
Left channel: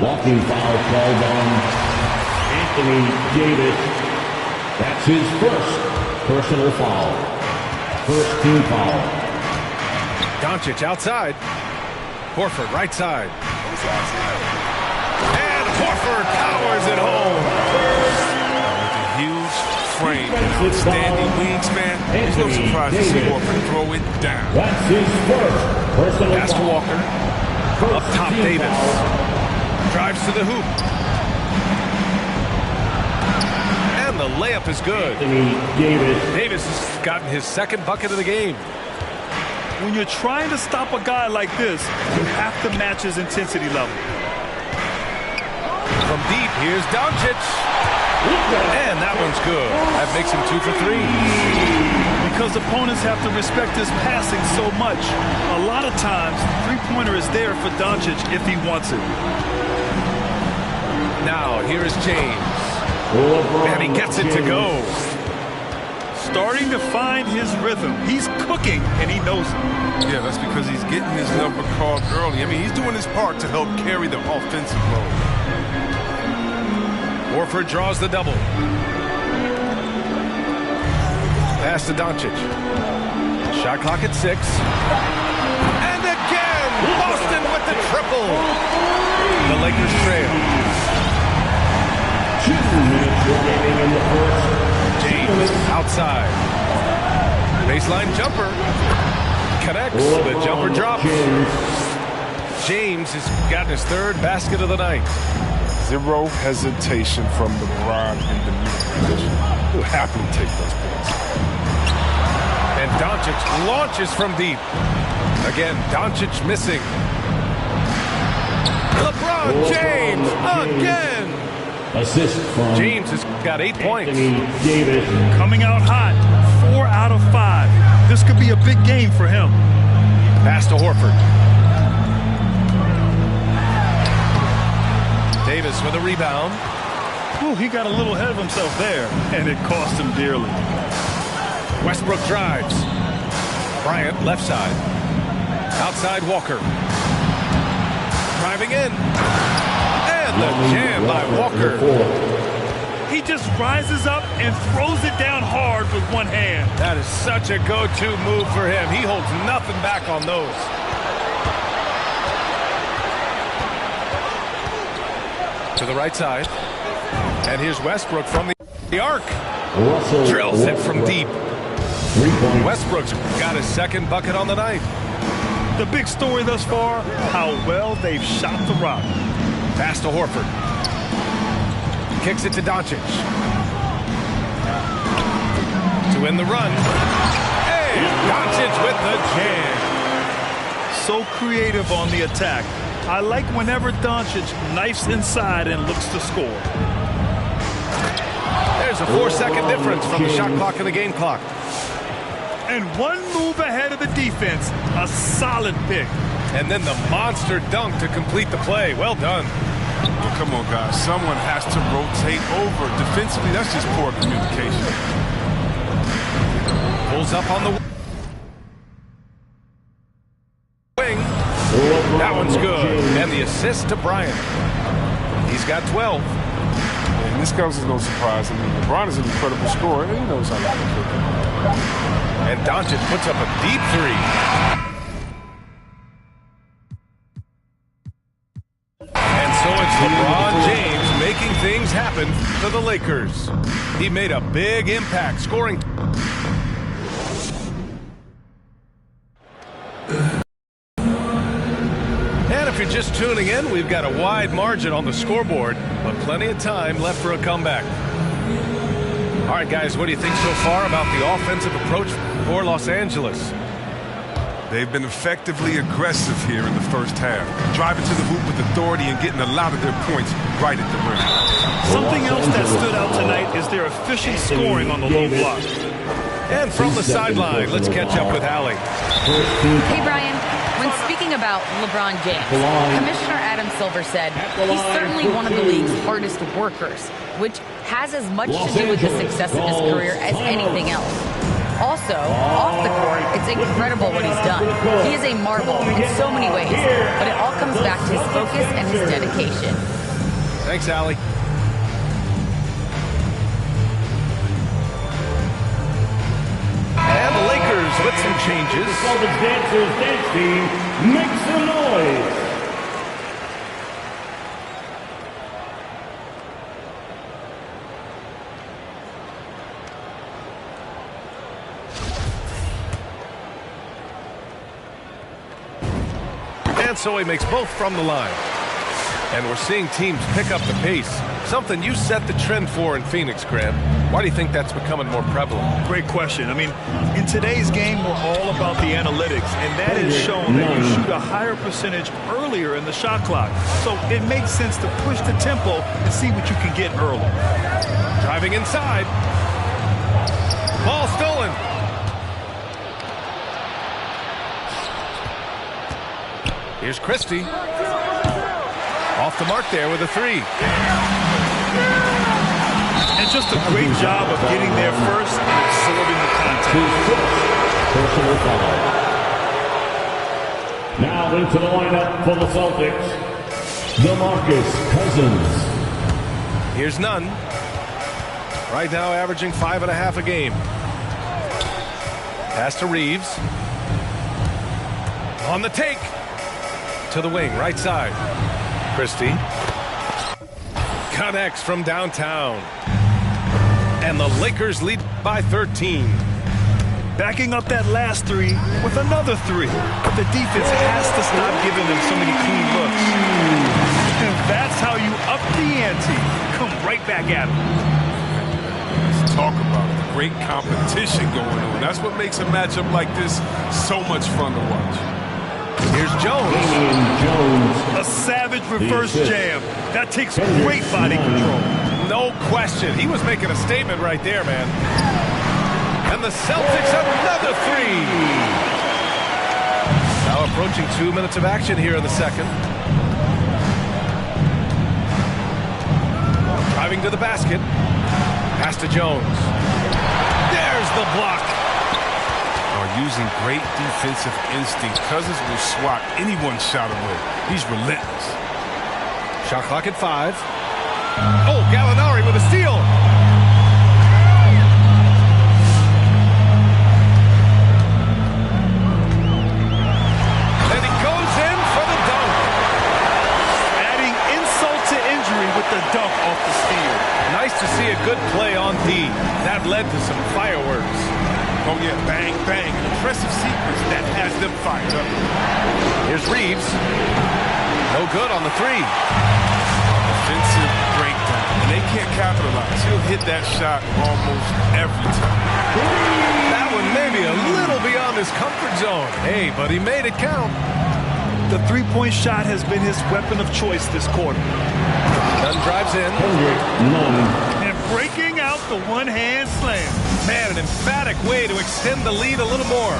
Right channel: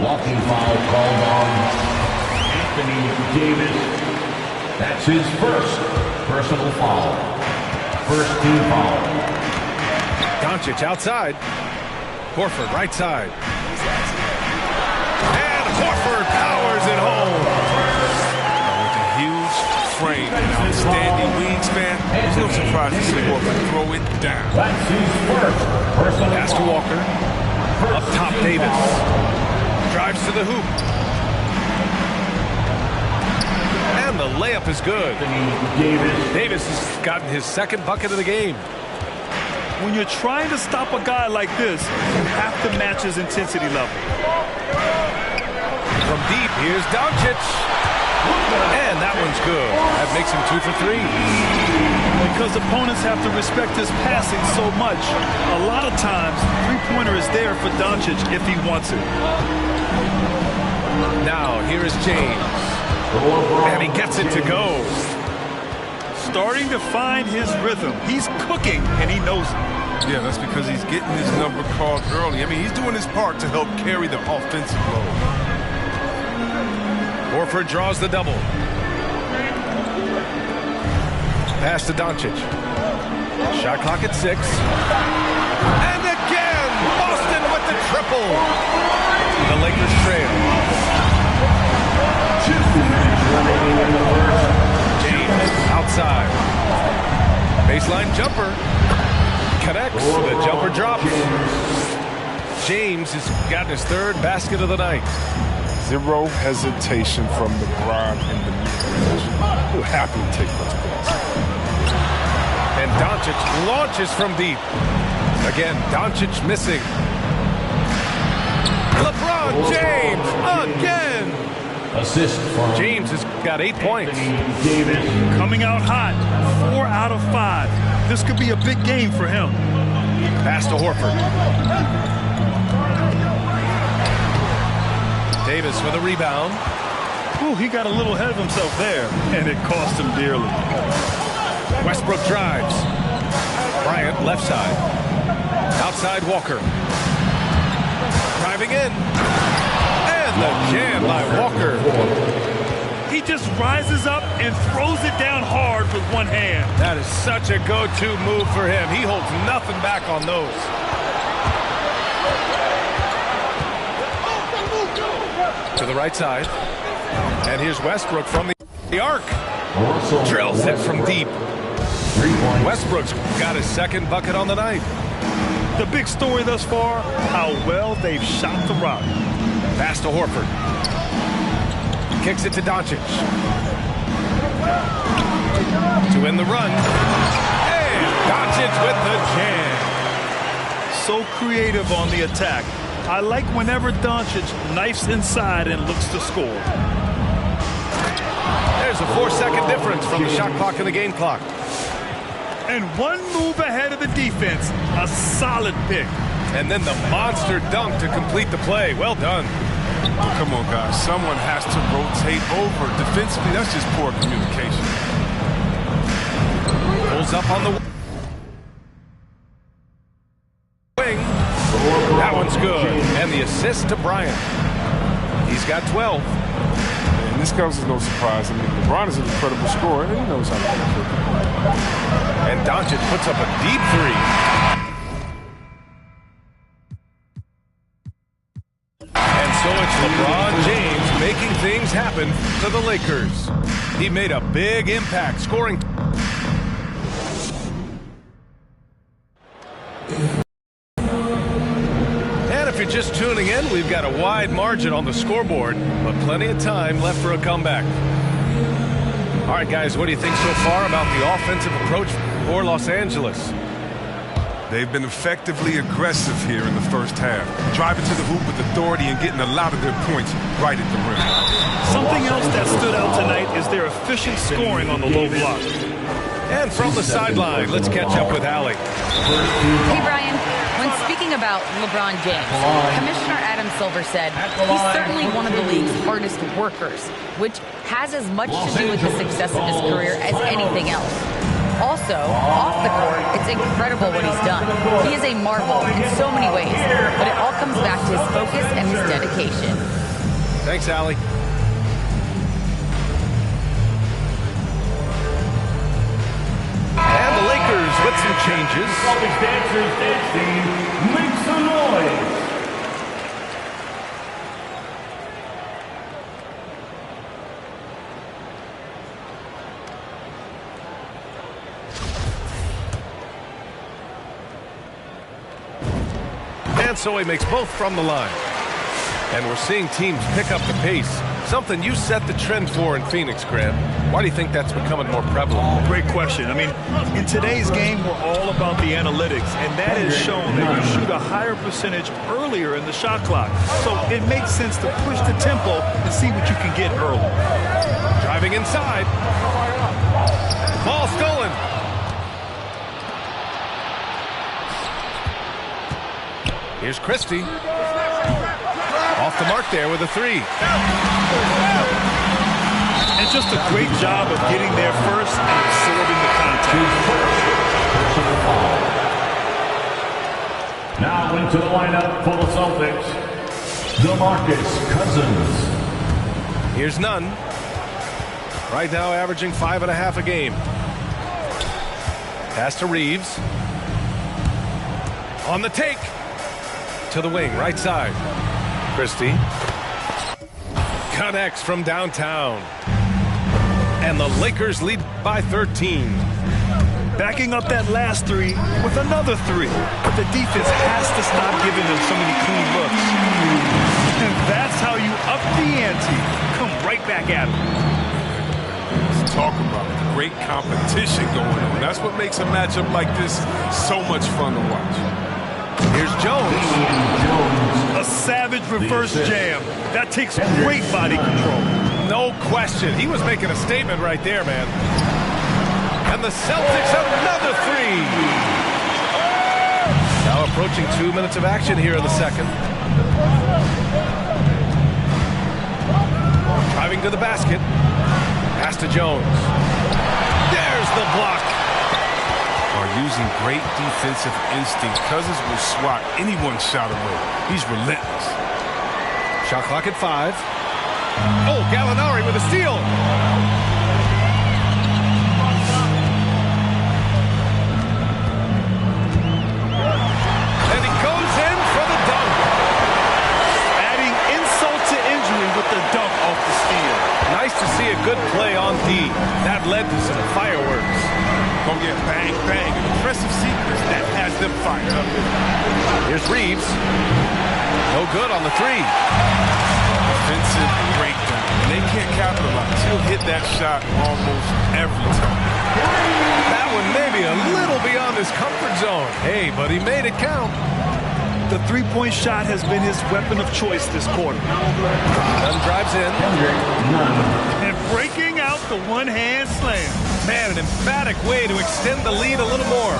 Walking foul called on Anthony Davis. That's his first personal foul. First team foul. Doncic outside. Horford right side. And Horford powers it home. With a huge frame and outstanding wingspan, there's no surprise to see Horford throw it down. That's his first personal Pass to Walker. Up top, Davis. Drives to the hoop. And the layup is good. Davis has gotten his second bucket of the game. When you're trying to stop a guy like this, you have to match his intensity level. From deep, here's Doncic. And that one's good. That makes him 2 for 3. Because opponents have to respect his passing so much, a lot of times, three-pointer is there for Doncic if he wants it. Now, here is James. And he gets it to go. Starting to find his rhythm. He's cooking, and he knows it. Yeah, that's because he's getting his number called early. I mean, he's doing his part to help carry the offensive load. Horford draws the double. Pass to Doncic. Shot clock at 6. And again, Boston with the triple. The Lakers trail. 2 minutes remaining in the first. James outside. Baseline jumper. Connects. The jumper drops. James has gotten his third basket of the night. Zero hesitation from LeBron in the mid-range. He'll happily take those points. And Doncic launches from deep. Again, Doncic missing. LeBron James again. Assist from James has got 8 points. Davis. Coming out hot. 4 out of 5. This could be a big game for him. Pass to Horford. Davis with a rebound. Ooh, he got a little ahead of himself there, and it cost him dearly. Westbrook drives. Bryant left side. Outside Walker. Driving in. And the jam by Walker. He just rises up and throws it down hard with one hand. That is such a go-to move for him. He holds nothing back on those. To the right side. And here's Westbrook from the arc. Drills it from deep. Westbrook's got his second bucket on the night. The big story thus far, how well they've shot the rock. Pass to Horford. Kicks it to Doncic. To win the run. And Doncic with the jam. So creative on the attack. I like whenever Doncic knifes inside and looks to score. There's a 4-second difference from the shot clock and the game clock. And one move ahead of the defense. A solid pick. And then the monster dunk to complete the play. Well done. Well, come on, guys. Someone has to rotate over. Defensively, that's just poor communication. Pulls up on the wing. That one's good. And the assist to Bryant. He's got 12. And this comes as no surprise. I mean, LeBron is an incredible scorer, and he knows how to cook it. And Doncic puts up a deep three. And so it's LeBron James making things happen for the Lakers. He made a big impact, scoring. And if you're just tuning in, we've got a wide margin on the scoreboard, but plenty of time left for a comeback. All right, guys, what do you think so far about the offensive approach for Los Angeles? They've been effectively aggressive here in the first half, driving to the hoop with authority and getting a lot of their points right at the rim. Something else that stood out tonight is their efficient scoring on the low block. And from the sideline, let's catch up with Allie. Hey, Brian. When speaking about LeBron James, Commissioner Adam Silver said he's certainly one of the league's hardest workers, which has as much to do with the success of his career as anything else. Also, off the court, it's incredible what he's done. He is a marvel in so many ways, but it all comes back to his focus and his dedication. Thanks, Allie. And the Lakers with some changes. Celtics dancers dance team, make some noise. And so he makes both from the line. And we're seeing teams pick up the pace, something you set the trend for in Phoenix, Grant. Why do you think that's becoming more prevalent? Great question. I mean, in today's game, we're all about the analytics, and that has shown that you shoot a higher percentage earlier in the shot clock. So it makes sense to push the tempo and see what you can get early. Driving inside. Ball stolen. Here's Christie. Off the mark there with a three. And just a great job of getting there first and absorbing the contact. Personal foul. Now into the lineup for the Celtics, DeMarcus Cousins. Here's Nunn. Right now averaging 5.5 a game. Pass to Reeves. On the take. To the wing, right side. Christie. Connects from downtown. And the Lakers lead by 13. Backing up that last three with another three. But the defense has to stop giving them so many clean looks. And that's how you up the ante. Come right back at them. Let's talk about great competition going on. That's what makes a matchup like this so much fun to watch. Here's Jones. A savage reverse jam. That takes great body control. No question. He was making a statement right there, man. And the Celtics another three. Now approaching 2 minutes of action here in the second. Driving to the basket. Pass to Jones. There's the block. Are using great defensive instinct. Cousins will swat anyone's shot away. He's relentless. Shot clock at 5. Oh, Gallinari with a steal. And he goes in for the dunk. Adding insult to injury with the dunk off the steal. Nice to see a good play on D. That led to some fireworks. Oh, yeah, bang, bang. An impressive sequence that has them fired up. Here's Reeves. No good on the three. Defensive breakdown. And they can't capitalize. He'll hit that shot almost every time. That one maybe a little beyond his comfort zone. Hey, but he made it count. The three-point shot has been his weapon of choice this quarter. Nunn drives in. Nunn. And breaking out the one-hand slam. Man, an emphatic way to extend the lead a little more.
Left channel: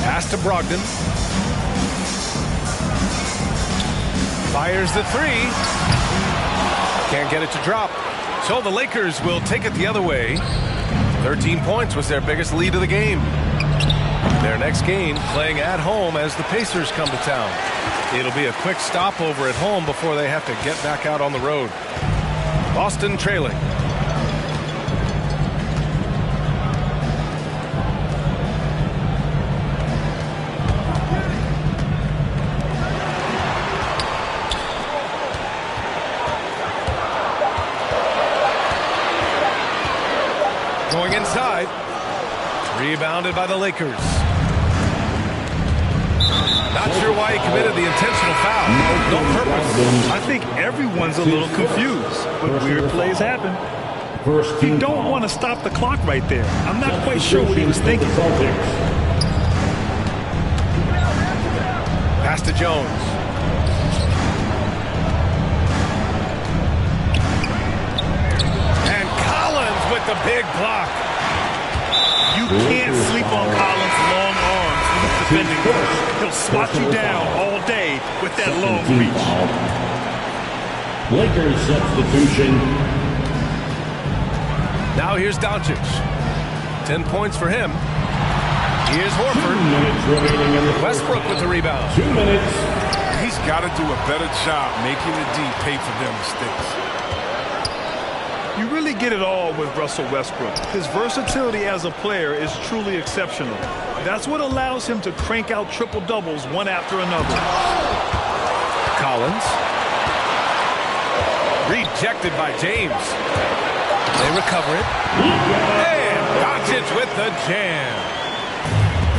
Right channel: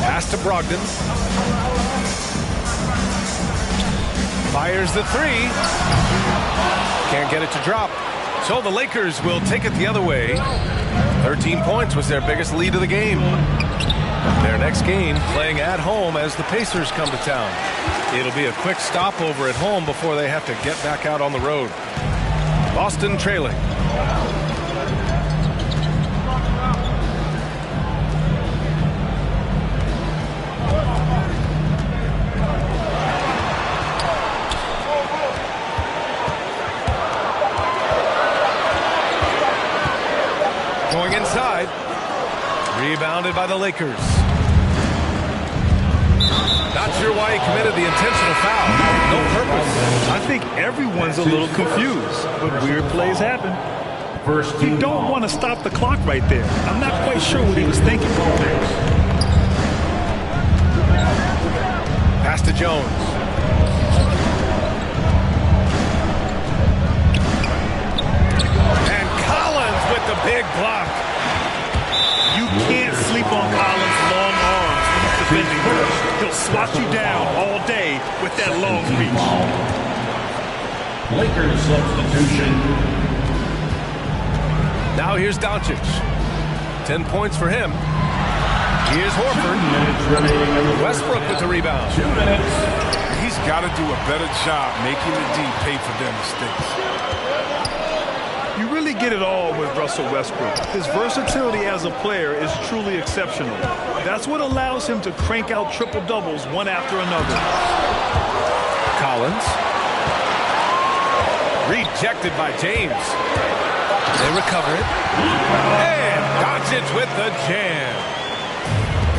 Pass to Brogdon. Fires the three. Can't get it to drop. So the Lakers will take it the other way. 13 points was their biggest lead of the game. Their next game playing at home as the Pacers come to town. It'll be a quick stopover at home before they have to get back out on the road. Boston trailing. Going inside. Rebounded by the Lakers. Not sure why he committed the intentional foul. No purpose. I think everyone's a little confused, but weird plays happen. You don't want to stop the clock right there. I'm not quite sure what he was thinking. Pass to Jones. And Collins with the big block. You can't sleep on Collins' long arms when he's defending. He'll swat you down all day with that long reach. Lakers substitution. Now here's Doncic. 10 points for him. Here's 2 Horford. minutes remaining in the Westbrook with the rebound. 2 minutes. He's got to do a better job making the D pay for their mistakes. You really get it all with Russell Westbrook. His versatility as a player is truly exceptional. That's what allows him to crank out triple-doubles one after another. Collins. Rejected by James. They recover it. And Doncic with the jam.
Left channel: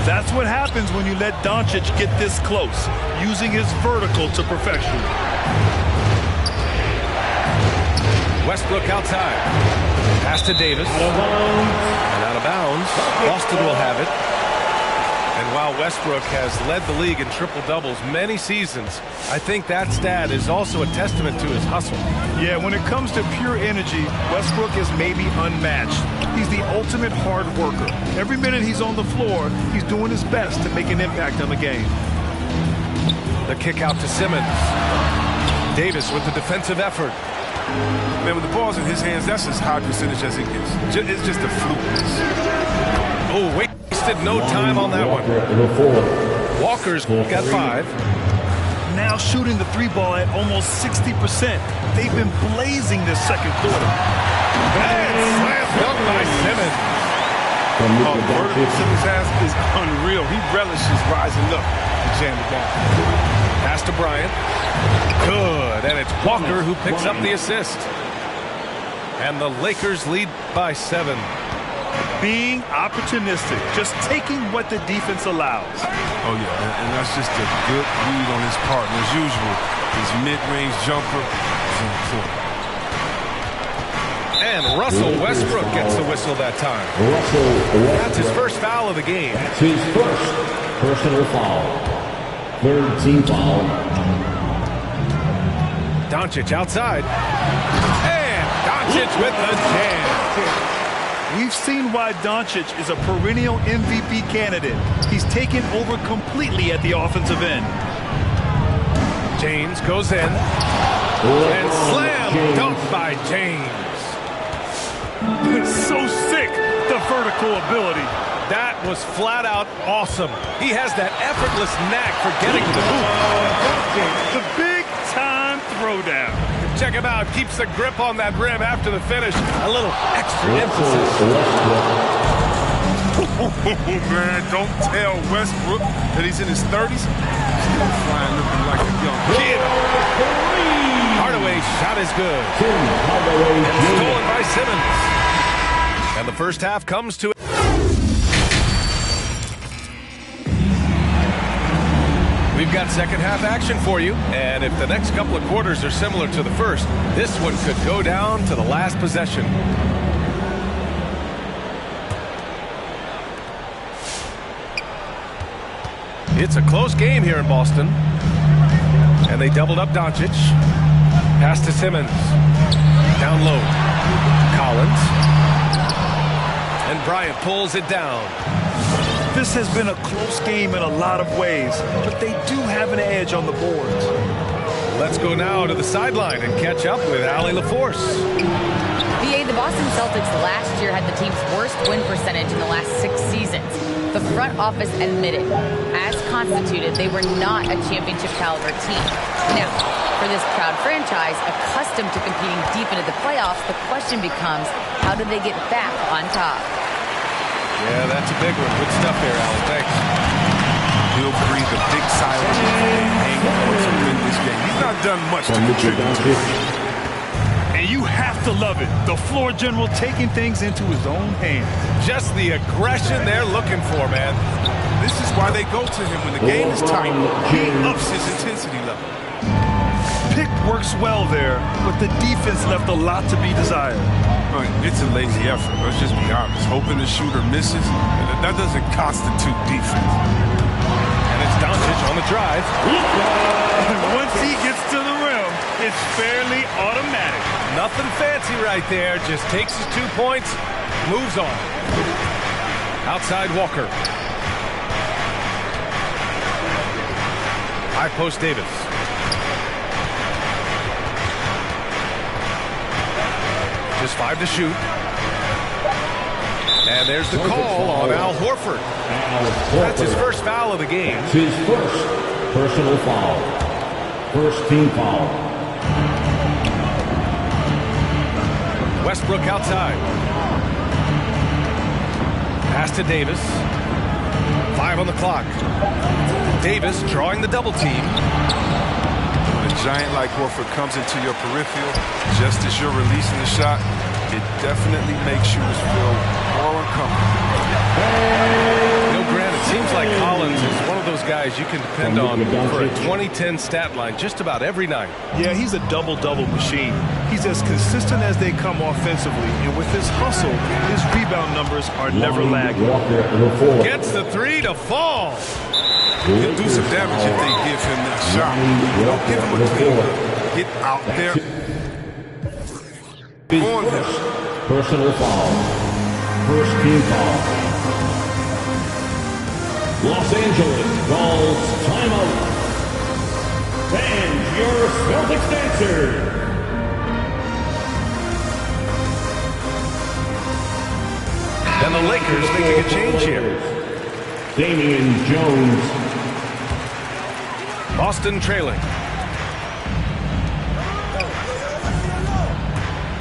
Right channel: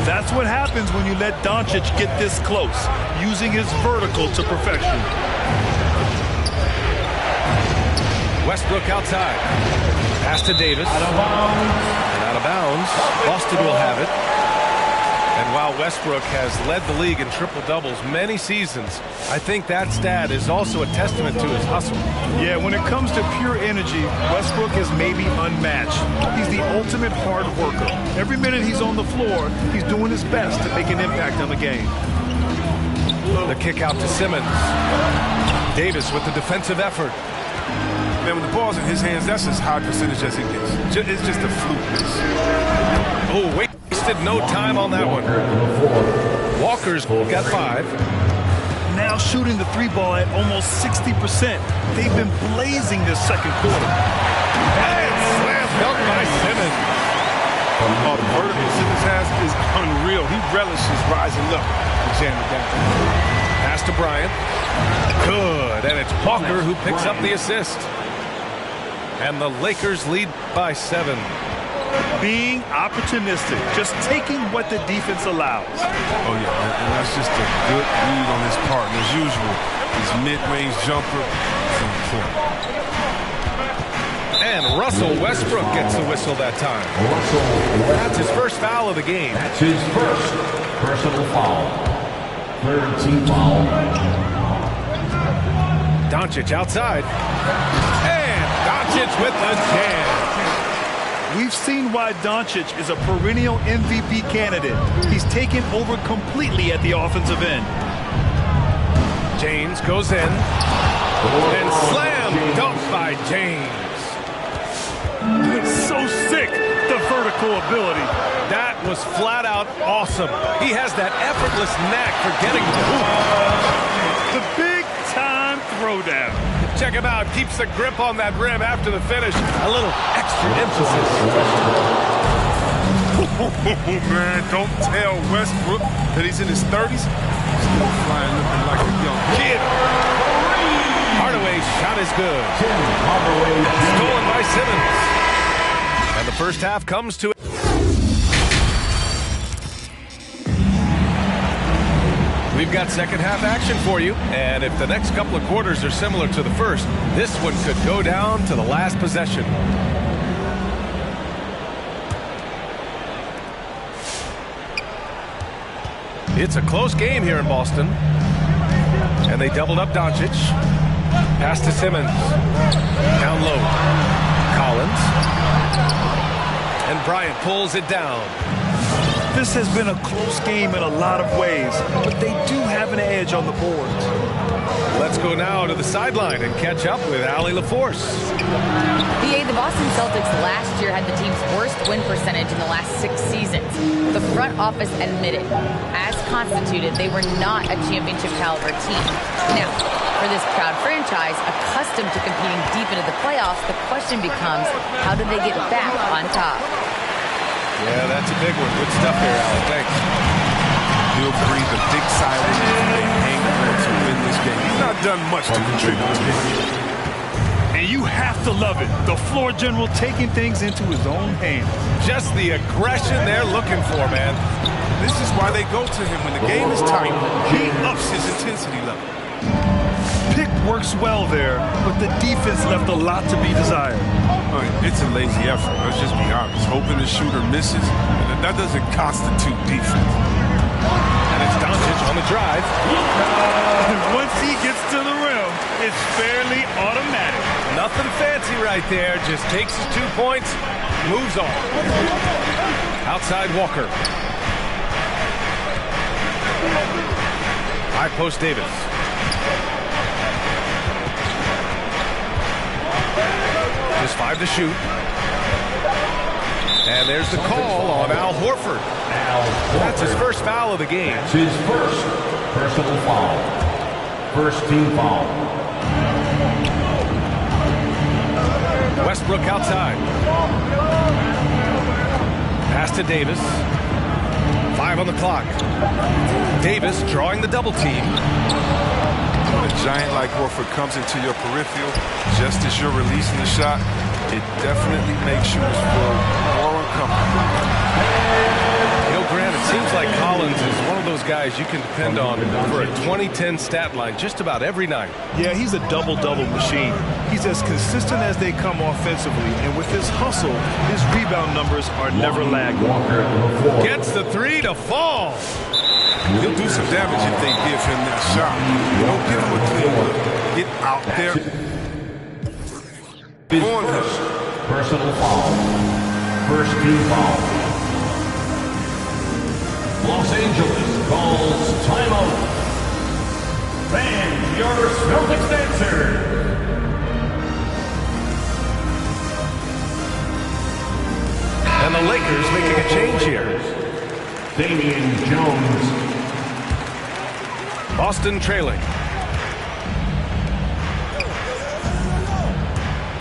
That's what happens when you let Doncic get this close, using his vertical to perfection. Westbrook outside. Pass to Davis. Out of bounds. And out of bounds. Boston will have it. And while Westbrook has led the league in triple-doubles many seasons, I think that stat is also a testament to his hustle. Yeah, when it comes to pure energy, Westbrook is maybe unmatched. He's the ultimate hard worker. Every minute he's on the floor, he's doing his best to make an impact on the game. The kick out to Simmons. Davis with the defensive effort. Man, when the ball's in his hands, that's as high percentage as it gets. It's just a fluke miss. Oh, wasted no time on that one. Walker's got 5. Now shooting the 3 ball at almost 60%. They've been blazing this second quarter. And slam dunk by Simmons. Oh, the vertical Simmons has is unreal. He relishes rising up and jamming down. Pass to Bryant. Good. And it's Walker who picks up the assist. And the Lakers lead by 7. Being opportunistic, just taking what the defense allows. Oh, yeah, and that's just a good read on his part. And as usual, his mid-range jumper is on point. And Russell Westbrook gets the whistle that time. That's his first foul of the game. That's his first personal foul. 3rd team foul. Doncic outside. And Doncic with the jam. We've seen why Doncic is a perennial MVP candidate. He's taken over completely at the offensive end. James goes in. And slam dunk by James. So sick, the vertical ability. That was flat out awesome. He has that effortless knack for getting to the hoop. The big time throwdown. Check him out. Keeps the grip on that rim after the finish. A little extra emphasis. Oh, man, don't tell Westbrook that he's in his 30s. Still flying looking like a young kid. Hardaway's shot is good. And stolen by Simmons. And the first half comes to it. We've got second half action for you, and if the next couple of quarters are similar to the first, this one could go down to the last possession. It's a close game here in Boston, and they doubled up Doncic. Pass to Simmons. Down low. Collins. And Bryant pulls it down. This has been a close game in a lot of ways, but they do have an edge on the boards. Let's go now to the sideline and catch up with Allie LaForce. BA, the Boston Celtics last year had the team's worst win percentage in the last 6 seasons. The front office admitted, as constituted, they were not a championship caliber team. Now, For this proud franchise, accustomed to competing deep into the playoffs, the question becomes, how do they get back on top? Yeah, that's a big one. Good stuff there, Allen. Thanks. He'll breathe a big sigh of relief when they hang on to win this game. He's not done much to contribute to it. And you have to love it. The floor general taking things into his own hands. Just the aggression they're looking for, man. This is why they go to him when the game is tight. He ups his intensity level. Pick works well there, but the defense left a lot to be desired. It's a lazy effort. Let's just be honest. Hoping the shooter misses, that doesn't constitute defense. And it's Doncic on the drive. Once he gets to the rim, it's fairly automatic. Nothing fancy right there. Just takes his 2 points, moves on. Outside Walker. High post Davis. Just 5 to shoot. And there's the call on Al Horford. That's his first foul of the game. That's his first personal foul. First team foul. Westbrook outside. Pass to Davis. 5 on the clock. Davis drawing the double team. When a giant like Horford comes into your peripheral, just as you're releasing the shot, it definitely makes shooters feel more uncomfortable. You know, Grant, it seems like Collins is one of those guys you can depend on for a 2010 stat line just about every night. Yeah, he's a double-double machine. He's as consistent as they come offensively, and with his hustle, his rebound numbers are never lagging. Gets the 3 to fall. He'll do some damage if they give him that shot. Don't give him a clean look. Get out there. On him. Personal foul. First team foul. Los Angeles calls timeout. Fans, your Celtics answer. And the Lakers making a change here. Damian Jones. Boston trailing.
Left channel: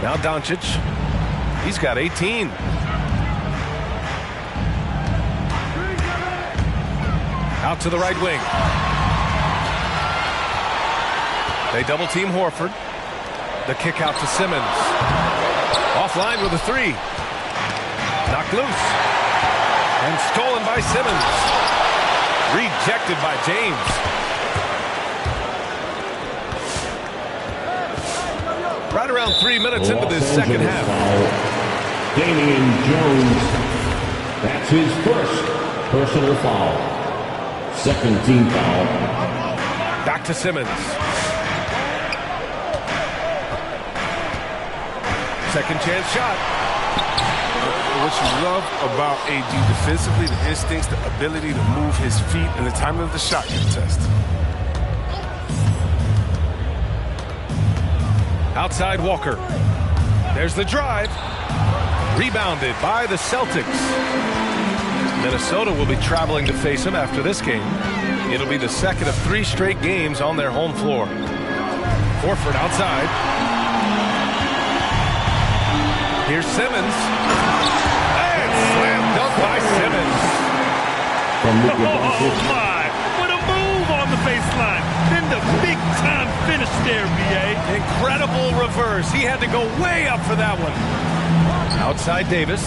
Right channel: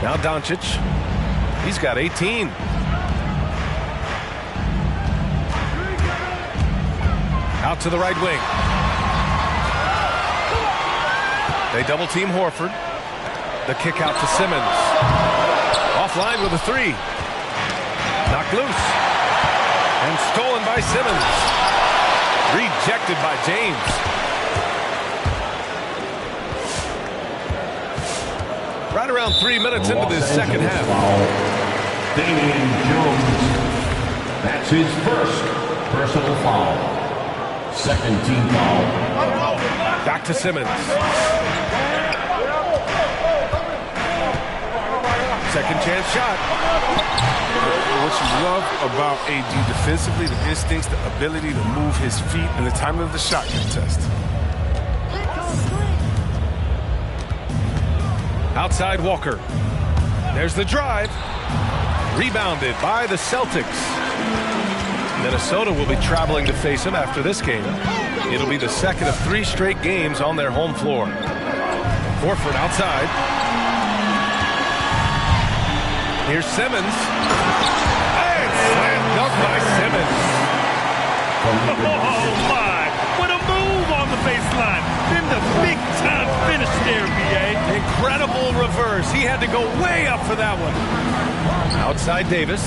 Now Doncic. He's got 18. Out to the right wing. They double team Horford. The kick out to Simmons. Offline with a 3. Knocked loose. And stolen by Simmons. Rejected by James. Right around 3 minutes into this second half. Foul. Damian Jones. That's his first personal foul. Second team foul. Back to Simmons. Second chance shot. What you love about AD defensively, the instincts, the ability to move his feet, and the timing of the shot contest. Outside Walker. There's the drive. Rebounded by the Celtics. Minnesota will be traveling to face him after this game. It'll be the second of 3 straight games on their home floor. Horford outside. Here's Simmons. And slam dunk by Simmons. Oh, my. What a move on the baseline. Then the big-time finish there, B.A. Incredible reverse. He had to go way up for that one. Outside Davis.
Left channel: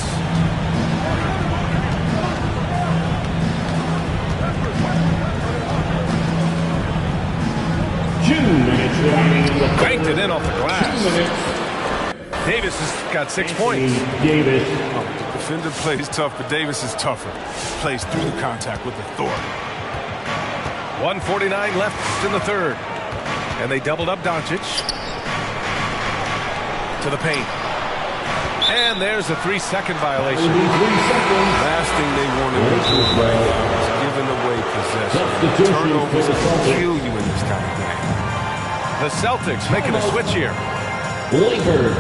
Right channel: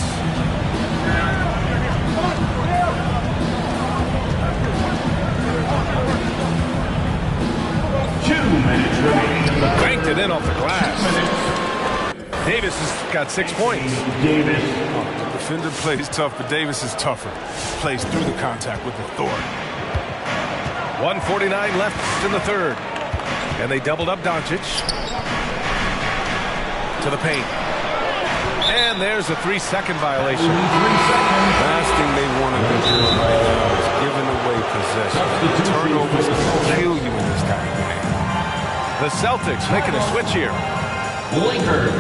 Minutes remaining in the Banked it in off the glass. Davis has got 6 points. Davis. The defender plays tough, but Davis is tougher. Plays through the contact with authority. 1:49 left in the third. And they doubled up Doncic. To the paint. And there's a 3-second violation. 3 seconds. Last thing they want to be doing right now is giving away possession. Turnovers can kill you in this kind of game. The Celtics making a switch here. Lakers.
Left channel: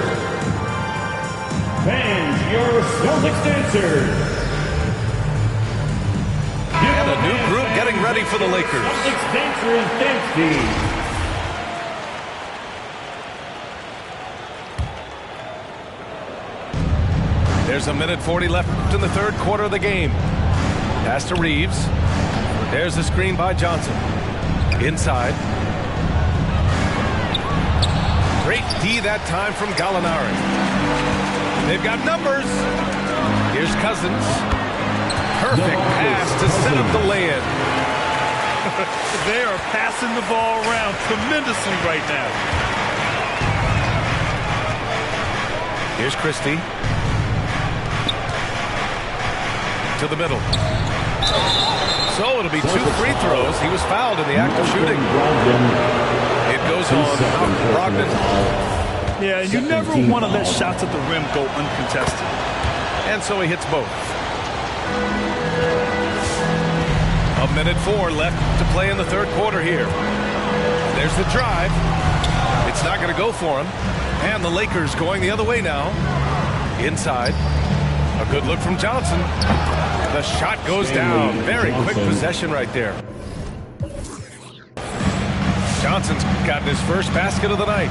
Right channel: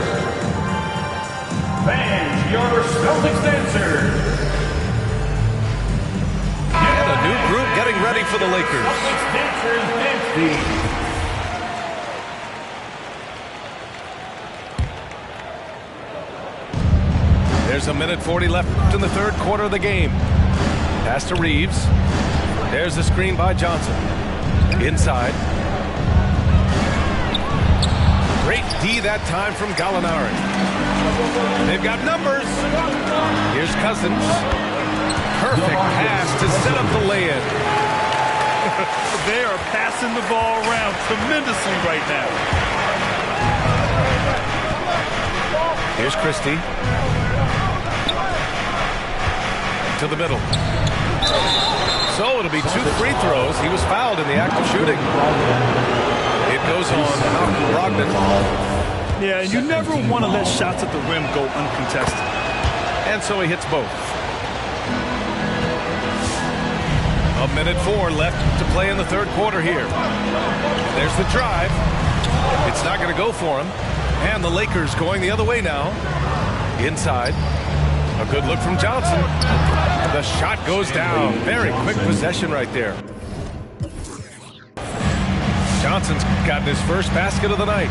Fans, your Celtics answer. And a new group getting ready for the Lakers. Celtics dancers dance team. There's a minute 40 left in the third quarter of the game. Pass to Reeves. There's the screen by Johnson. Inside. Great D that time from Gallinari. They've got numbers. Here's Cousins. Perfect pass to set up the lay-in. They are passing the ball around tremendously right now. Here's Christie. To the middle. So it'll be 2 free throws. He was fouled in the act of shooting. It goes on Malcolm Brogdon. Yeah, and you never want to let shots at the rim go uncontested. And so he hits both. A minute 4 left to play in the third quarter here. And there's the drive. It's not going to go for him. And the Lakers going the other way now. Inside. A good look from Johnson. The shot goes down. Very quick possession right there. Johnson's got his first basket of the night.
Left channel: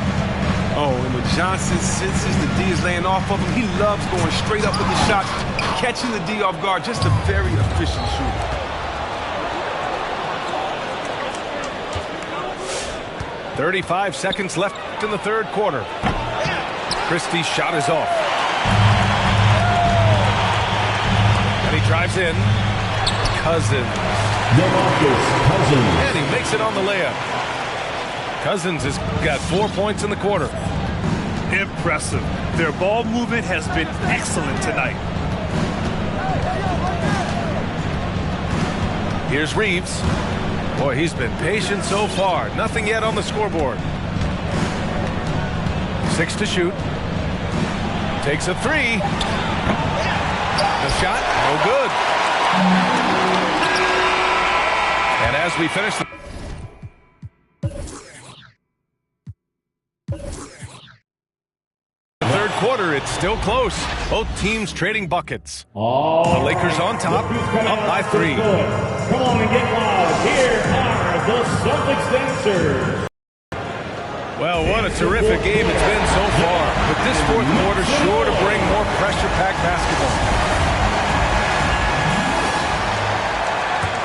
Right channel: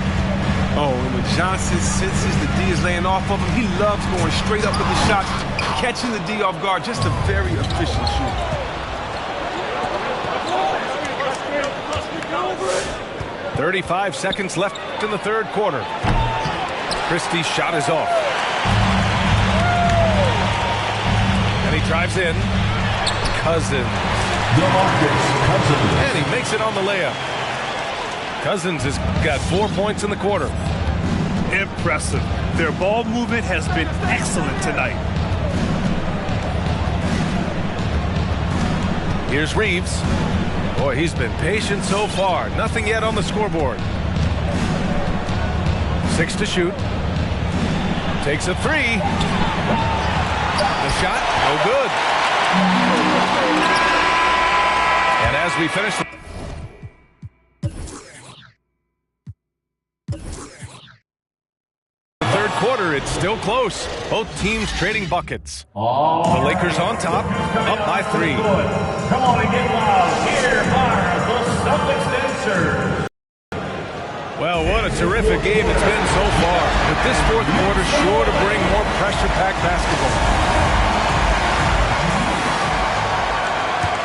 Oh, and when Johnson senses the D is laying off of him, he loves going straight up with the shot, catching the D off guard. Just a very efficient shooter. .35 seconds left in the third quarter. Christie's shot is off. And he drives in. Cousins. And he makes it on the layup. Cousins has got 4 points in the quarter. Impressive. Their ball movement has been excellent tonight. Here's Reeves. Boy, he's been patient so far. Nothing yet on the scoreboard. 6 to shoot. Takes a 3. The shot, no good. And as we finish the third quarter, it's still close. Both teams trading buckets. The Lakers on top, up by 3. Come on and get loud. Here are the Celtics dancers. Well, what a terrific game it's been so far. But this fourth quarter sure to bring more pressure-packed basketball.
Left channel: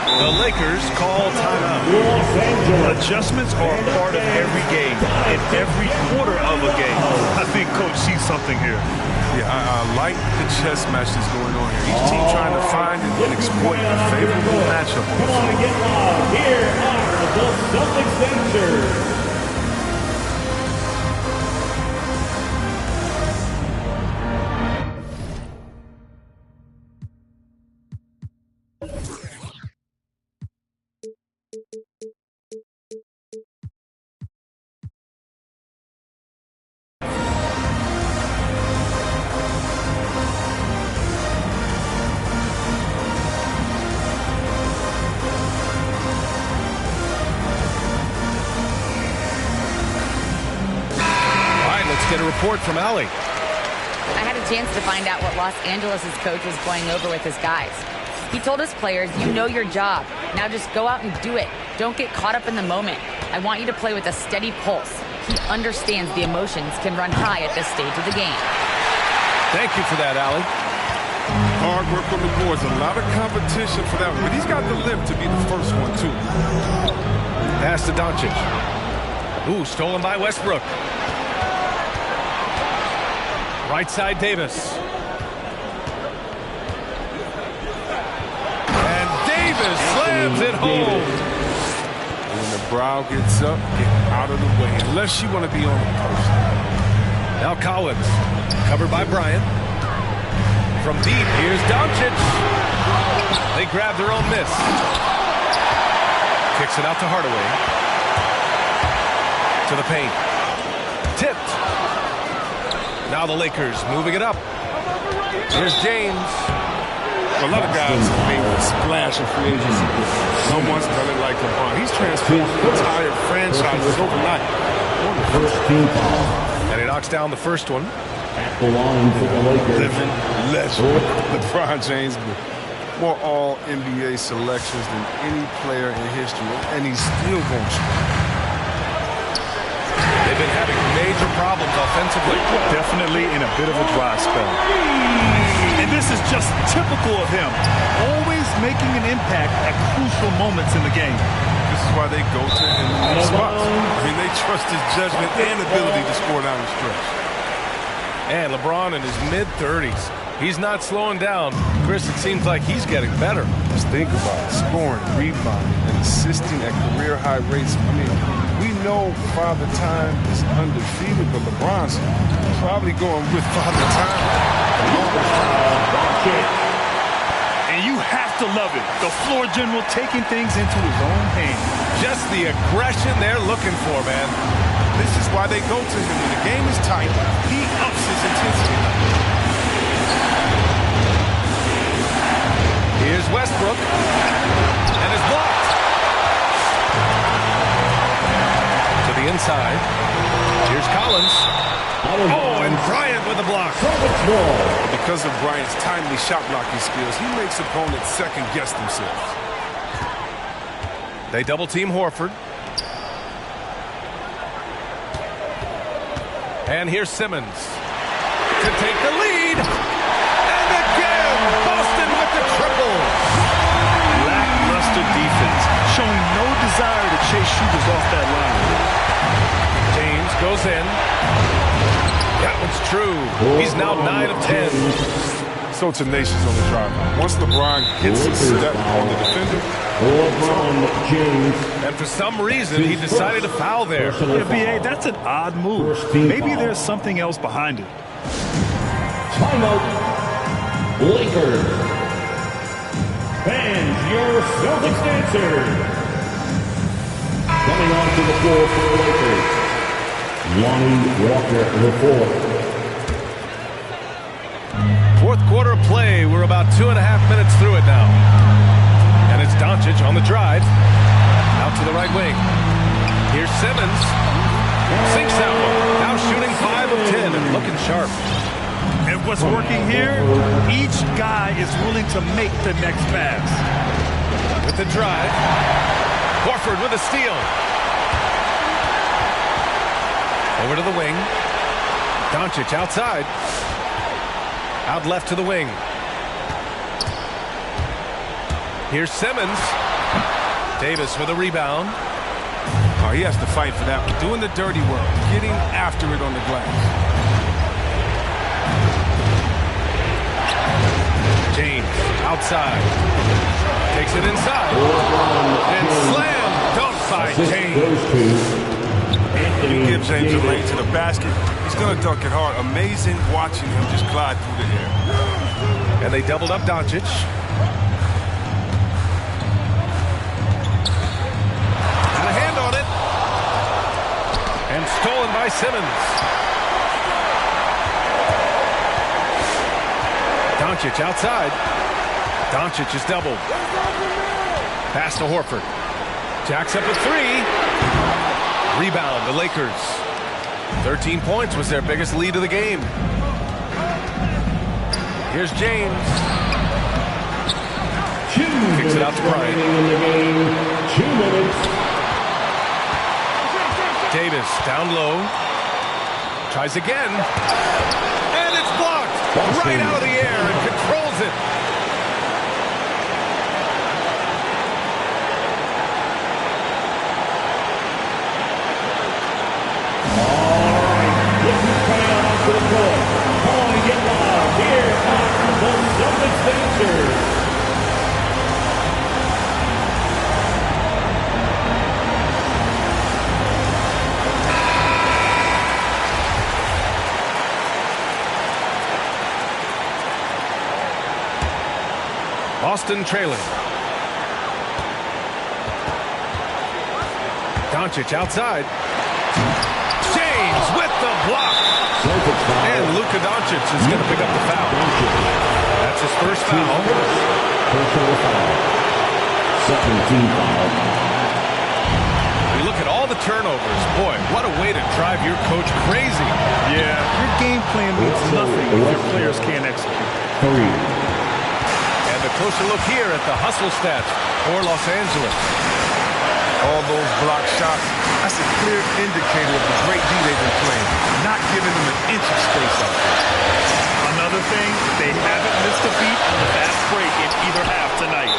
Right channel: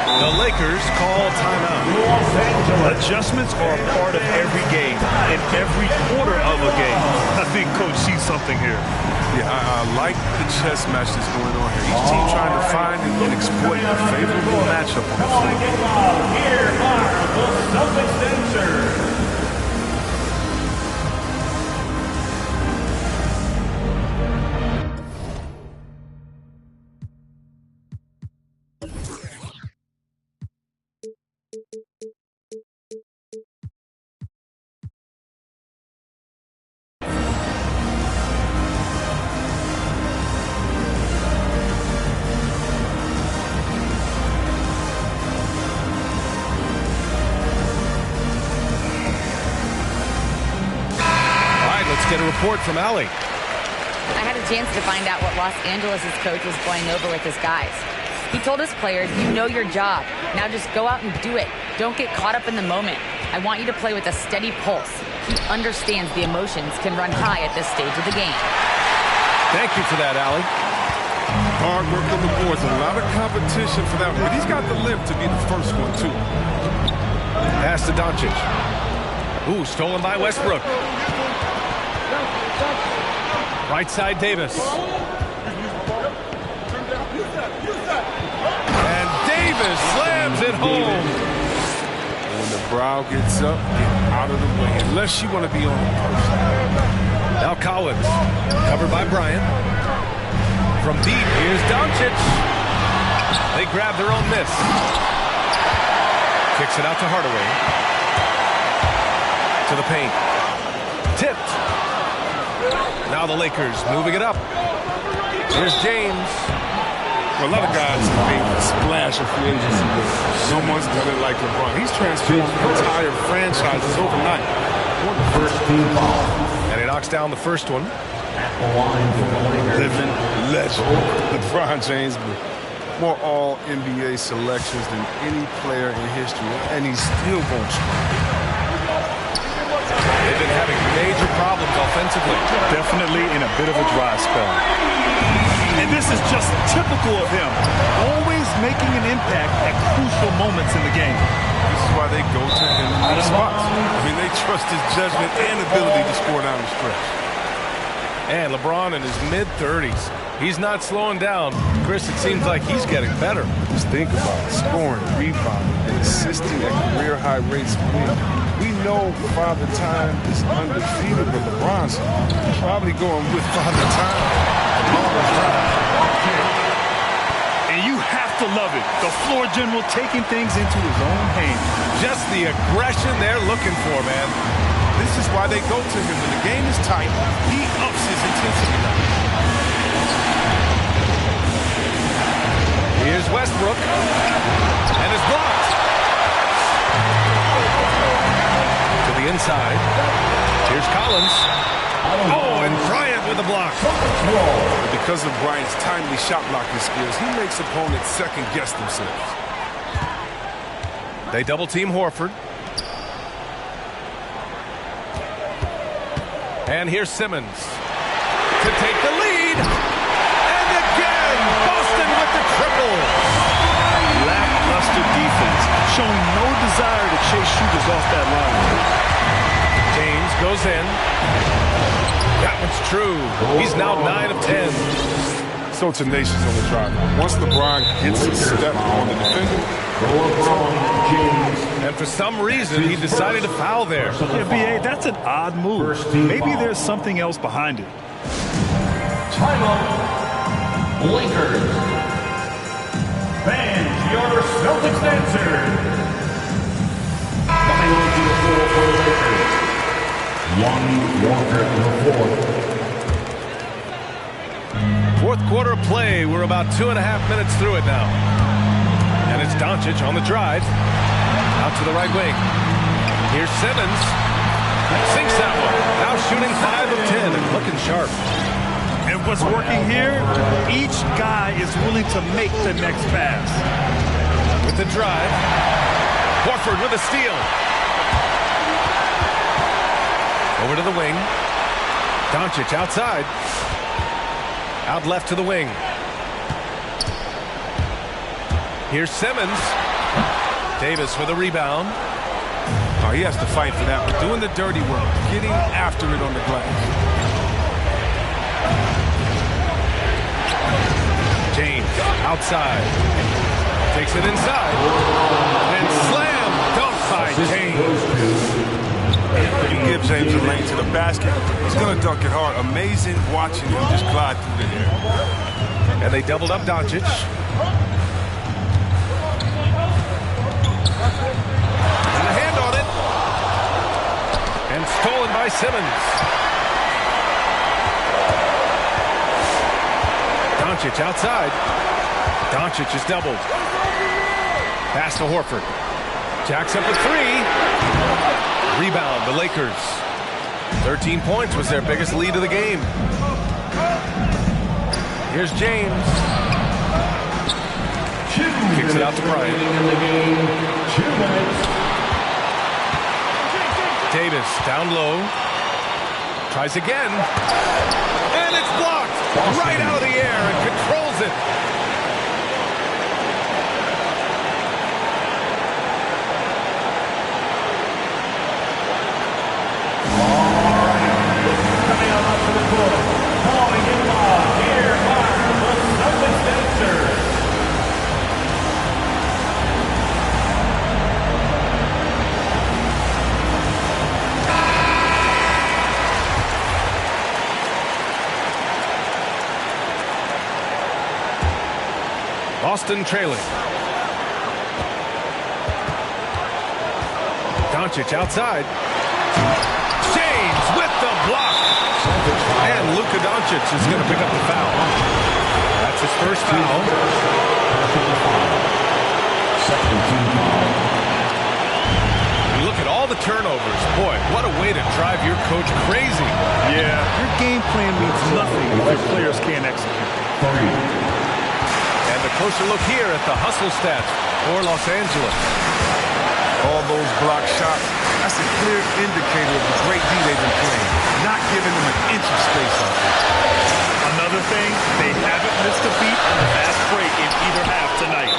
The Lakers call timeout. Adjustments are a part of every game, in every quarter of a game. I think Coach sees something here. Yeah, I like the chess match that's going on here. Each team trying to find and exploit a favorable matchup on the floor. Get loud. Here are the Celtics dancers. Get a report from Allie. I had a chance to find out what Los Angeles' coach was going over with his guys. He told his players, you know your job. Now just go out and do it. Don't get caught up in the moment. I want you to play with a steady pulse. He understands the emotions can run high at this stage of the game. Thank you for that, Allie. Hard work on the boards. A lot of competition for that one. But he's got the limp to be the first one, too. Pass to Doncic. Ooh, stolen by Westbrook. Right side, Davis. And Davis slams it home. When the brow gets up, get out of the way, unless you want to be on the post. Now Collins, covered by Bryant. From deep, here's Doncic. They grab their own miss. Kicks it out to Hardaway. To the paint. Tipped. Now the Lakers moving it up. Here's James. Well, a lot of guys have made a splash in free agency, but no one's done it like LeBron. He's transformed entire franchises overnight. First team foul. And he knocks down the first one. At the line for the Lakers. Living legend, LeBron James, but more all-NBA selections than any player in history, and he's still going strong. They've been having major problems offensively. Definitely in a bit of a dry spell. And this is just typical of him, always making an impact at crucial moments in the game. This is why they go to him in these spots. I mean, they trust his judgment and ability to score down the stretch. And LeBron in his mid-30s. He's not slowing down. Chris, it seems like he's getting better. Just think about it. Scoring, rebounding, and assisting at career-high rates. I mean, we know Father Time is undefeated, but LeBron's probably going with Father Time the longest round. And you have to love it. The floor general taking things into his own hands. Just the aggression they're looking for, man. This is why they go to him. When the game is tight, he ups his intensity level. Here's Westbrook. And is blocked. To the inside. Here's Collins. Oh, and Bryant with a block. But because of Bryant's timely shot blocking skills, he makes opponents second-guess themselves. They double-team Horford. And here's Simmons to take the lead. And again, Boston with the triple. Lackluster defense, showing no desire to chase shooters off that line. James goes in. That one's true. He's now 9 of 10. So tenacious on the drive. Once LeBron gets a step on the defender, LeBron James. And for some reason, he decided to foul there. Yeah, B.A., that's an odd move. Maybe there's something else behind it. Timeout. Lakers. Fans, your Celtics dancers. Coming onto the floor for the Lakers. Lonnie Walker, the fourth. Fourth quarter of play. We're about 2.5 minutes through it now. And it's Doncic on the drive. Out to the right wing. Here's Simmons. Sinks that one. Now shooting 5 of 10 and looking sharp. And what's working here, each guy is willing to make the next pass. With the drive. Horford with a steal. Over to the wing. Doncic outside. Out left to the wing. Here's Simmons. Davis with a rebound. oh, he has to fight for that one. Doing the dirty work. Getting after it on the glass. James outside. Takes it inside. And slam dunk by James. You give James a lane to the basket, he's going to dunk it hard. Amazing watching him just glide through the air. And they doubled up Doncic. Got a hand on it. And stolen by Simmons. Doncic outside. Doncic is doubled. Pass to Horford. Jacks up a three. Rebound, the Lakers. 13 points was their biggest lead of the game. Here's James. Kicks it out to Bryant. In the game, 2 minutes. Davis down low. Tries again. And it's blocked. Right out of the air and controls it. Boston trailing. Doncic outside. James with the block. And Luka Doncic is going to pick up the foul. That's his first foul. Personal foul. Second team foul. You look at all the turnovers. Boy, what a way to drive your coach crazy. Yeah, your game plan means nothing if your players can't execute. 3. And a closer look here at the hustle stats for Los Angeles. All those block shots, that's a clear indicator of the great D they've been playing. Not giving them an inch of space out there. Another thing, they haven't missed a beat on the fast break in either half tonight.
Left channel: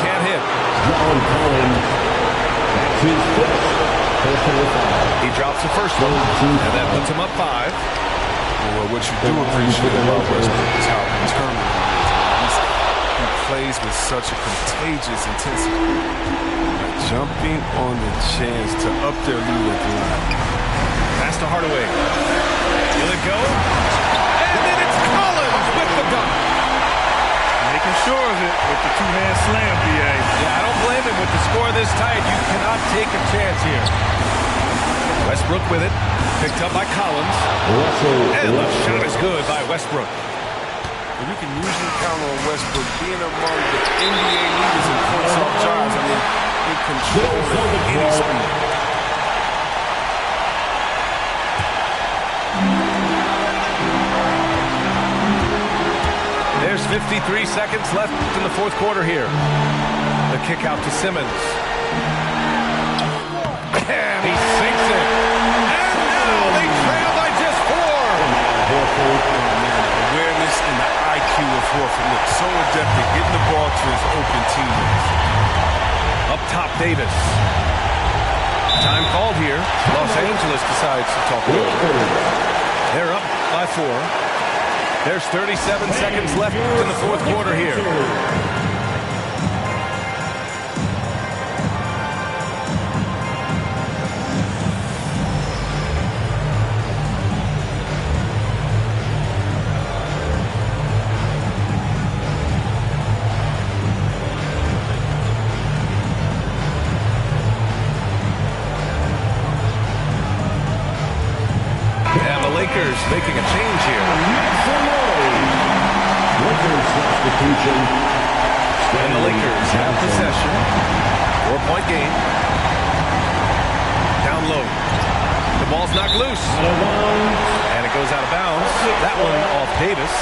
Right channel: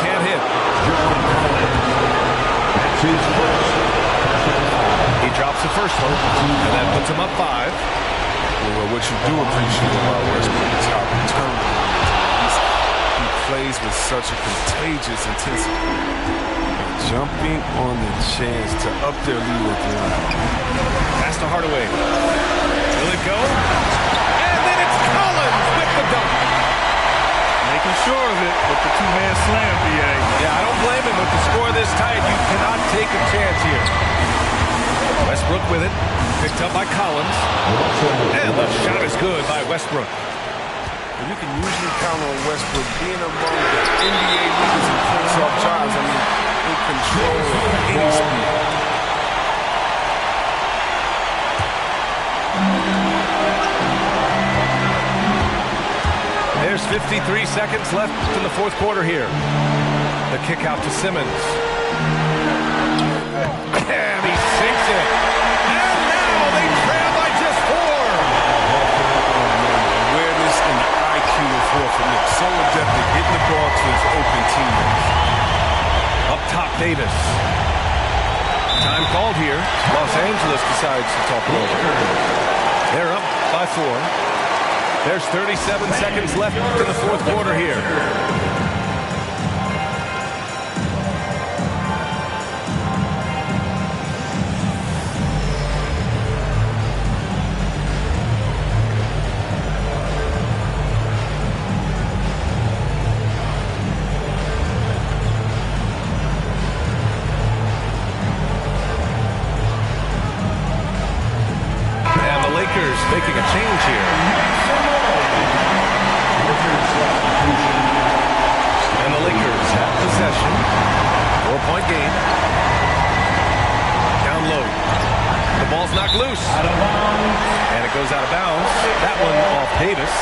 Can't hit. John Collins. That's his first personal foul. He drops the first one, and that puts him up 5. Well, what you do appreciate about Westbrook is how determined he is. I mean, he plays with such a contagious intensity. Jumping on the chance to up their lead at the line. Pass to Hardaway. Will it go? And then it's Collins with the dunk. Making sure of it with the two-hand slam, B.A. Yeah, I don't blame him with the score this tight. You cannot take a chance here. Westbrook with it. Picked up by Collins. And the shot is good by Westbrook. Well, you can usually count on Westbrook being among the NBA leaders in points off drives. I mean, in control at any speed. There's 53 seconds left in the fourth quarter here. The kick out to Simmons. And he sinks it. And now they trail by just 4. Awareness and the IQ of Horford. Look, so adept at getting the ball to his open teammates. Up top, Davis. Time called here. Los Angeles decides to talk it over. They're up by 4. There's 37 seconds left in the fourth quarter here. And the Lakers making a change here. And the Lakers have possession. 4-point game. Down low. The ball's knocked loose. And it goes out of bounds. That one off Davis.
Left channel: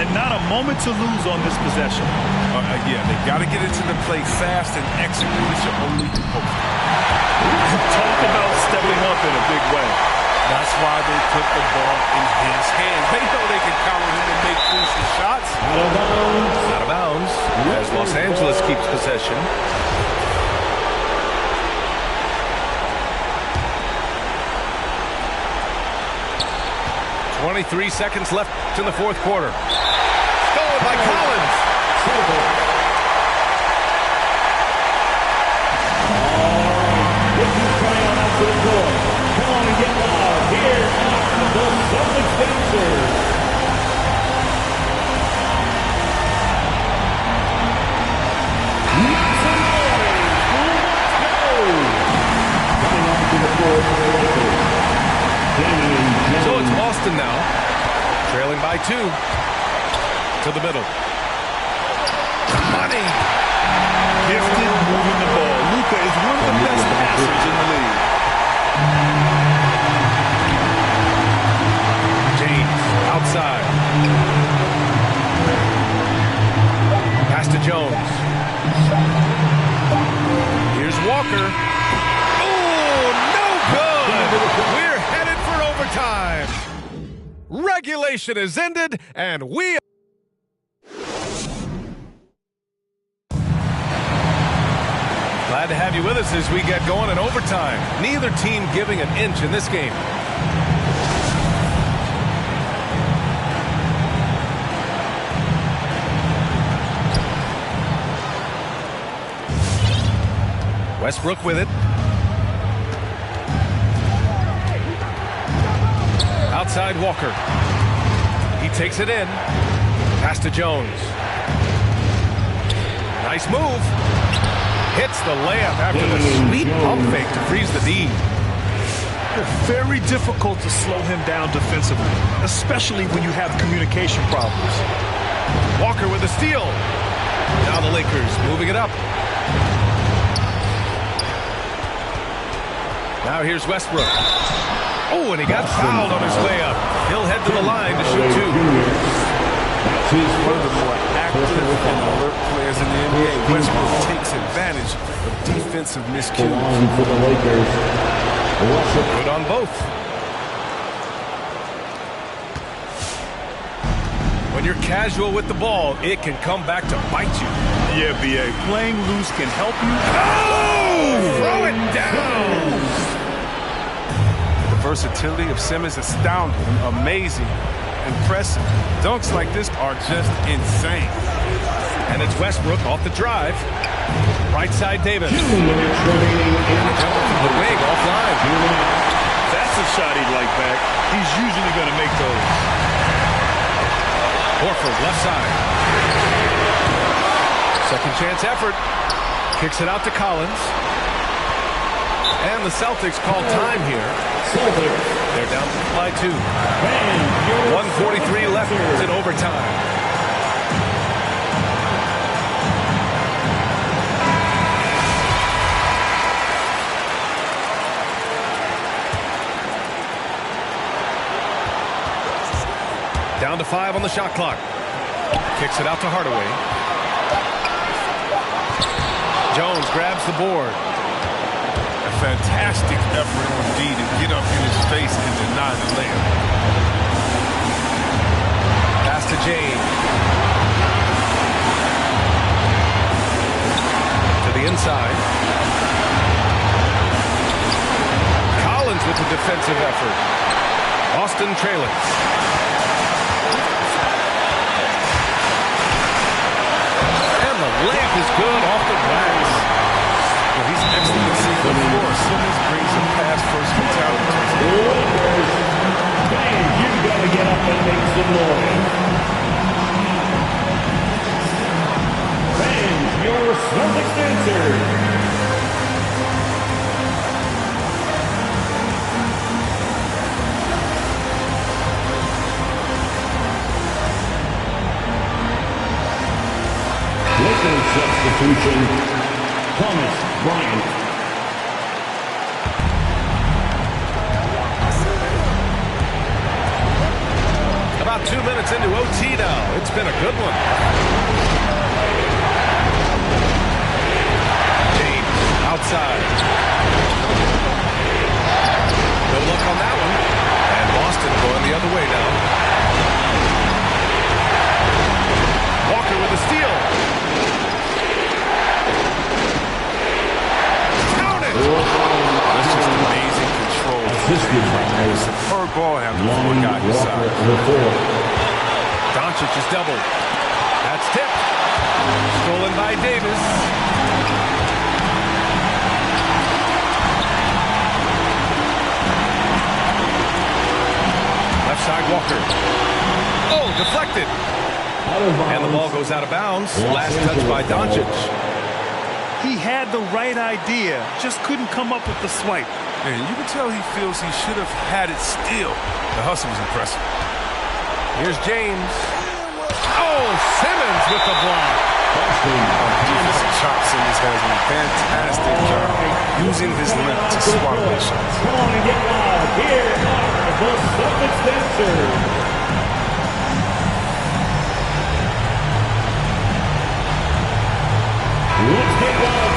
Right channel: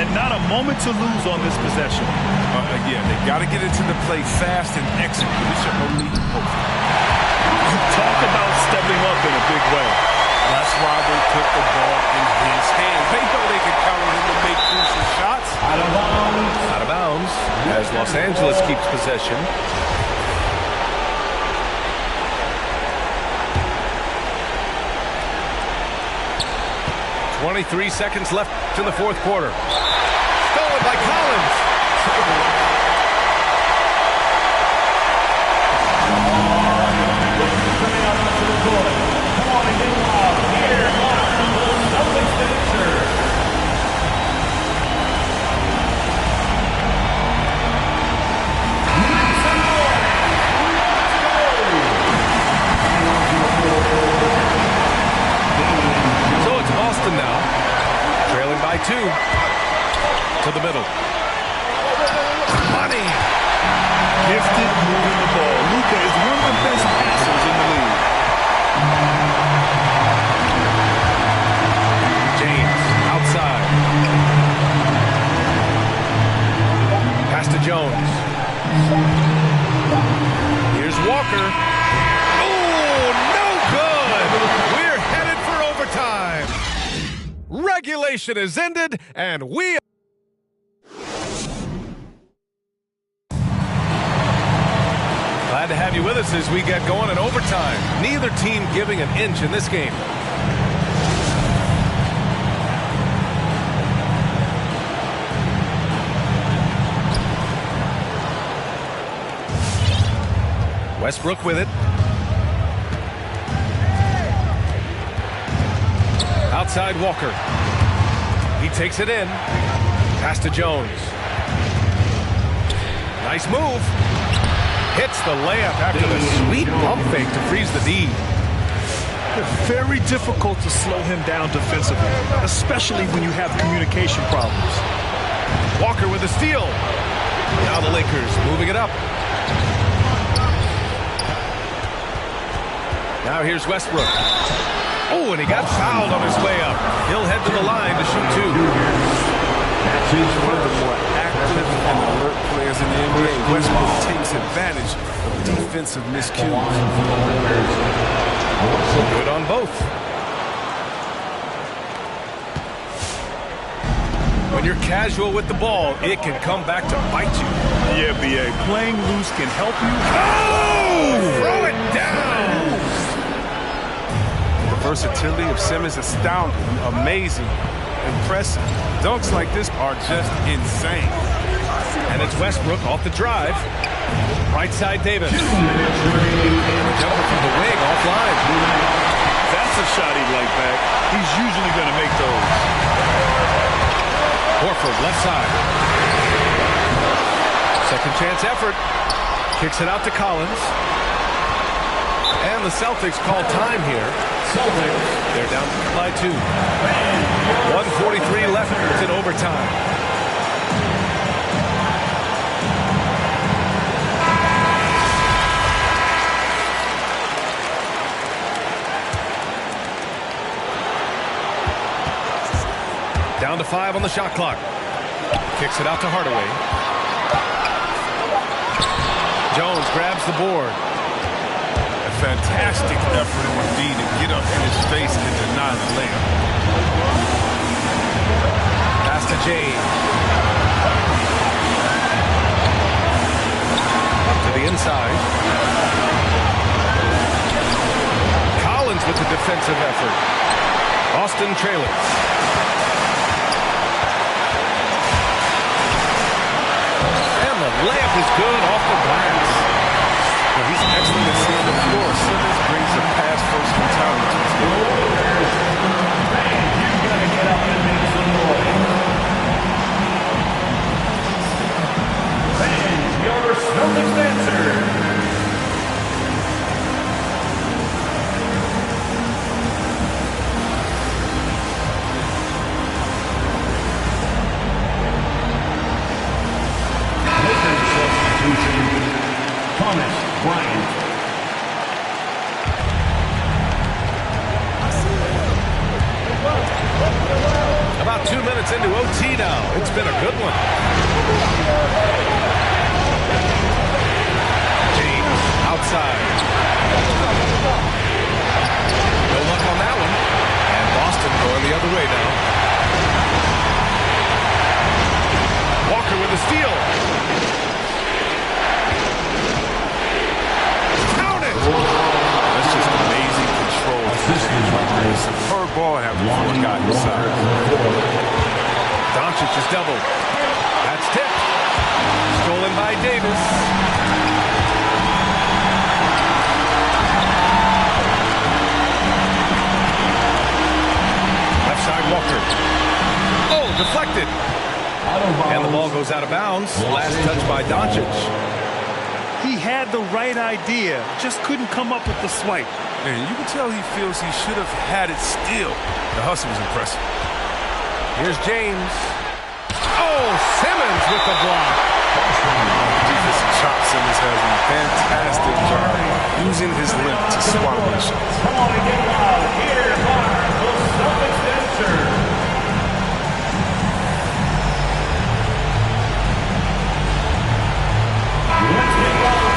And not a moment to lose on this possession. Yeah, they got to get into the play fast and execute. It's your only hope. Talk about stepping up in a big way. That's why they put the ball in his hands. They know they can count on him to make crucial shots. Out of bounds. Out of bounds as Los Angeles keeps possession. .23 seconds left in the fourth quarter. Stolen by Collins. Come on and get loud. Here are the Celtics dancers. Make some noise. Let's go. Coming on to the floor for the Lakers. So it's Boston now, trailing by 2. To the middle. Money. Gifted moving the ball. Luka is one of the best passers in the league. James outside. Pass to Jones. Here's Walker. Oh, no good. We're headed for overtime. Regulation is ended, and we glad to have you with us as we get going in overtime. Neither team giving an inch in this game. Westbrook with it. Outside Walker. He takes it in. Pass to Jones. Nice move. Hits the layup after the sweet pump fake to freeze the D. Very difficult to slow him down defensively, especially when you have communication problems. Walker with the steal. Now the Lakers moving it up. Now here's Westbrook. Oh, and he got fouled on his way up. He'll head to the line to shoot 2. That's his One of the more active and alert players in the NBA. Westbrook takes advantage of defensive miscues. For the Lakers. Good on both. When you're casual with the ball, it can come back to bite you. Yeah, B.A. Playing loose can help you. Oh! Throw it down! The versatility of Simmons astounding, amazing, impressive. Dunks like this are just insane. And it's Westbrook off the drive. Right side Davis. 2 minutes remaining in And a jumper from the wing offline. That's a shot he'd like back. He's usually going to make those. Horford, left side. Second chance effort. Kicks it out to Collins. And the Celtics call time here. Celtics. They're down by 2. 1:43 left in overtime. Down to 5 on the shot clock. Kicks it out to Hardaway. Jones grabs the board. A fantastic effort on D to get up in his face and deny the layup. Pass to James. To the inside. Collins with the defensive effort. Boston trailing. The layup is good off the glass. Well, he's excellent at seeing the floor. Simmons brings a pass-first mentality to his game. Lakers. Fans, you've got to get up and make some noise. Fans, your Celtics answer. Substitution, Thomas Bryant. About 2 minutes into OT now. It's been a good one. James outside. No luck on that one. And Boston going the other way now. Walker with a steal. That's just amazing control from James right there. Superb ball having the floor guy inside. Doncic is doubled. That's tipped. Stolen by Davis. Left side Walker. Oh, deflected. And the ball goes out of bounds. Last touch by Doncic. He had the right idea, just couldn't come up with the swipe. And you can tell he feels he should have had it still. The hustle was impressive. Here's James. Oh, Simmons with the block. On the defensive chop, Simmons has a fantastic job using his length to swat away shots. Come on and get loud. Here are the Celtics dancers. Let's get loud.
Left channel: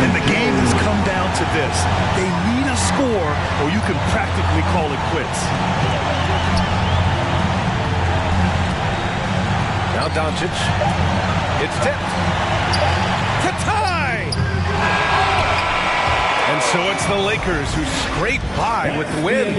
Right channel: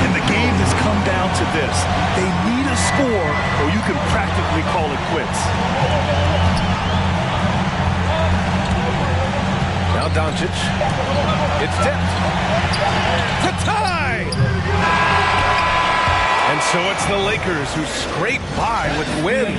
And the game has come down to this. They need a score, or you can practically call it quits. Now Doncic. It's tipped. To tie! And so it's the Lakers who scrape by with the win.